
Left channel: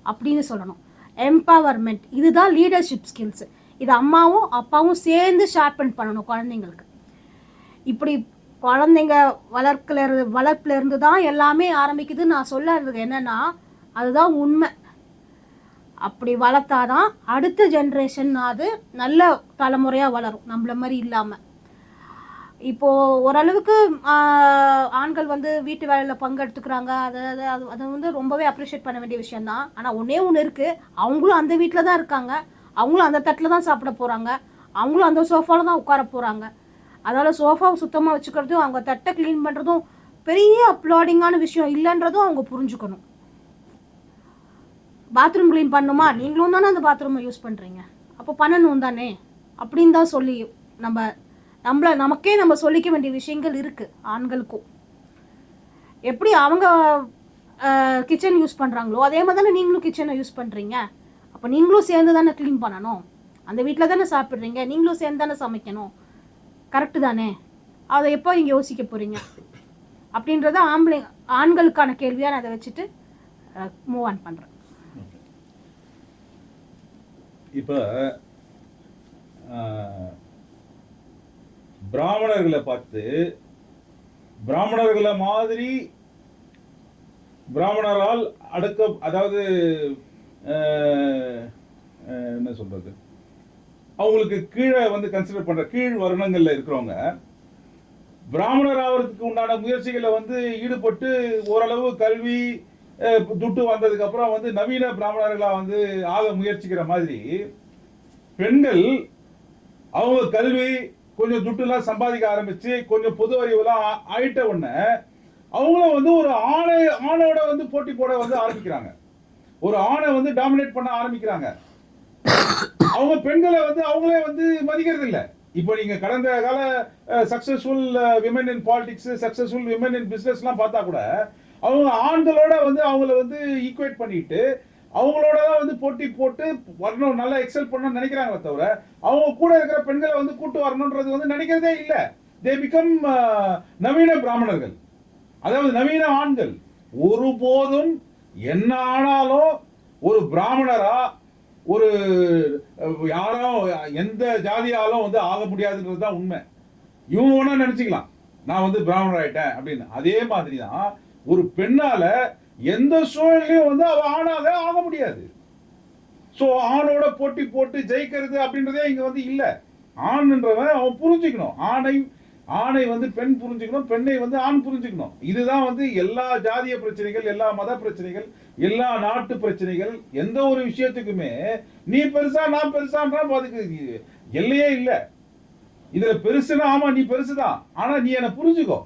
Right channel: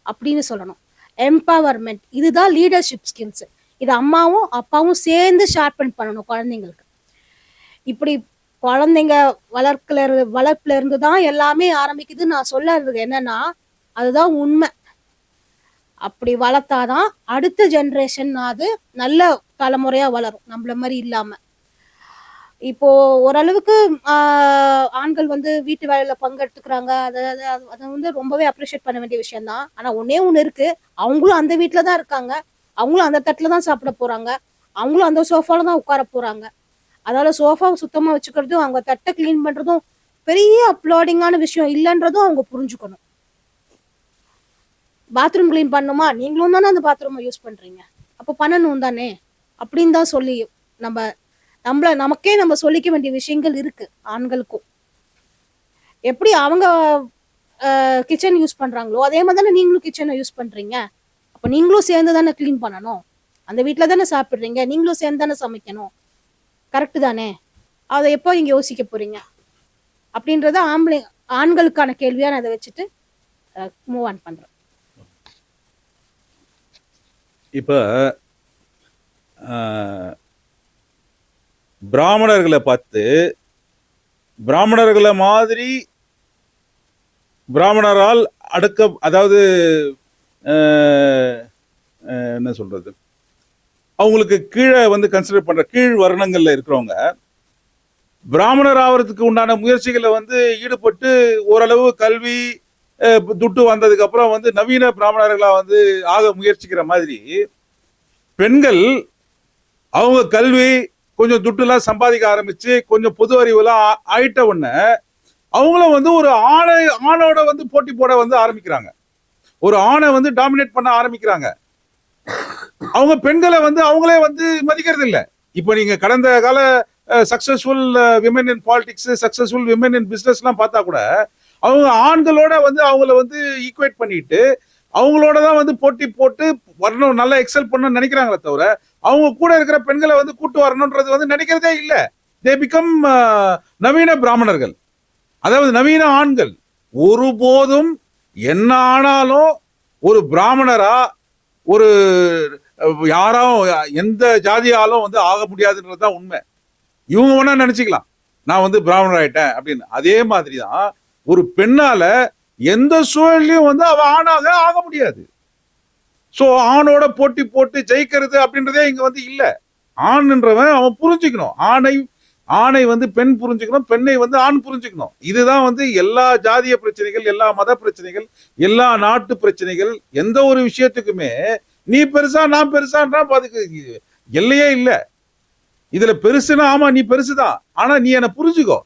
அப்படின்னு சொல்லணும். எம்பவர்மெண்ட், இதுதான் லீடர்ஷிப் ஸ்கில்ஸ். இது அம்மாவும் அப்பாவும் சேர்ந்து ஷார்பன் பண்ணணும் குழந்தைங்களுக்கு. இப்படி குழந்தைங்க வளர்ப்புல இருந்து தான் எல்லாமே ஆரம்பிக்குது. நான் சொல்றது என்னன்னா அதுதான் உண்மை. அப்படி வளர்த்தாதான் அடுத்த ஜென்ரேஷன் அது நல்ல தலைமுறையாக வளரும், நம்மள மாதிரி இல்லாமல். இப்போது ஓரளவுக்கு ஆண்கள் வந்து வீட்டு வேலையில் பங்கெடுத்துக்கிறாங்க. அதை வந்து ரொம்பவே அப்ரிஷியேட் பண்ண வேண்டிய விஷயந்தான். ஆனால் ஒன்று இருக்குது, அவங்களும் அந்த வீட்டில் தான் இருக்காங்க, அவங்களும் அந்த தட்டில் தான் சாப்பிட போகிறாங்க, அவங்களும் அந்த சோஃபாவில் தான் உட்கார போகிறாங்க. அதனால் சோஃபாவை சுத்தமாக வச்சுக்கிறதும் அவங்க தட்டை க்ளீன் பண்ணுறதும் பெரிய அப்ளாடிங்கான விஷயம் இல்லைன்றதும் அவங்க புரிஞ்சுக்கணும். பாத்ரூம் க்ளீன் பண்ணுமா, நீங்களும் தானே அந்த பாத்ரூமை யூஸ் பண்ணுறீங்க, அப்போ பண்ணணும் தானே அப்படின்னு தான் சொல்லி நமக்கே நம்ம சொல்லிக்க வேண்டிய விஷயங்கள் இருக்குது. ஆண்களுக்கும் எப்படி அவங்க கிச்சன் யூஸ் பண்ணுறாங்களோ அதே மாதிரி தானே நீங்களும் கிச்சனை யூஸ் பண்ணுறீங்க. அப்போ நீங்களும் சேர்ந்து தானே க்ளீன் பண்ணணும், அந்த வீட்டில் தானே சாப்பிட்றீங்க, நீங்களும் சேர்ந்து தானே சமைக்கணும், கரெக்டு தானே? அதை எப்போ நீங்கள் யோசிக்க போகிறீங்க அப்படின்றத ஆண்களுக்கான கேள்வியாக நான் அதை வச்சுட்டு மூவ் ஆன் பண்ணுறேன். இப்போ பிராமணர்களை பார்த்து பிராமணர்களை மாதிரி பிராமணரால் அதாவது என்ன சொல்றது, அவங்களுக்கு கீழே வந்து கன்சிடர் பண்ற கீழ் வர்ணங்கள்ல இருக்கிறவங்க பிராமணர் ஆகிறதுக்கு உண்டான முயற்சிகளை வந்து ஈடுபட்டு ஓரளவு கல்வி துட்டு வந்ததுக்கு அப்புறம் வந்து நவீன பிராமணர்களா வந்து ஆக முயற்சிக்கிற மாதிரி பெண்கள் அவங்க கல்வி கொஞ்சம் துட்டுலாம் சம்பாதிக்க ஆரம்பிச்சு கொஞ்சம் பொது அறிவுலாம் ஆயிட்ட உடனே அவங்களும் வந்து ஒரு ஆணோட வந்து போட்டி போட வந்து ஆரம்பிக்கிறாங்க, ஒரு ஆணை வந்து டாமினேட் பண்ண ஆரம்பிக்கிறாங்க. அவங்க பெண்களை வந்து அவங்களே வந்து மதிக்கிறது இல்லை. இப்போ நீங்க கடந்த கால successful women in politics, successful women in பிசினஸ்லாம் பார்த்தா கூட அவங்க ஆண்களோட வந்து அவங்கள வந்து ஈக்குவேட் பண்ணிட்டு அவங்களோட தான் வந்து போட்டி போட்டு வரணும், நல்லா எக்ஸல் பண்ணணும்னு நினைக்கிறாங்களே தவிர அவங்க கூட இருக்கிற பெண்களை வந்து கூட்டு வரணுன்றது வந்து நினைக்கிறதே இல்லை. தே பிகம் நவீன பிராமணர்கள், அதாவது நவீன ஆண்கள். ஒருபோதும் என்ன ஆனாலும் ஒரு பிராமணரா ஒரு யாரும் எந்த ஜாதியாலும் வந்து ஆக முடியாதுன்றது தான் உண்மை. இவங்க வேணா நினைச்சுக்கலாம் நான் வந்து பிராமணர் ஆயிட்டேன் அப்படின்னு. அதே மாதிரி தான் ஒரு பெண்ணால எந்த சூழலையும் வந்து அவ ஆணாக ஆக முடியாது. சோ ஆணோட போட்டி போட்டு ஜெயிக்கிறது அப்படின்றதே இங்க வந்து இல்ல. ஆண்ன்றவன் அவன் புரிஞ்சுக்கணும், ஆணை வந்து பெண் புரிஞ்சுக்கணும், பெண்ணை வந்து ஆண் புரிஞ்சுக்கணும். இதுதான் வந்து எல்லா ஜாதிய பிரச்சனைகள், எல்லா மத பிரச்சனைகள், எல்லா நாட்டு பிரச்சனைகள், எந்த ஒரு விஷயத்துக்குமே நீ பெருசா நான் பெருசான்றா அதுக்கு எல்லையே இல்லை. இதுல பெருசுனா ஆமா நீ பெருசுதான், ஆனா நீ என்ன புரிஞ்சுக்கோ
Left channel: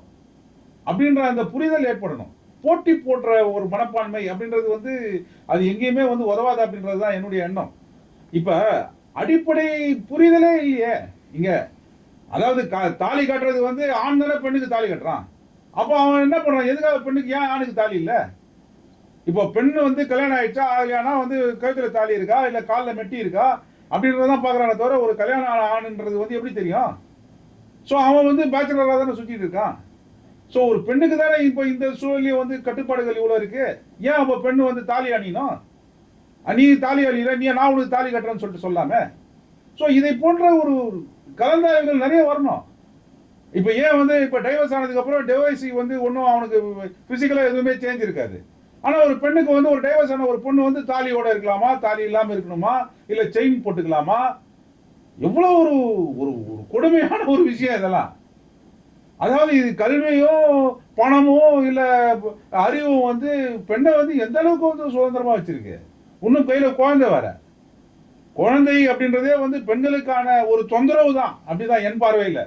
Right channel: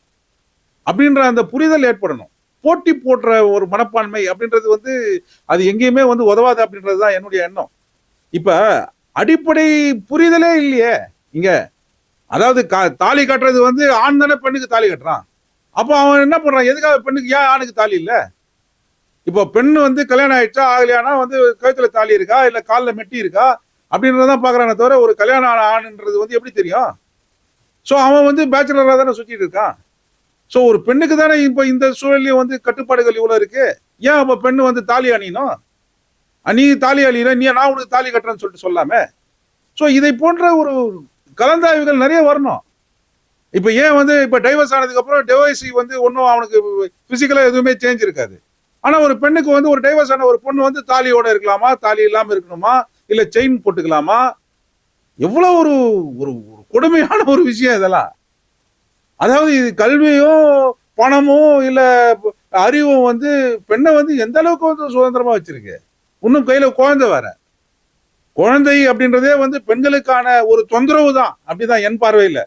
அப்படின்ற அந்த புரிதல் ஏற்படணும். போட்டி போடுற ஒரு மனப்பான்மை அப்படின்றது வந்து அது எங்கேயுமே வந்து உதவாது அப்படின்றது தான் என்னுடைய எண்ணம். இப்ப அடிப்படை புரிதலே இல்லையே இங்க. அதாவது தாலி கட்டுறது வந்து ஆண் தானே பெண்ணுக்கு தாலி கட்டுறான். அப்போ அவன் என்ன பண்றான், எதுக்காக பெண்ணுக்கு ஏன் ஆணுக்கு தாலி இல்ல? இப்போ பெண்ணு வந்து கல்யாணம் ஆயிடுச்சா ஆகலையானா வந்து கழுத்துல தாலி இருக்கா இல்ல காலில் மெட்டி இருக்கா அப்படின்றதான் பாக்குறானே தவிர ஒரு கல்யாணம் ஆணுன்றது வந்து எப்படி தெரியும்? ஸோ அவன் வந்து பேச்சுலராக தானே சுற்றிட்டு இருக்கான். ஸோ ஒரு பெண்ணுக்கு தானே இப்போ இந்த சூழலையும் வந்து கட்டுப்பாடுகள் இவ்வளோ இருக்கு. ஏன் அப்போ பெண்ணு வந்து தாலி அணியணும்? நீ தாலி அழியில நீ நான் உனக்கு தாலி கட்டுறேன்னு சொல்லிட்டு சொல்லாமே. ஸோ இதை போன்ற ஒரு கலந்தாய்வுகள் நிறைய வரணும். இப்போ ஏன் வந்து இப்போ டைவர்ஸ் ஆனதுக்கு அப்புறம் டிவோர்ஸி வந்து ஒன்றும் அவனுக்கு பிசிக்கலாக எதுவுமே சேஞ்ச் இருக்காது. ஆனால் ஒரு பெண்ணுக்கு வந்து ஒரு டைவர்ஸ் ஆன ஒரு பொண்ணு வந்து தாலியோட இருக்கலாமா, தாலி இல்லாமல் இருக்கணுமா, இல்லை செயின் போட்டுக்கலாமா? எவ்வளோ ஒரு ஒரு கொடுமையான ஒரு விஷயம் இதெல்லாம். அதாவது இது கல்வியும் பணமும் இல்லை அறிவும் வந்து பெண்ணை வந்து எந்த அளவுக்கு வந்து சுதந்திரமா வச்சிருக்கு. இன்னும் கையில குழந்தை வேற. குழந்தை அப்படின்றதே வந்து பெண்களுக்கான ஒரு தொந்தரவு தான், அப்படிதான் என் பார்வையில்.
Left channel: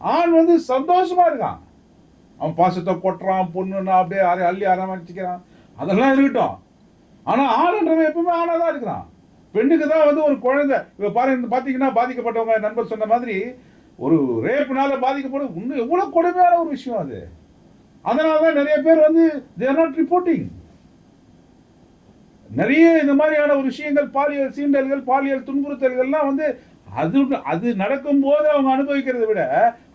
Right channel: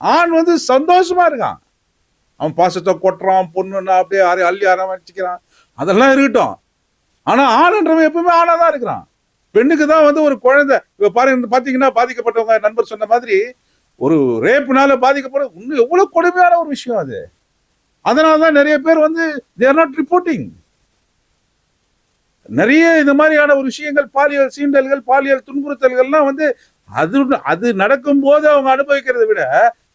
ஆண் வந்து சந்தோஷமா இருக்கான், அவன் பாசத்தை கொட்டுறான், பொண்ணுன்னா அப்படியே அள்ளி அரவணைச்சிக்கிறான், அதெல்லாம் இருக்கட்டும். ஆனா ஆண்ன்றவன் எப்பவுமே ஆணாதான் இருக்கிறான். பெண்ணுக்கு தான் வந்து ஒரு குழந்தை. இப்ப பாருங்க, பாத்தீங்கன்னா பாதிக்கப்பட்டவங்க நண்பர் சொன்ன மாதிரி ஒரு ரேப்னால பாதிக்கப்பட இன்னும் எவ்வளவு கொடுமையான ஒரு விஷயம் அது. அதனாலதான் நிறைய பேர் வந்து they are not reporting. நிறைய இந்த மாதிரியான ஒரு விஷயங்கள், பாலியல் சீண்டல்கள், பாலியல் துன்புறுத்தல்கள்லாம் வந்து அது நடக்கும் போது அவங்க அனுபவிக்கிறதை விட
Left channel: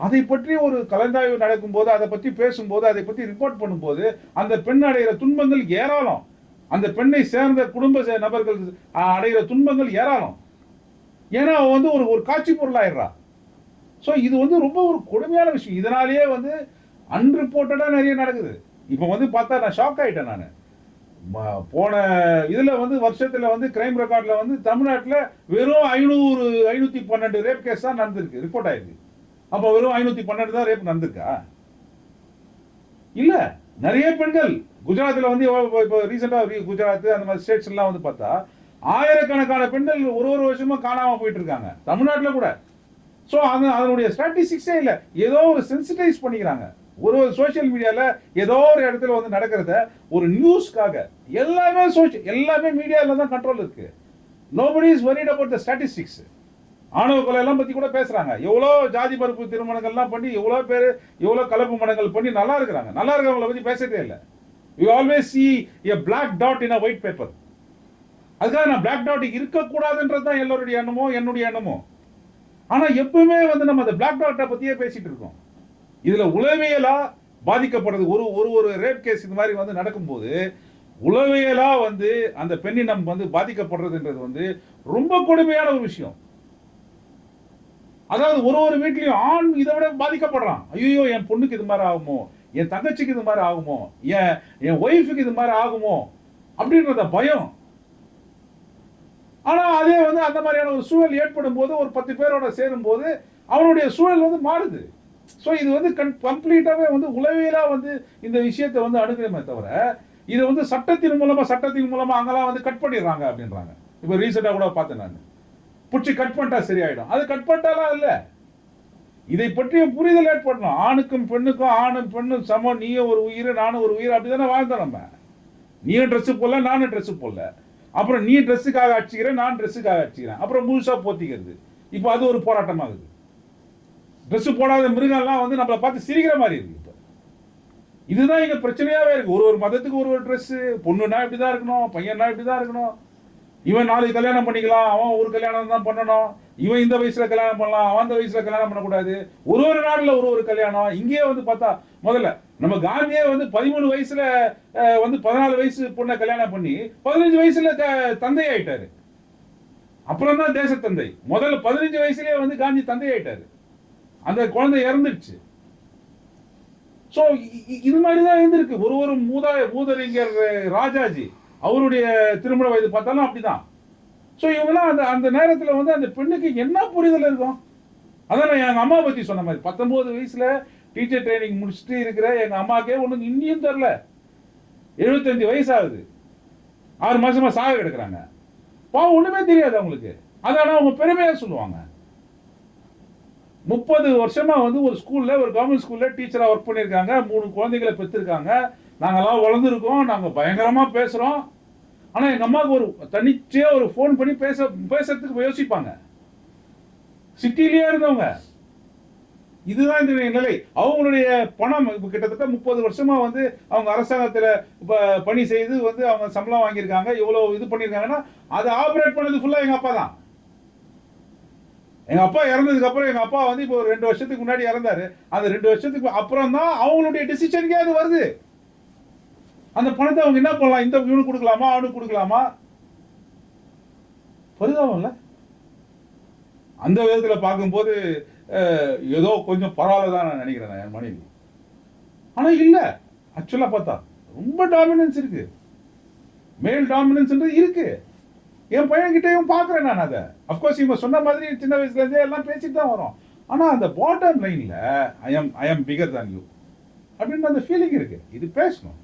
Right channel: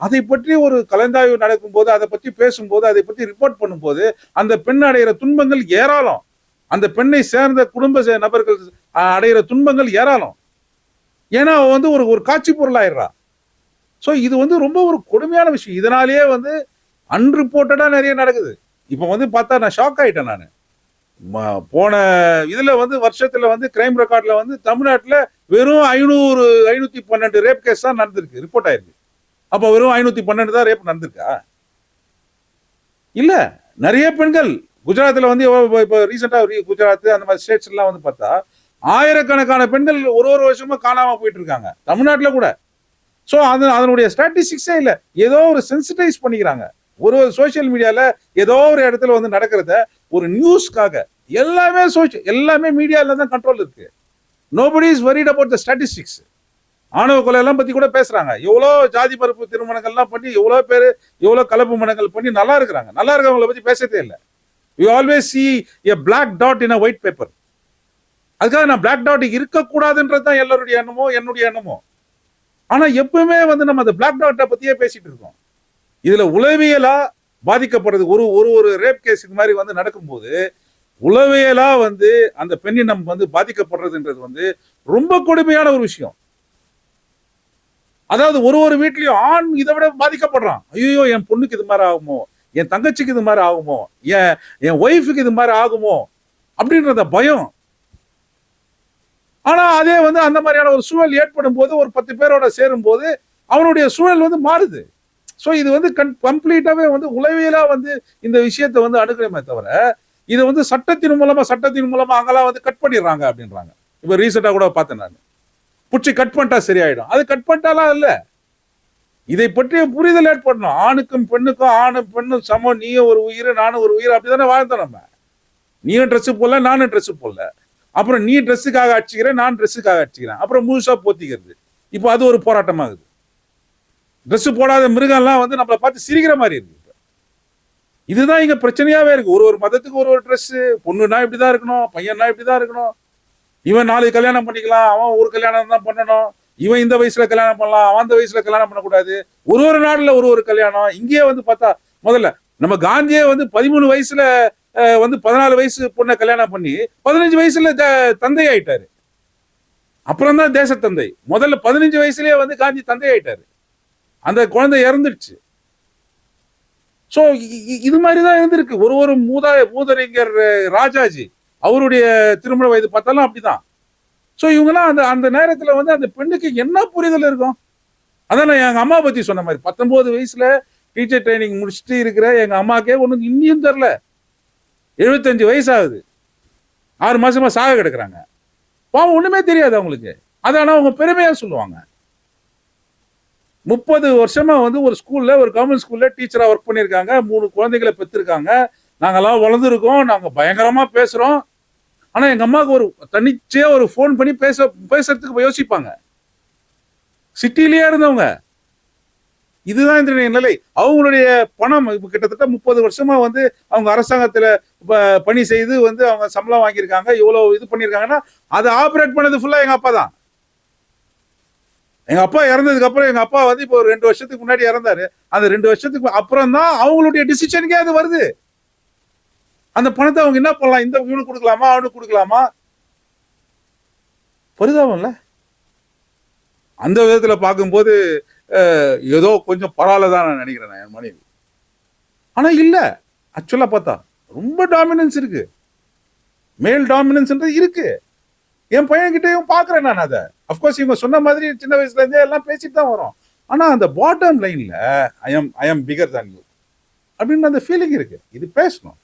அதை பற்றி ஒரு கலந்தாய்வு நடக்கும் போது, அதை பற்றி பேசும்போது, அதை பற்றி ரிப்போர்ட் பண்ணும்போது அந்த பெண் அடைகிற துன்பங்கள் ஏராளம். அந்த பெண்ணை சேர்ந்த குடும்ப நபர்கள் அடைகிற துன்பங்கள் ஏராளம். ஏன்னா அவன் வந்து ஒரு காட்சி பொருள் ஆயிடுறா. ஸோ இது வந்து ரொம்ப ஒரு கொடுமையான விஷயம். இதனாலேயே வந்து அன்ரிப்போர்ட்டடா நிறைய நடக்குது. இப்போ வந்து பார்த்தா நான் ஷாக் ஆயிட்டேன். நான் போன இதுல வந்து வருஷத்துல வந்து கிரைம் ரெக்கார்ட்ல வந்து தமிழ்நாட்டுல வெறும் 512 ரேப் கேஸ் தான் நடந்திருக்கு, ரிப்போர்ட் ஆயிருக்கு. அப்ப வெறும் 512 தான் ரேப் நடந்திருக்கா? இல்ல, நிறைய பெண்கள் குஜராத்ல வந்து இப்ப ரீசெண்டா குஜராத் அந்த மாதிரி ஸ்டேட்ஸ் எல்லாம் வந்து பார்த்தா ஆயிரக்கணக்கான பெண்கள் ஒரு வருஷமா காணாம போயிட்டு இருக்காங்க, தமிழ்நாட்டுல கூட. ஸோ அதனுடைய ஸ்டாட்டிஸ்டிக்ஸே இல்லை. ஏதோ ஒரு சென்சிட்டைஸ் பண்ணிக்கிறாங்க. ஒரு சோசியல் மீடியால ஏதோ ஒரு இடத்துல வந்து நடக்கிறத ஒரு நியூஸ்க்காக எல்லாமே மீடியால தான் கண்ட்ரோல் இருக்கு. Nobody is worried about the statistics. ஆணவ கொலை எல்லாம் பத்தி கூட பேசுறாங்க. எவ்வளோ ஜாதி மறுப்பு திருமணங்கள்லாம் பண்ணி எவ்வளோ பேர் எவ்வளோ கலப்பு மனங்கள் பண்ணி நல்லா இருக்கிறாங்க. நல்லா இருக்கிறவங்களை பத்தி பேசதே இல்லை. You always see a black dot in a white paper. அதுக்காக நான் பிளாக் டாட் இருக்கக்கூடாதுன்றது தான் எல்லாருடைய எண்ணமோ, என்னுடைய எண்ணமோ. ஆனா எப்பவுமே வந்து நம்ம அந்த பிளாக் டாட்டை பத்தியே பேசிட்டு இருக்கோம். இதுல உளவியலா பாதிக்கப்படுறது ஒரு ரேப் கேஸ் இது மாதிரி வந்து நடக்கும்போது உளவியலா வந்து அந்த பெண்ணினம் வந்து பாதிக்கப்படுறதுன்றது வந்து ரொம்ப கொடுமையான ஒரு விஷயம். அதாவது ஒரு வீட்லயும் ஆண் இதை விட பாதிக்கப்படுறான். ஐயோ, என் பொண்ணுக்கு இது மாதிரி ஆகுமோ, என் தங்கச்சிக்கு இது மாதிரி ஆகுமோ, என் ஒய்ஃபுக்கு இது மாதிரி ஆகுமோ அப்படின்றத பயம். ஆனா அதே வந்து அந்த மாதிரியான ஒரு சூழல் ஏற்படும் போது ஒரு 10 பேரோட சேரும் போது அவனுடைய சூழல் வந்து மாறுது. ஸோ இது வந்து கம்ப்ளீட்டாவே வந்து உளவியலா வந்து இந்த விஷயத்தை வந்து அணுகிறமே தவிர இதை வந்து சட்டத்தின் மூலமா அங்கெல்லாம் வந்து கட் பண்ணிடுறாங்க அப்படின்றாங்க. இப்போ ரீசெண்டா கூட பார்த்தேன், நான் பிடிச்சி கட் பண்ணிட்டா சரியாயிடும். அது கட் பண்ணிட்டாலாம் இல்லை, இதை பற்றிய புரிதல் ஏற்படணும். ஆணுக்கும் பெண்ணுக்கும், ஆணும் பெண்ணும் சமம், நீயும் ஒரு உயிர் நானும் ஒரு உயிர், அப்படிதானே வாழ்ந்தோம் நம்ம. நீயும் ட்ரெஸ் போடல, நானும் ட்ரெஸ் போடல. அப்புறம் நீ ட்ரெஸ்ஸுக்காக அடிச்சுக்கிறேன், நான் ட்ரெஸ்ஸுக்காக அடிச்சுக்கிறேன். அப்புறம் முழுசா போத்திக்கிறது. இப்போ அது ஒரு போராட்டமாகுது. ட்ரெஸ் போடாத மிருகம்லாம் வந்து நம்மளை பார்த்து சிரிக்கிற மாதிரி இருக்கு. இதுதான் இங்க பிரச்சனையாவே இருக்கு. ஒரு மதத்துக்கு ஒரு ட்ரெஸ். பொண்ணுன்னா இப்படிதான் இருக்கணும், பையன்னா இப்படிதான் இருக்கணும். இவன் 4 கல்யாணம் பண்ணிக்கலாம், அவன் ஒரு கல்யாணம் தான் பண்ணணும். இவன் இந்த வயசுல கல்யாணம் பண்ணலாம், அவன் அந்த வயசுல கல்யாணம் பண்ணக்கூடாது. ஒரு நாடுல ஒரு கல்யாணம். இங்கே வந்து பார்த்தா முதல்ல நம்ம காந்தியே வந்து 13 வயசுல வந்து 14 வயசு பொண்ணை கல்யாணம் பண்ணி 15 வயசுல தந்தை ஆயிட்டாரு. அப்புறம் தான் தேச தந்தை. முதல்ல 15 வயசுலயே வந்து காந்தி தந்தை ஆயிட்டாரு. அந்த குழந்தை இறந்துடுச்சு. சோ இது மாதிரிதான் இருந்திருக்கு. ஒரு மூதறிஞர் ராஜாஜி அவருடைய திருமண வயது பார்த்தாலும் அப்படிதான். சோ இவங்கெல்லாம் அந்த நேரத்துல வந்து அந்த பெண்ணுக்கு என்ன புரிதல் இருக்கும்? அதான் நான் எங்க அம்மா பத்தி சொன்ன மாதிரி 19 வயசுல டீச்சர் ட்ரைனிங் முடிச்சுட்டு இருக்கிற எங்க அம்மாக்கே ஒண்ணு இன்னியும் தெரியல. 75 வயசு ஆகுது, 6 மாசமா சாக கிடக்குறாங்க. பாவம், ஒண்ணுமே தெரியாது அவங்களுக்கு. அதான அவங்க பெருமையா சொல்லுவாங்க. 30 வருஷமா வந்து ஒரு ஸ்கூல்ல, ஒரு கவர்மெண்ட் ஸ்கூல்ல டீச்சரா ஒர்க் பண்ணிருக்காங்க. 3 குழந்தைகளை பெற்றிருக்காங்க. நாங்கெல்லாம் வளர்ந்துருக்கோம், நாங்க பயங்கரமா பேசுறோம். ஆனா எங்க அம்மாவுக்கு ஒரு தனிச்சே ஒரு போன் பண்ணி பேசுறதுக்கு யோசிப்பாங்க. சிட்டிலேயே இருந்தவங்க. இதுதான் இந்த நிலை. அவங்களுடைய பணம் இப்ப கிட்டத்தட்ட 30 வருஷமா வந்து அவங்க அரசாங்கத்துல பணி செய்து வந்து அவங்க சம்பளம் வாங்கியிருக்காங்க. இவ்வளவு இது பண்ணிருக்காங்கன்னா அதை ஆபரேட் பண்ணது ஃபுல்லா எங்க அப்பா தான். எங்க அப்பா இறந்ததுக்கு அப்புறம் எங்க அப்பா வந்து இப்போ ஒரு 2 வருஷத்துக்கு முன்னாடி இறந்தாரு. அந்த 2 வருஷத்துக்கு அப்புறம் தான் அவங்களுடைய டிசிஷனுக்கே அது வருது. அந்த பணத்தை அவங்க என்ன பண்ணலாம்? இந்த இவனுக்கு கொடுக்கலாமா, அவனுக்கு கொடுக்கலாமா? பரிதாபம்ல. அந்த விதத்துல பார்க்கும்போது ஏதோ கொஞ்சம் பரவாயில்லதான் நான் நினைக்கிறேன் நான் என் மனைவி. ஆனா இல்ல, ஆக்சுவலா பார்த்தா ரொம்ப டாமினன்ஸ் இருக்கு, மேல் டாமினன்ஸ் இருக்கு. என் பையன்கிட்டயும் பாக்குறேன் நான் அதை. அப்கோர்ஸ் இவங்க சொன்ன மாதிரி சின்ன வயசுல இருந்தே எல்லாம் பேசிட்டு தான் வரும். ஆனா அந்த பாட்டம் லைன்ல I am figure than you அப்படின்னு அந்த ஃபீலிங் இருக்கு. இது பேசணும்.